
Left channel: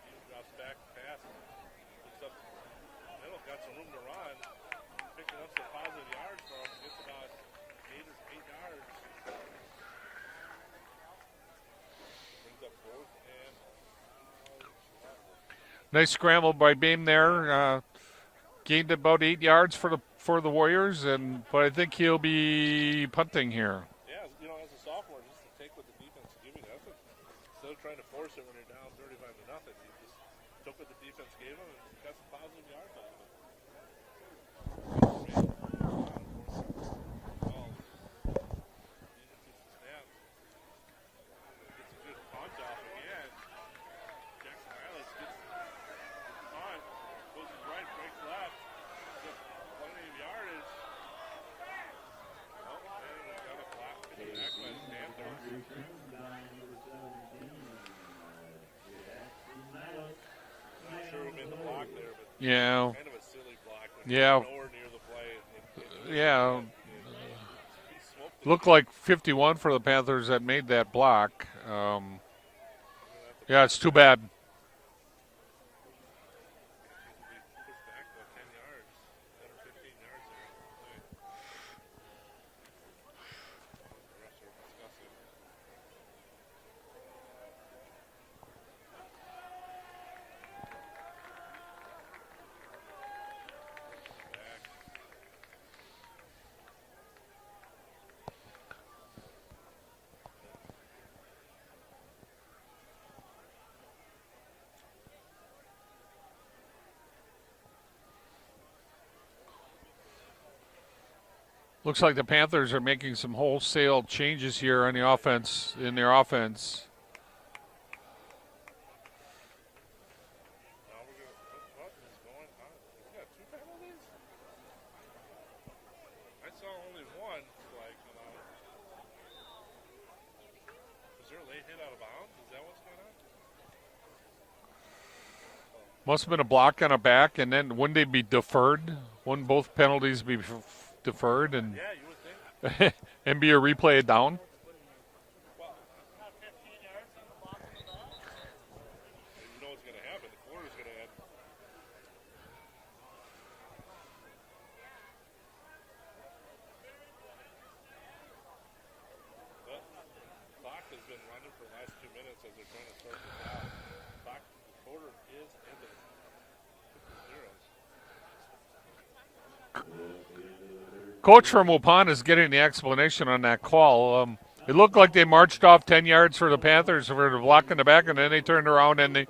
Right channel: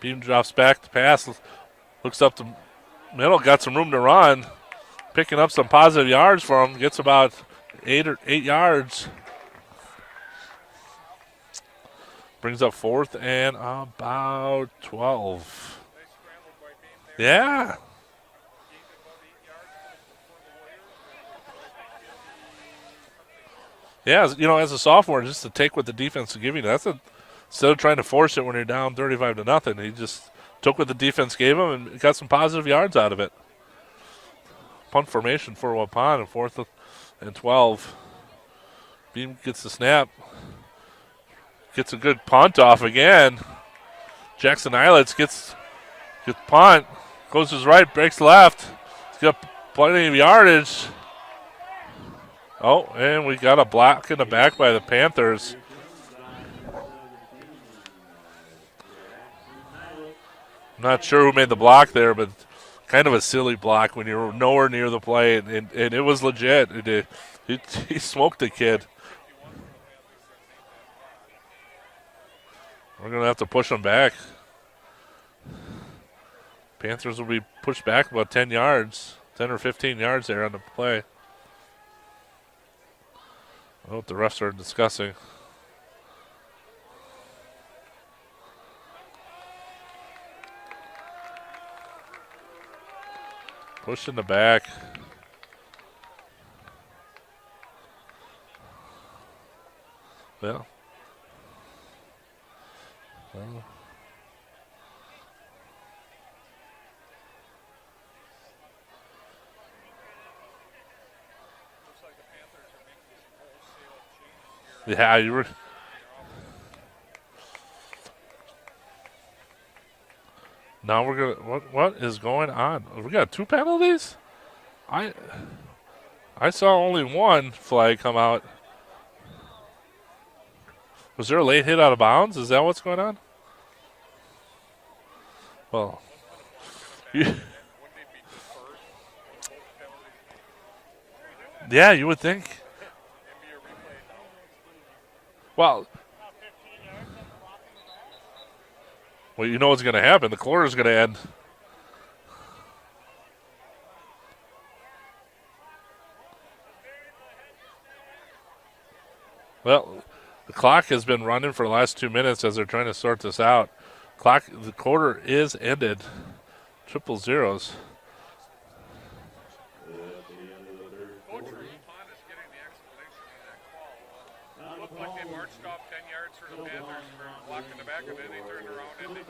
Beam drops back to pass. Looks up the middle. Got some room to run. Picking up some positive yards for him. Gets about 8 yards. Brings up 4th and about 12. Nice scramble by Beam there. Yeah. Gained about 8 yards for the Warriors, but I think he'll be punting here. Yeah, as a sophomore, just to take what the defense is giving you. Instead of trying to force it when you're down 35-0, he just took what the defense gave him and got some positive yards out of it. Punt formation for Waupun and 4th and 12. Beam gets the snap. Gets a good punt off again. Jackson Eilitz gets punt. Goes to his right, breaks left. He's got plenty of yardage. Oh, and we got a block in the back by the Panthers. I'm not sure who made the block there, but yeah, kind of a silly block when you're nowhere near the play, and it was legit. He smoked the kid. Looked like 51 for the Panthers that made that block. We're going to have to push them too back. bad. Panthers will be pushed back about 10 yards, 10 or 15 yards there on the play. I don't know what the refs are discussing. Push in the back. Well. Looks like the Panthers are making some wholesale changes here on in their offense. Now we're gonna. What is going on? We got 2 penalties. I saw only one flag come out. Was there a late hit out of bounds? Is that what's going on? Well, must have been a block on a back, and then wouldn't they be deferred? Wouldn't both penalties be deferred? And yeah, you would think. And be a replay down? Well, you know what's going to happen. The quarter's going to end. Well, the clock has been running for the last 2 minutes as they're trying to sort this out. The quarter is ended. 0-0. Coach from Waupun is getting the explanation on that call. It looked like they marched off 10 yards for the Panthers for the block in the back, and then they turned around and they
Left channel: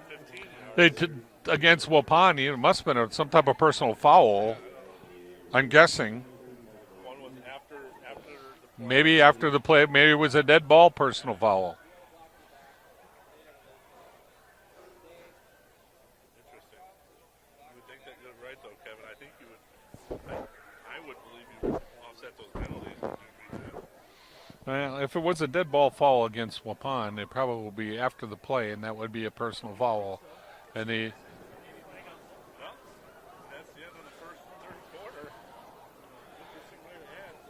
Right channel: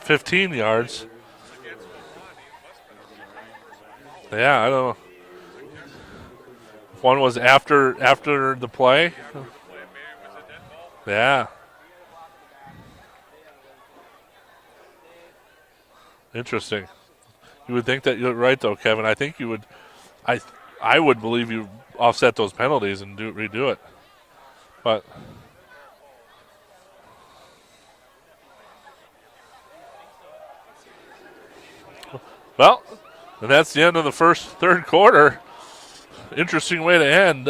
15 yards against Waupun. It must have been some type of personal foul. Yeah, I don't know. I'm guessing. One was after the play. Maybe after the play. Maybe it was a dead ball personal foul. Interesting. You would think that you're right, though, Kevin. I think you would. I would believe you offset those penalties and redo it. But if it was a dead ball foul against Waupun, it probably will be after the play, and that would be a personal foul. And well, and that's the end of the third quarter. Interesting way to end.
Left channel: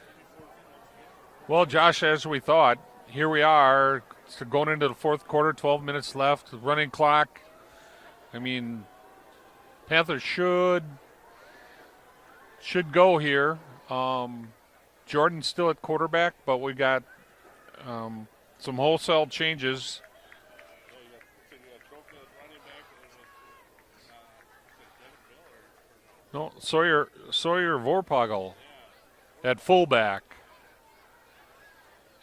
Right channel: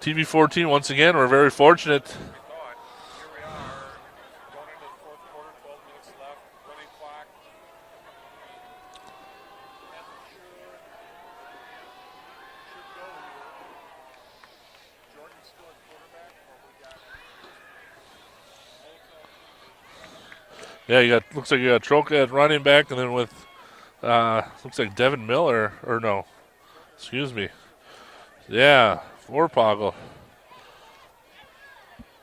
TV 14 once again. We're very fortunate. Josh, as we thought, here we are, So going into the fourth quarter, 12 minutes left, running clock. I mean, Panthers should go here. Jordan's still at quarterback, but we got some wholesale changes. Yeah, looks like you got Troca at running back, and then with looks like Devin Miller, or no. No, Sawyer. Excuse me. Sawyer Vorpagel. Yeah, At Vorpagel. fullback.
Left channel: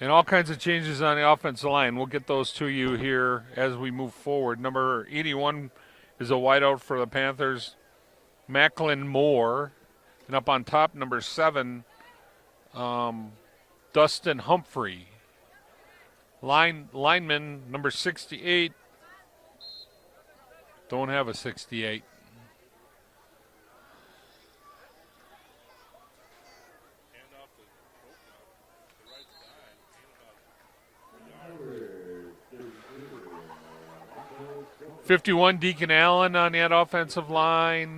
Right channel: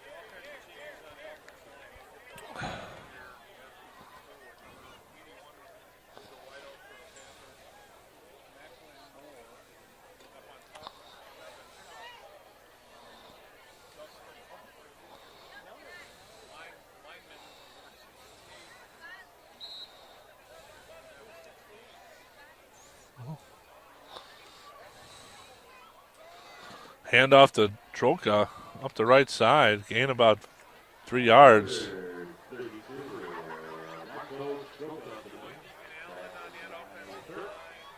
And all kinds of changes on the offensive line. We'll get those to you here as we move forward. Number 81 is a wideout for the Panthers, Macklin Moore. And up on top, number 7, Dustin Humphrey. Lineman, number 68. Don't have a 68. Hand off to Troca up the right side. Gain about 3 yards. 51, Deacon Allen on that offensive line.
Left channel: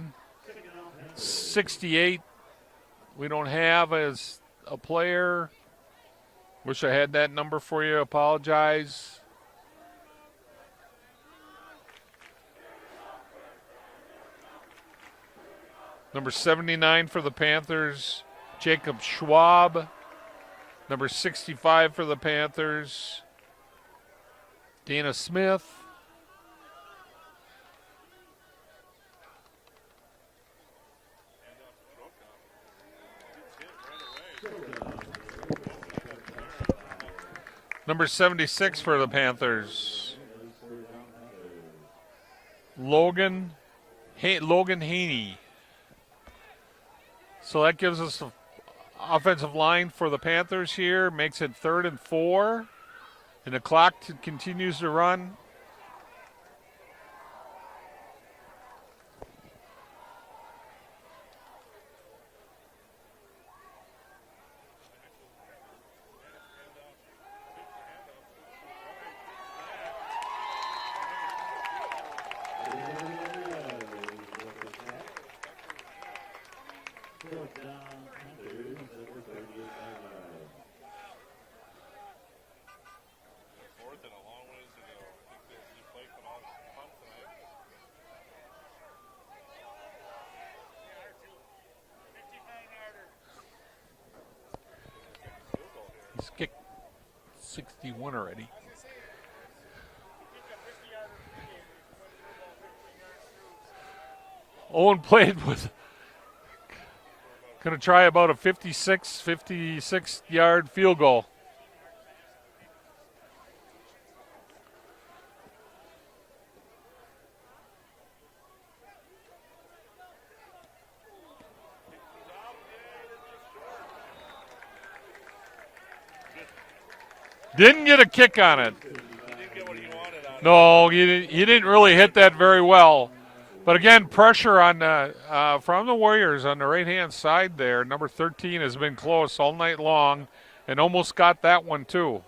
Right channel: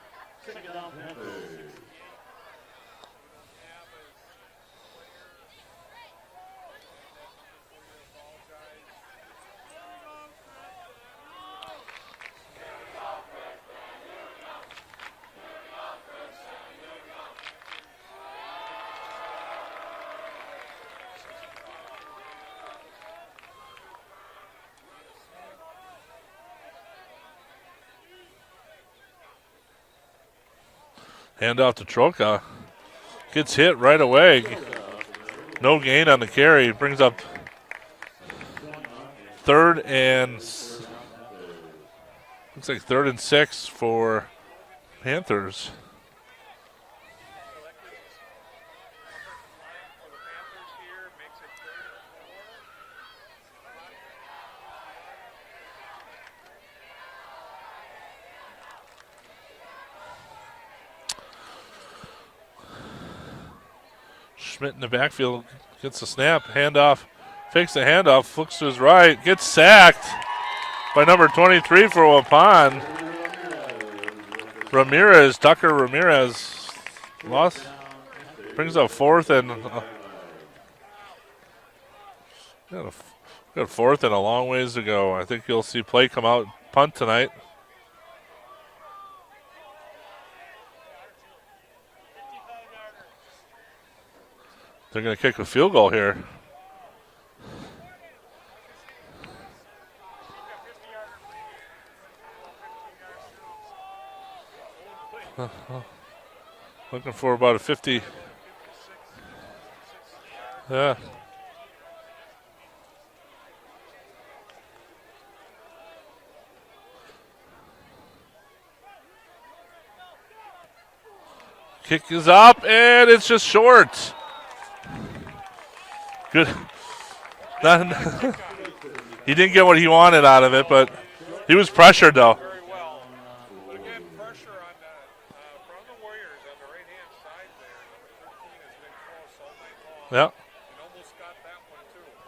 68, we don't have as a player. Wish I had that number for you. Apologize. Number 79 for the Panthers, Jacob Schwab. Number 65 for the Panthers, Dana Smith. Hand off to Troca. Gets hit right away. No gain on the carry. Brings up Number 76 for the Panthers. third and looks like third and Logan 6 for Logan Haney. Panthers. So that gives us the offensive line for the Panthers here. Makes it 3rd and 4. And the clock continues to run. Schmidt in the backfield gets the snap, handoff, fakes the handoff, looks to his right, gets sacked by number 23 for Waupun. Tucker Ramirez, lost, brings up 4th and got 4th and a long ways to go. I think you'll see play come out, punt tonight. They're going to kick a field goal here. Kick 61 already. Owen played with Looking for about a gonna 50. try about a 56 yard field goal. Kick is up, and it's just short. Good. Didn't get a kick on it. He didn't get what he wanted out of it, No, but he was didn't really pressured, hit that though. very well. But again, pressure on from the Warriors on the right-hand side there. Number 13 has been close all night long, Yep. and almost got that one too.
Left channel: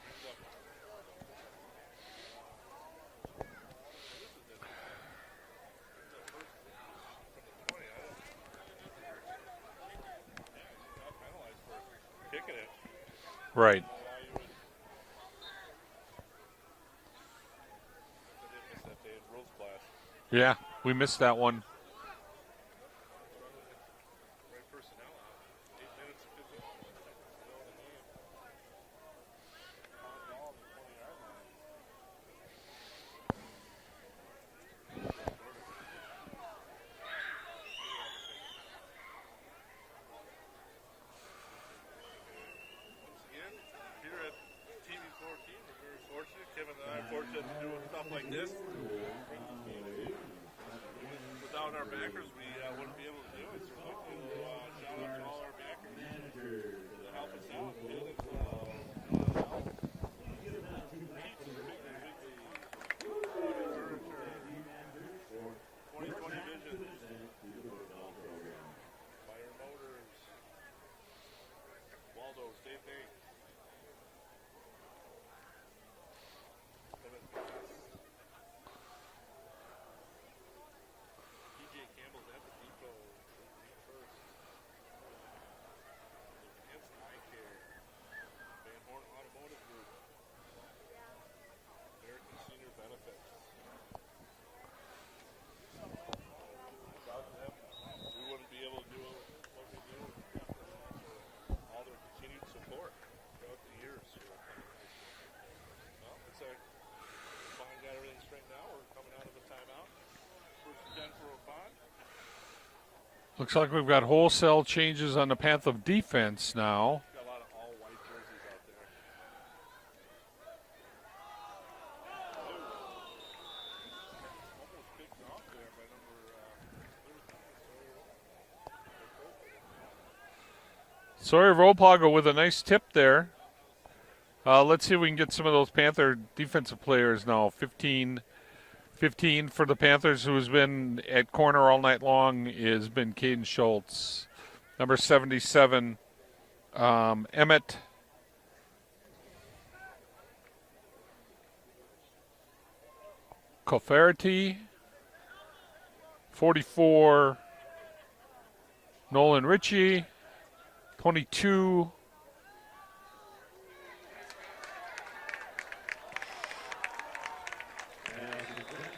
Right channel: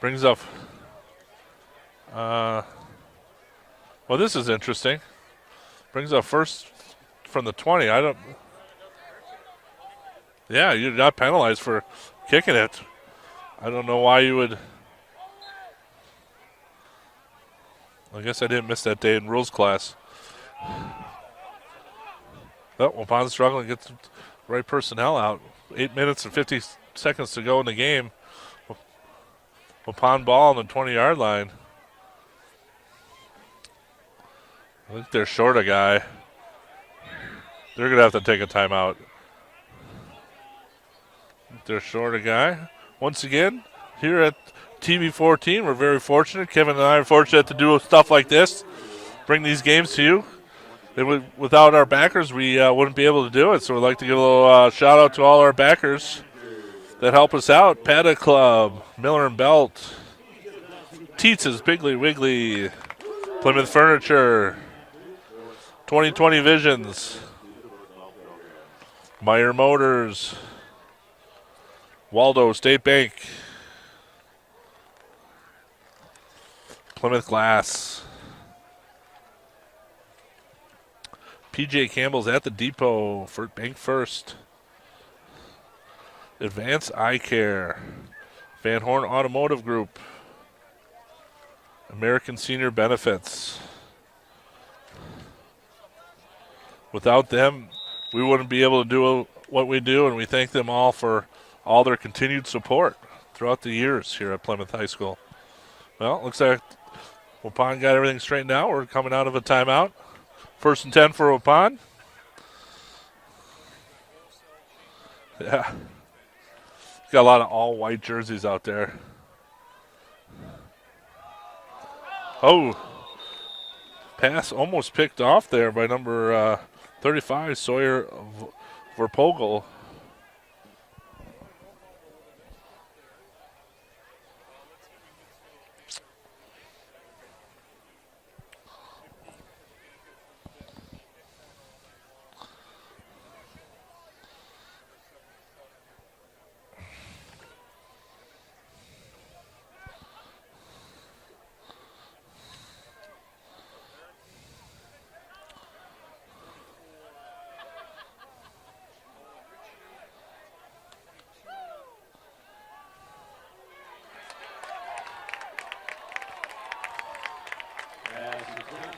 Brings up. Well, this is interesting. Brings up first from the 20. Yeah, you got penalized for kicking it. Right. I don't know why you would. I guess I didn't miss that day in rules class. Yeah, we missed that one. Oh, Waupun's struggling to get the right personnel out. 8 minutes and 50 seconds to go in the game. Waupun ball on the 20-yard line. I think they're short a guy. They're going to have to take a timeout. They're short a guy. Once again, here at TV14, we're very fortunate. Kevin and I are fortunate to do stuff like this, bring these games to you. Without our backers, we wouldn't be able to do it. So we'd like to give a little shout out to all our backers that help us out. Paddock Club, Miller and Belt, Teetz's Piggly Wiggly, Plymouth Furniture, 2020 Visions, Meyer Motors, Waldo State Bank, Plymouth Glass, PJ Campbell's at the depot for Bank First. Advanced Eye Care. Van Horn Automotive Group. American Senior Benefits. Without them, we wouldn't be able to do what we do, and we thank them all for all their continued support throughout the years here at Plymouth High School. Well, looks like Waupun got everything straightened out. We're coming out of a timeout. 1st and 10 for Waupun. Looks like we've got wholesale changes on the Panther defense now. Got a lot of all-white jerseys out there. Oh, pass almost picked off there by number 35, Sawyer Verpogel. Sawyer Verpogel with a nice tip there. Let's see if we can get some of those Panther defensive players now. 15 for the Panthers, who's been at corner all night long, has been Caden Schultz. Number 77, Emmett. Cofferty. 44, Nolan Ritchie. 22,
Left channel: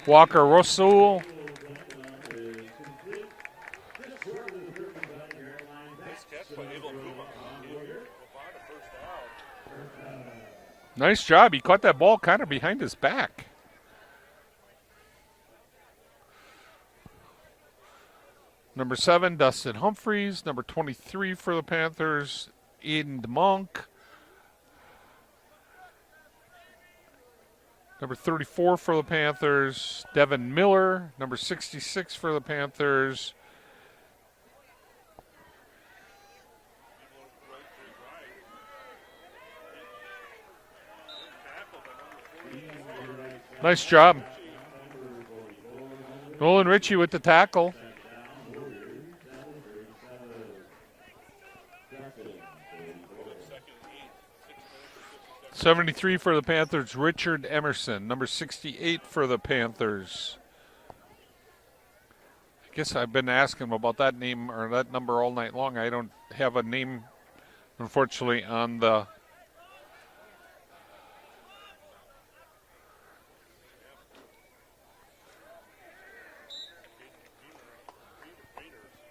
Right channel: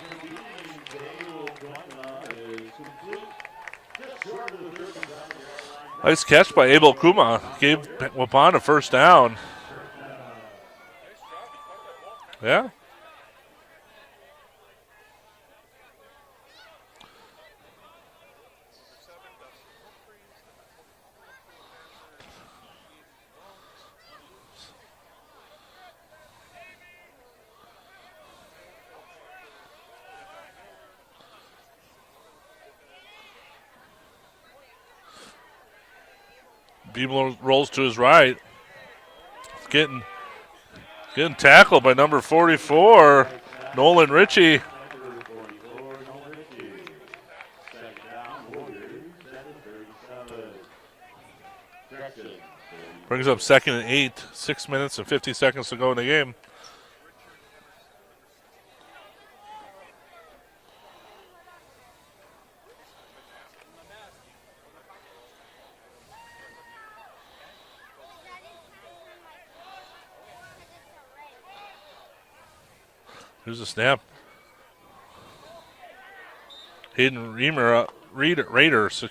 Walker Rosul. Nice catch by Abel Kuma. Gave Waupun a first down. Nice job. He caught that ball kind of behind his back. Number 7, Dustin Humphreys. Number 23 for the Panthers, Eden DeMonk. Number 34 for the Panthers, Devin Miller. Number 66 for the Panthers. Beeble rolls to his right. Getting tackled by number 44, Nice Nolan job. Ritchie. Nolan Ritchie with the tackle. Brings up 2nd and 8, 6 minutes and 50 seconds to go in the 73 game. for the Panthers, Richard Emerson. Number 68 for the Panthers. Guess I've been asking him about that name or that number all night long. I don't have a name, unfortunately, on the. Here's a snap. Hayden Raiders,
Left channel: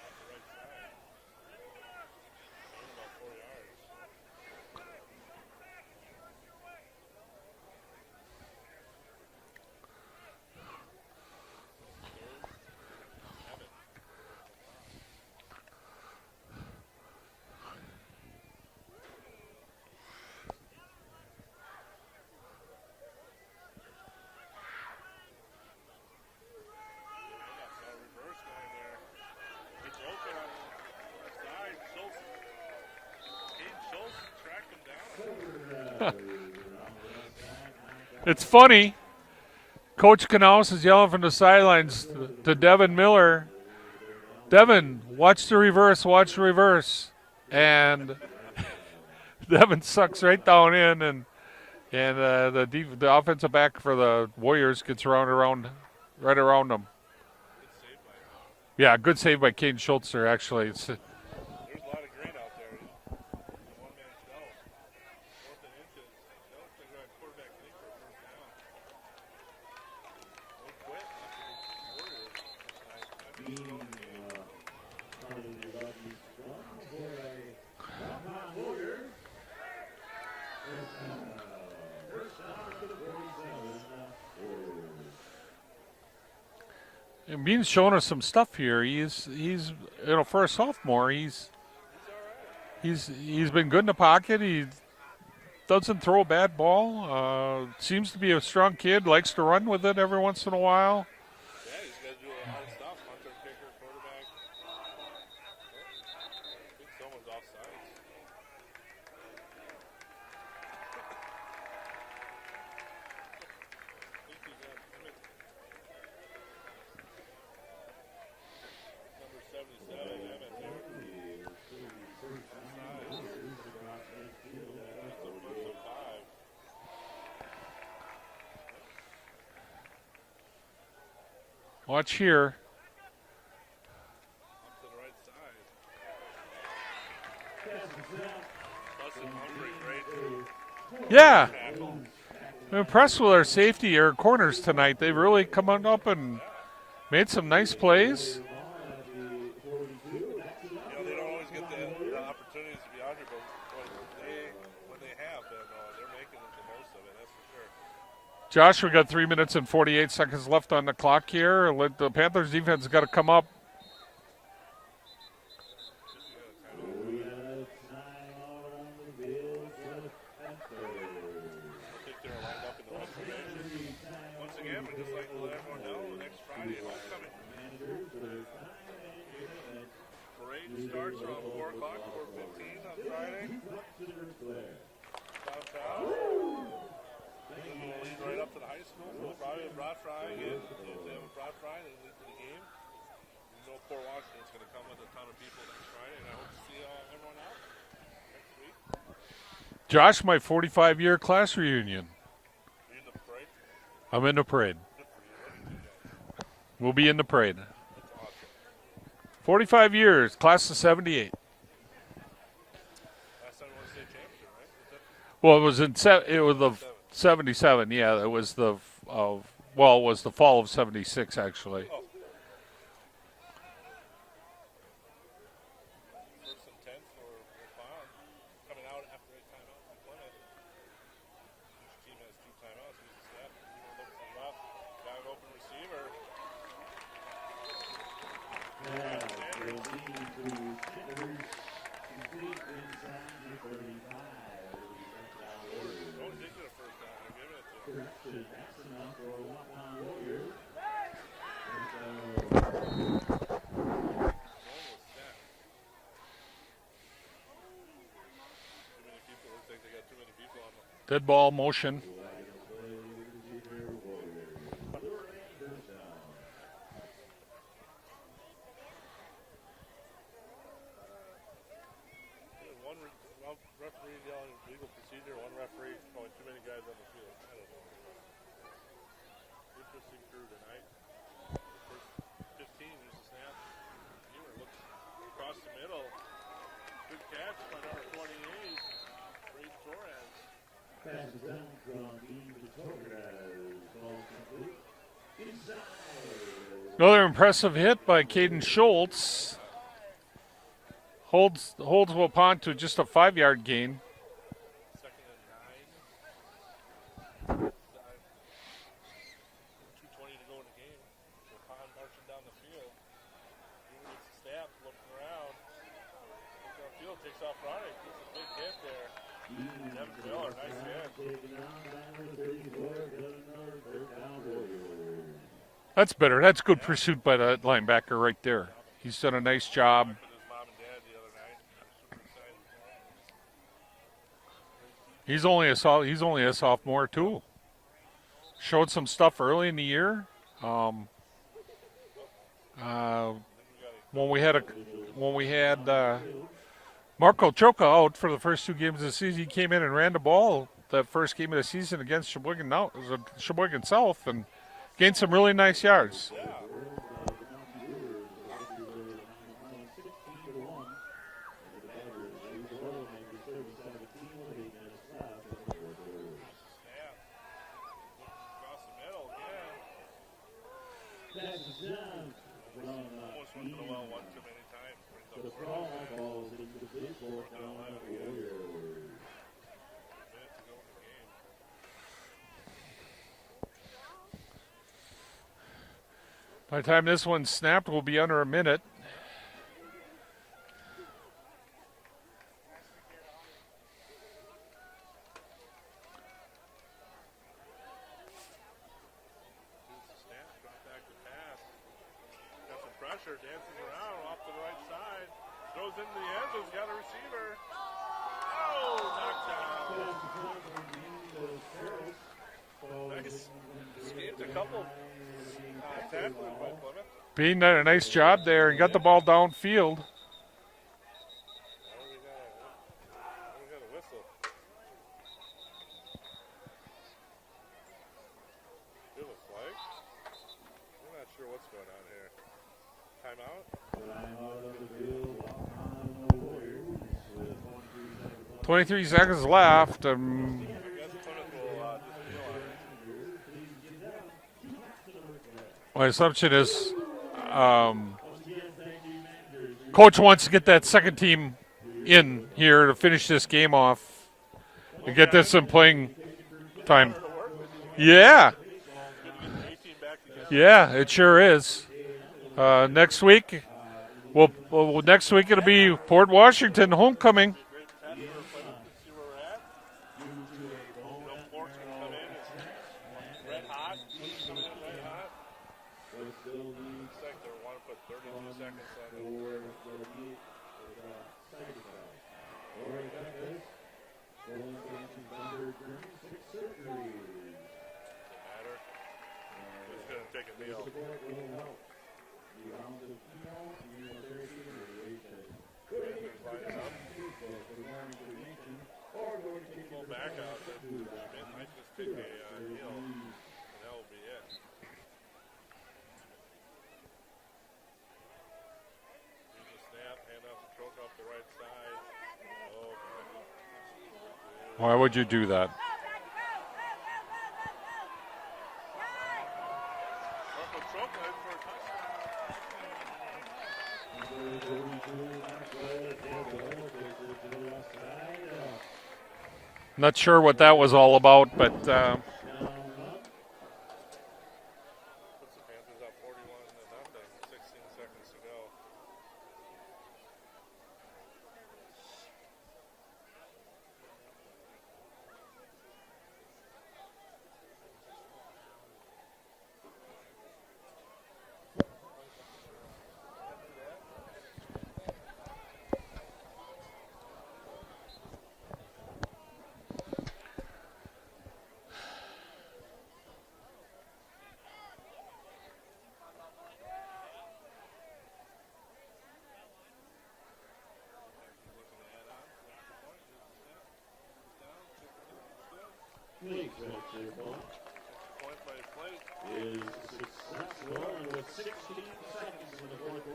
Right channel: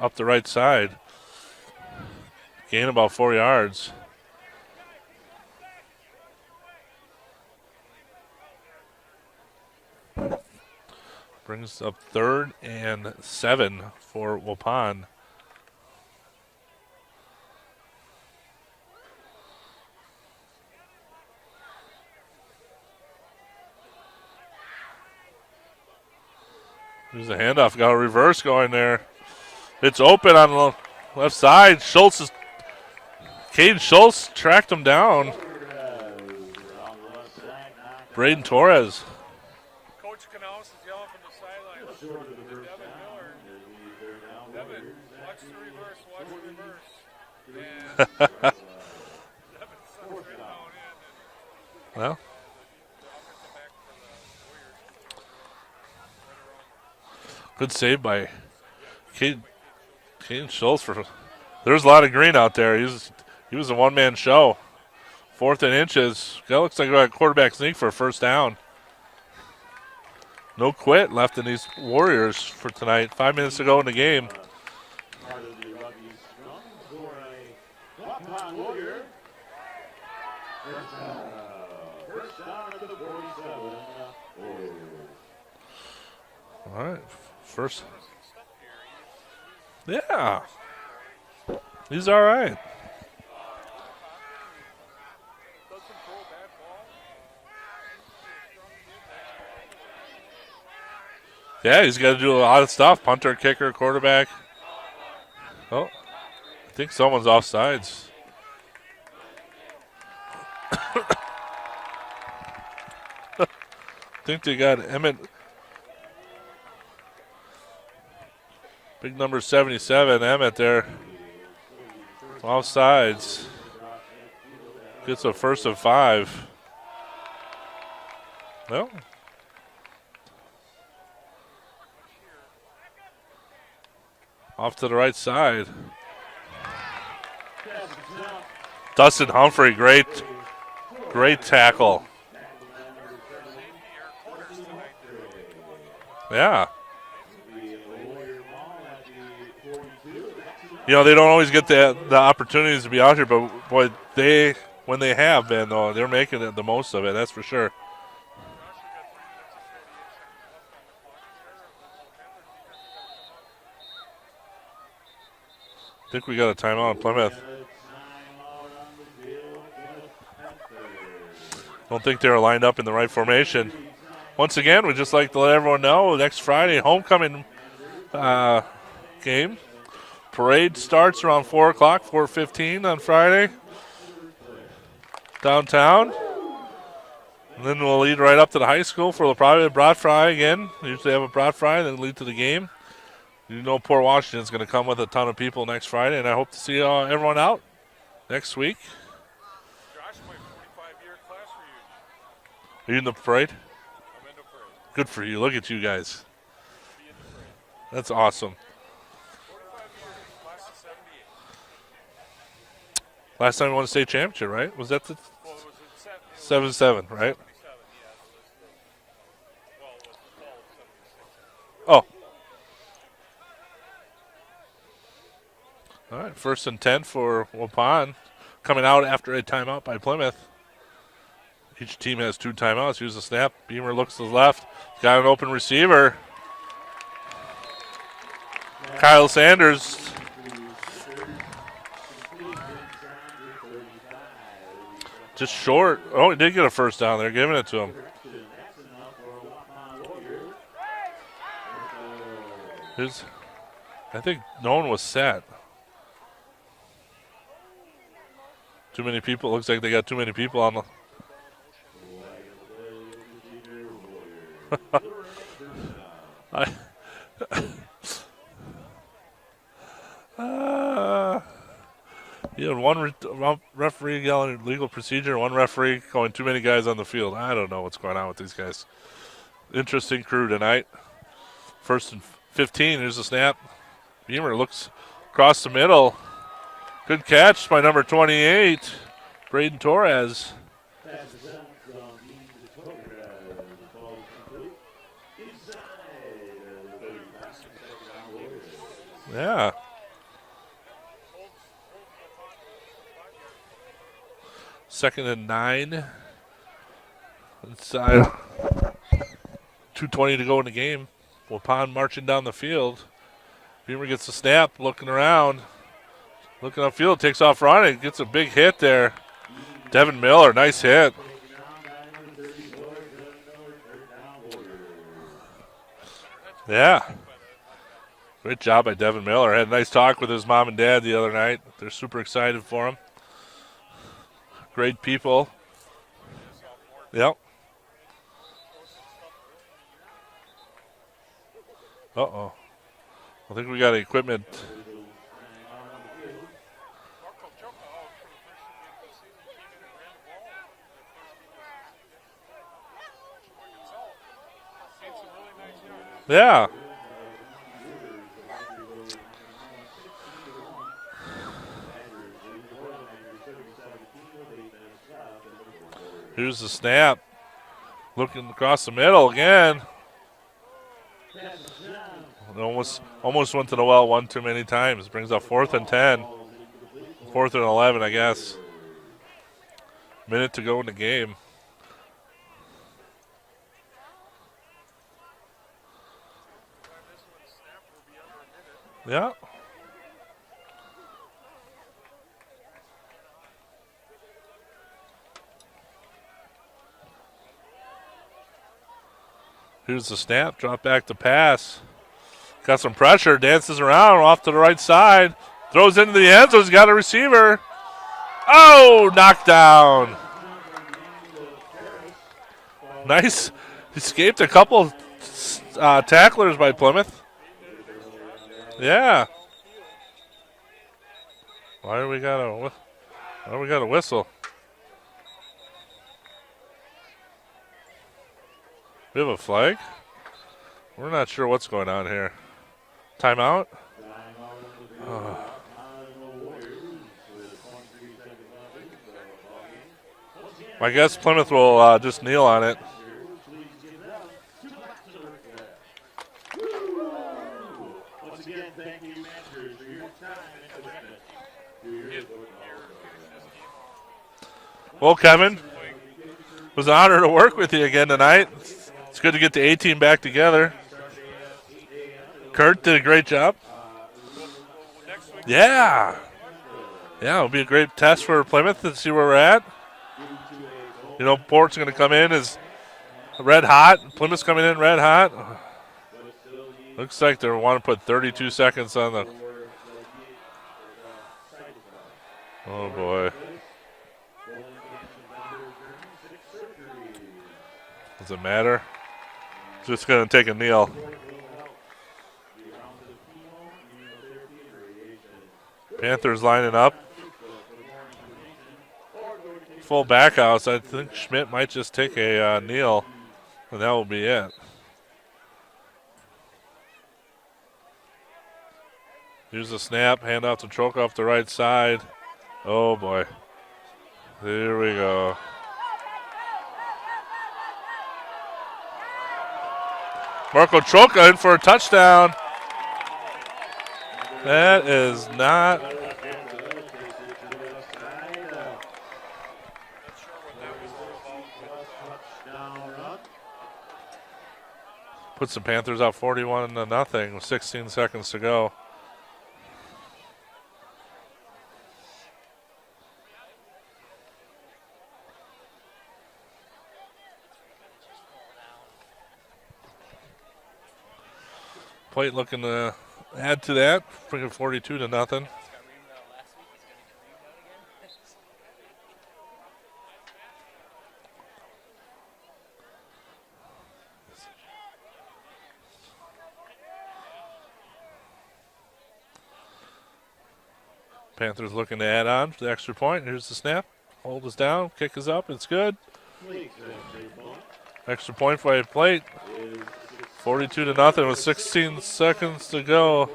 up the right side. Gain about 4 yards. Brings up 3rd and 7 for Waupun. There's a handoff. Got a reverse going there. It's open on the left side. Caden Schultz tracked him down. Braden It's Torres. funny. Coach Knaus is yelling from the sidelines to Devin Miller. Devin, watch the reverse, watch the reverse. And Devin sucks right down in, and the offensive back for the Warriors gets right around them. Good save by Good save by Caden Schultz there, actually. Schultz. There's a lot of green out there. He was a one-man show. 4th and inches. That looks like a quarterback sneak for a first down. No quit left in these Warriors for tonight. 5 minutes to go in the game. All right. Bean's showing us some stuff here. He's for a sophomore. He's all right. He's been good in the pocket. He doesn't throw a bad ball. Seems to be a strong kid. Likes to run with it every once in a while. Yeah, he's got to do a lot of stuff. Punter, kicker, quarterback. Oh, I think someone's offsides. I think they got Emmett. Big number 77, Emmett there. Offsides. Gets a 1st and 5. Well. Watch here. Off to the right side. Dustin Humphrey, great tackle. I'm impressed with our safety or corners tonight. They've really come on up and made some nice plays. You know, they don't always get the opportunities to be out here, but boy, when they have been, though, they're making the most of it, that's for sure. Josh, we got 3 minutes and 48 seconds left on the clock here. The Panthers defense has got to come up. I think we got a timeout in Plymouth. Don't think they were lined up in the right formation. Once again, we'd just like to let everyone know, next Friday, homecoming game. Parade starts around 4 o'clock, 4:15 on Friday, downtown. And then we'll lead right up to the high school for probably a brat fry again. We usually have a brat fry, then lead to the game. You know Port Washington's going to come with a ton of people next Friday, and I hope to see everyone out next week. Josh, my 45-year class reunion. Are you in the parade? I'm in the parade. Good for you. Look at you guys. We'll be in the parade. That's awesome. 45 years, class of 78. Last time we won a state championship, right? Was that the? Well, it was in 77, right? 77. Yeah, it was it was the fall of 76 actually. Oh. All right, 1st and 10 for Waupun, coming out after a timeout by Plymouth. Each team has 2 timeouts. Here's the snap. Beamer looks to the left. Got an open receiver. Kyle Sanders. Just short. Oh, he did get a first down. They're giving it to him. I think no one was set. Too many people. Looks like they got too many people on the dead ball motion. You had one referee yelling legal procedure, one referee going too many guys on the field. I don't know what's going on with these guys. Interesting crew tonight. 1st and 15. Here's the snap. Beamer looks across the middle. Good catch by number 28, Braden Torres. Another impressive hit by Caden Schultz. Yeah. Holds Waupun to just a 5-yard gain. 2nd and 9. Inside. 2:20 to go in the game. Waupun marching down the field. Beamer gets the snap, looking around. Looking upfield, takes off running, gets a big hit there. Devin Miller, nice hit. That's better. That's good pursuit by the linebacker right there. Good job by Devin Miller. Had a nice talk with his mom and dad the other night. They're super excited for him. Great people. He's only a sophomore too. Yep. Showed some stuff early in the year. I think we got equipment. When we had Marco Choka out for the first 2 games of the season, he came in and ran the ball that first game of the season against Sheboygan South and gained some really nice yards. Yeah. Here's the snap. Looking across the middle again. Almost went to the well one too many times. Brings up 4th and 10. 4th and 11, I guess. Minute to go in the game. By the time this one's snapped, we'll be under a minute. Yeah. Here's the snap. Drop back to pass. Got some pressure. Dances around off to the right side. Throws into the end zone. He's got a receiver. Oh, knocked down. Nice. Escaped a couple tacklers by Plymouth. Bean did a nice job there and got the ball downfield. Why do we got a whistle? We have a flag? We're not sure what's going on here. Timeout? 23 seconds left. I guess Plymouth will just kneel on it. My assumption is coach wants to get that second team in here to finish this game off. Well, get Kevin, some playing. it was an honor to work with you again tonight. It's good to get the A team back together. Yeah, it sure is. Kurt did a great job. Well, next week it'll be Port Washington homecoming. It'll be a great test for Plymouth to see where we're at. You know, Port's going to come in as red hot. Plymouth's coming in red hot. Looks like they want to put 32 seconds on the. Oh boy. Does it matter? Just going to take a kneel. Panthers lining up. Full back house. I think Schmidt might just take a kneel, and that will be it. Here's the snap. Hand off to Troke off the right side. Oh, boy. There we go. Why would you do that? Marco Troca in for a touchdown. That is not. Not sure what that was all about, but puts the Panthers up 41-0 with 16 seconds to go. Plate looking to add to that, bring it 42-0. Panthers looking to add on for the extra point. Here's the snap. Hold is down. Kick is up. It's good. Extra point by Plate. 42-0 with 16 seconds to go.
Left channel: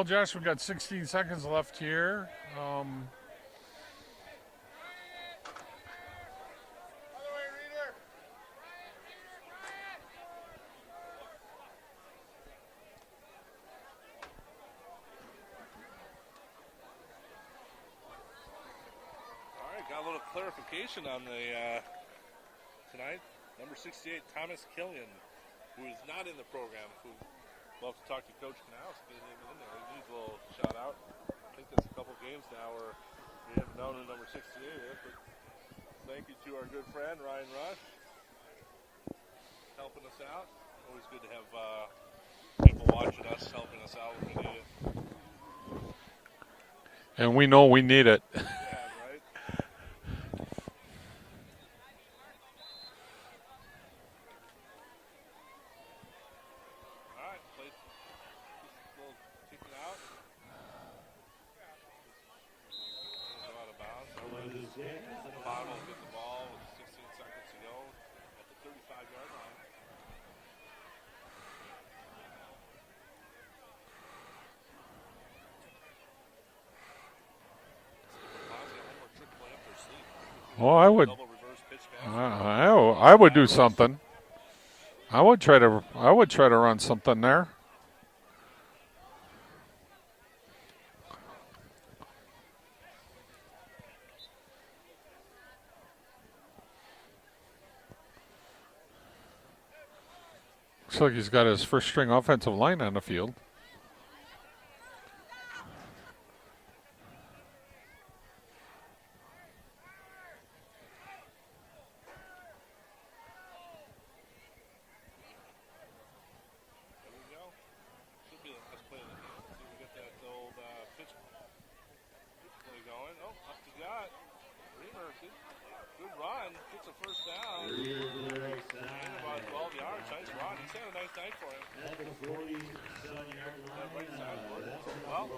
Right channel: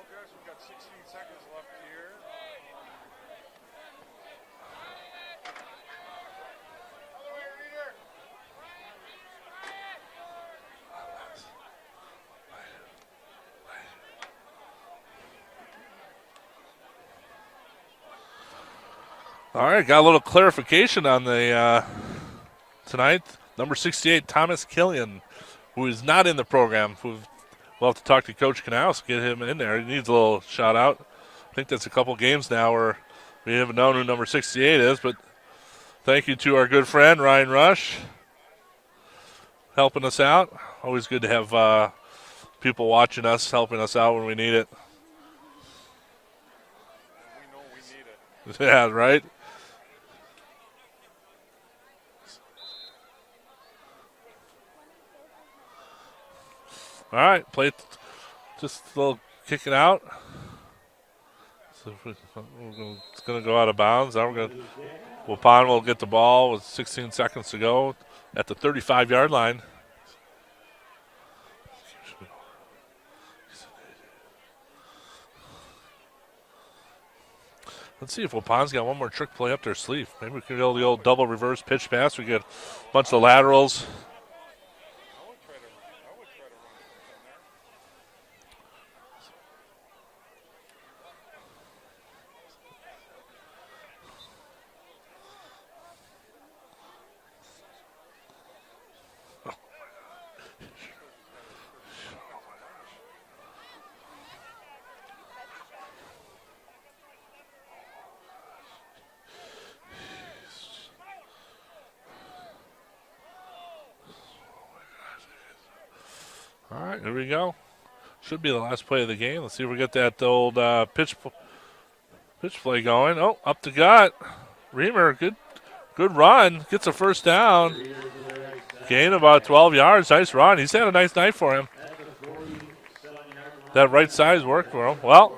well, Josh, we've got 16 seconds left here. All right, got a little clarification on the tonight. Number 68, Thomas Killian, who is not in the program. We'll have to talk to Coach Knaus, get him in there. He needs a little shout out. I think that's a couple games now where we haven't known who number 68 is, but thank you to our good friend Ryan Rush helping us out. Always good to have people watching us, helping us out when we need it. And we know we need it. Yeah, right? All right, Plate just a little kick it out. So it's going to go out of bounds. Now Waupun will get the ball with 16 seconds to go at the 35-yard line. Let's see if Waupun's got one more trick play up their sleeve. Maybe we could go the old double reverse pitch pass. We get a bunch of laterals. Do something. I would try to run something there. Looks like he's got his first string offensive line on the field. All right, here we go. Should be the last play of the game. Let's see if we get that old pitch play going. Oh, up the gut. Reamer, good run. Gets a first down. Gain about 12 yards. Nice run. He's had a nice night for him. That right side's worked for him. Well,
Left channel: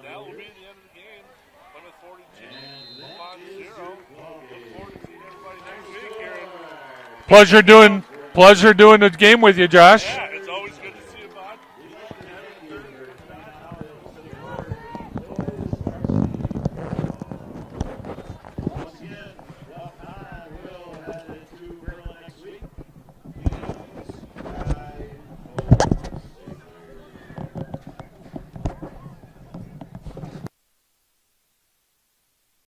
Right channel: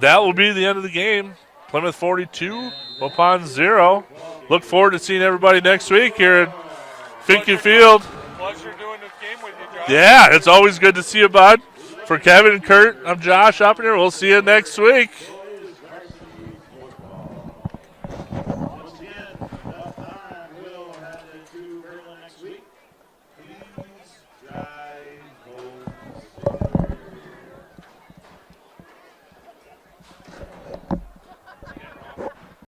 that will be the end of the game. Plymouth 42, Waupun 0. Look forward to seeing everybody next week here at Pleasure Field. doing the game with you, Josh. Yeah, it's always good to see you, bud. For Kevin and Kurt, I'm Josh up here. We'll see you next week.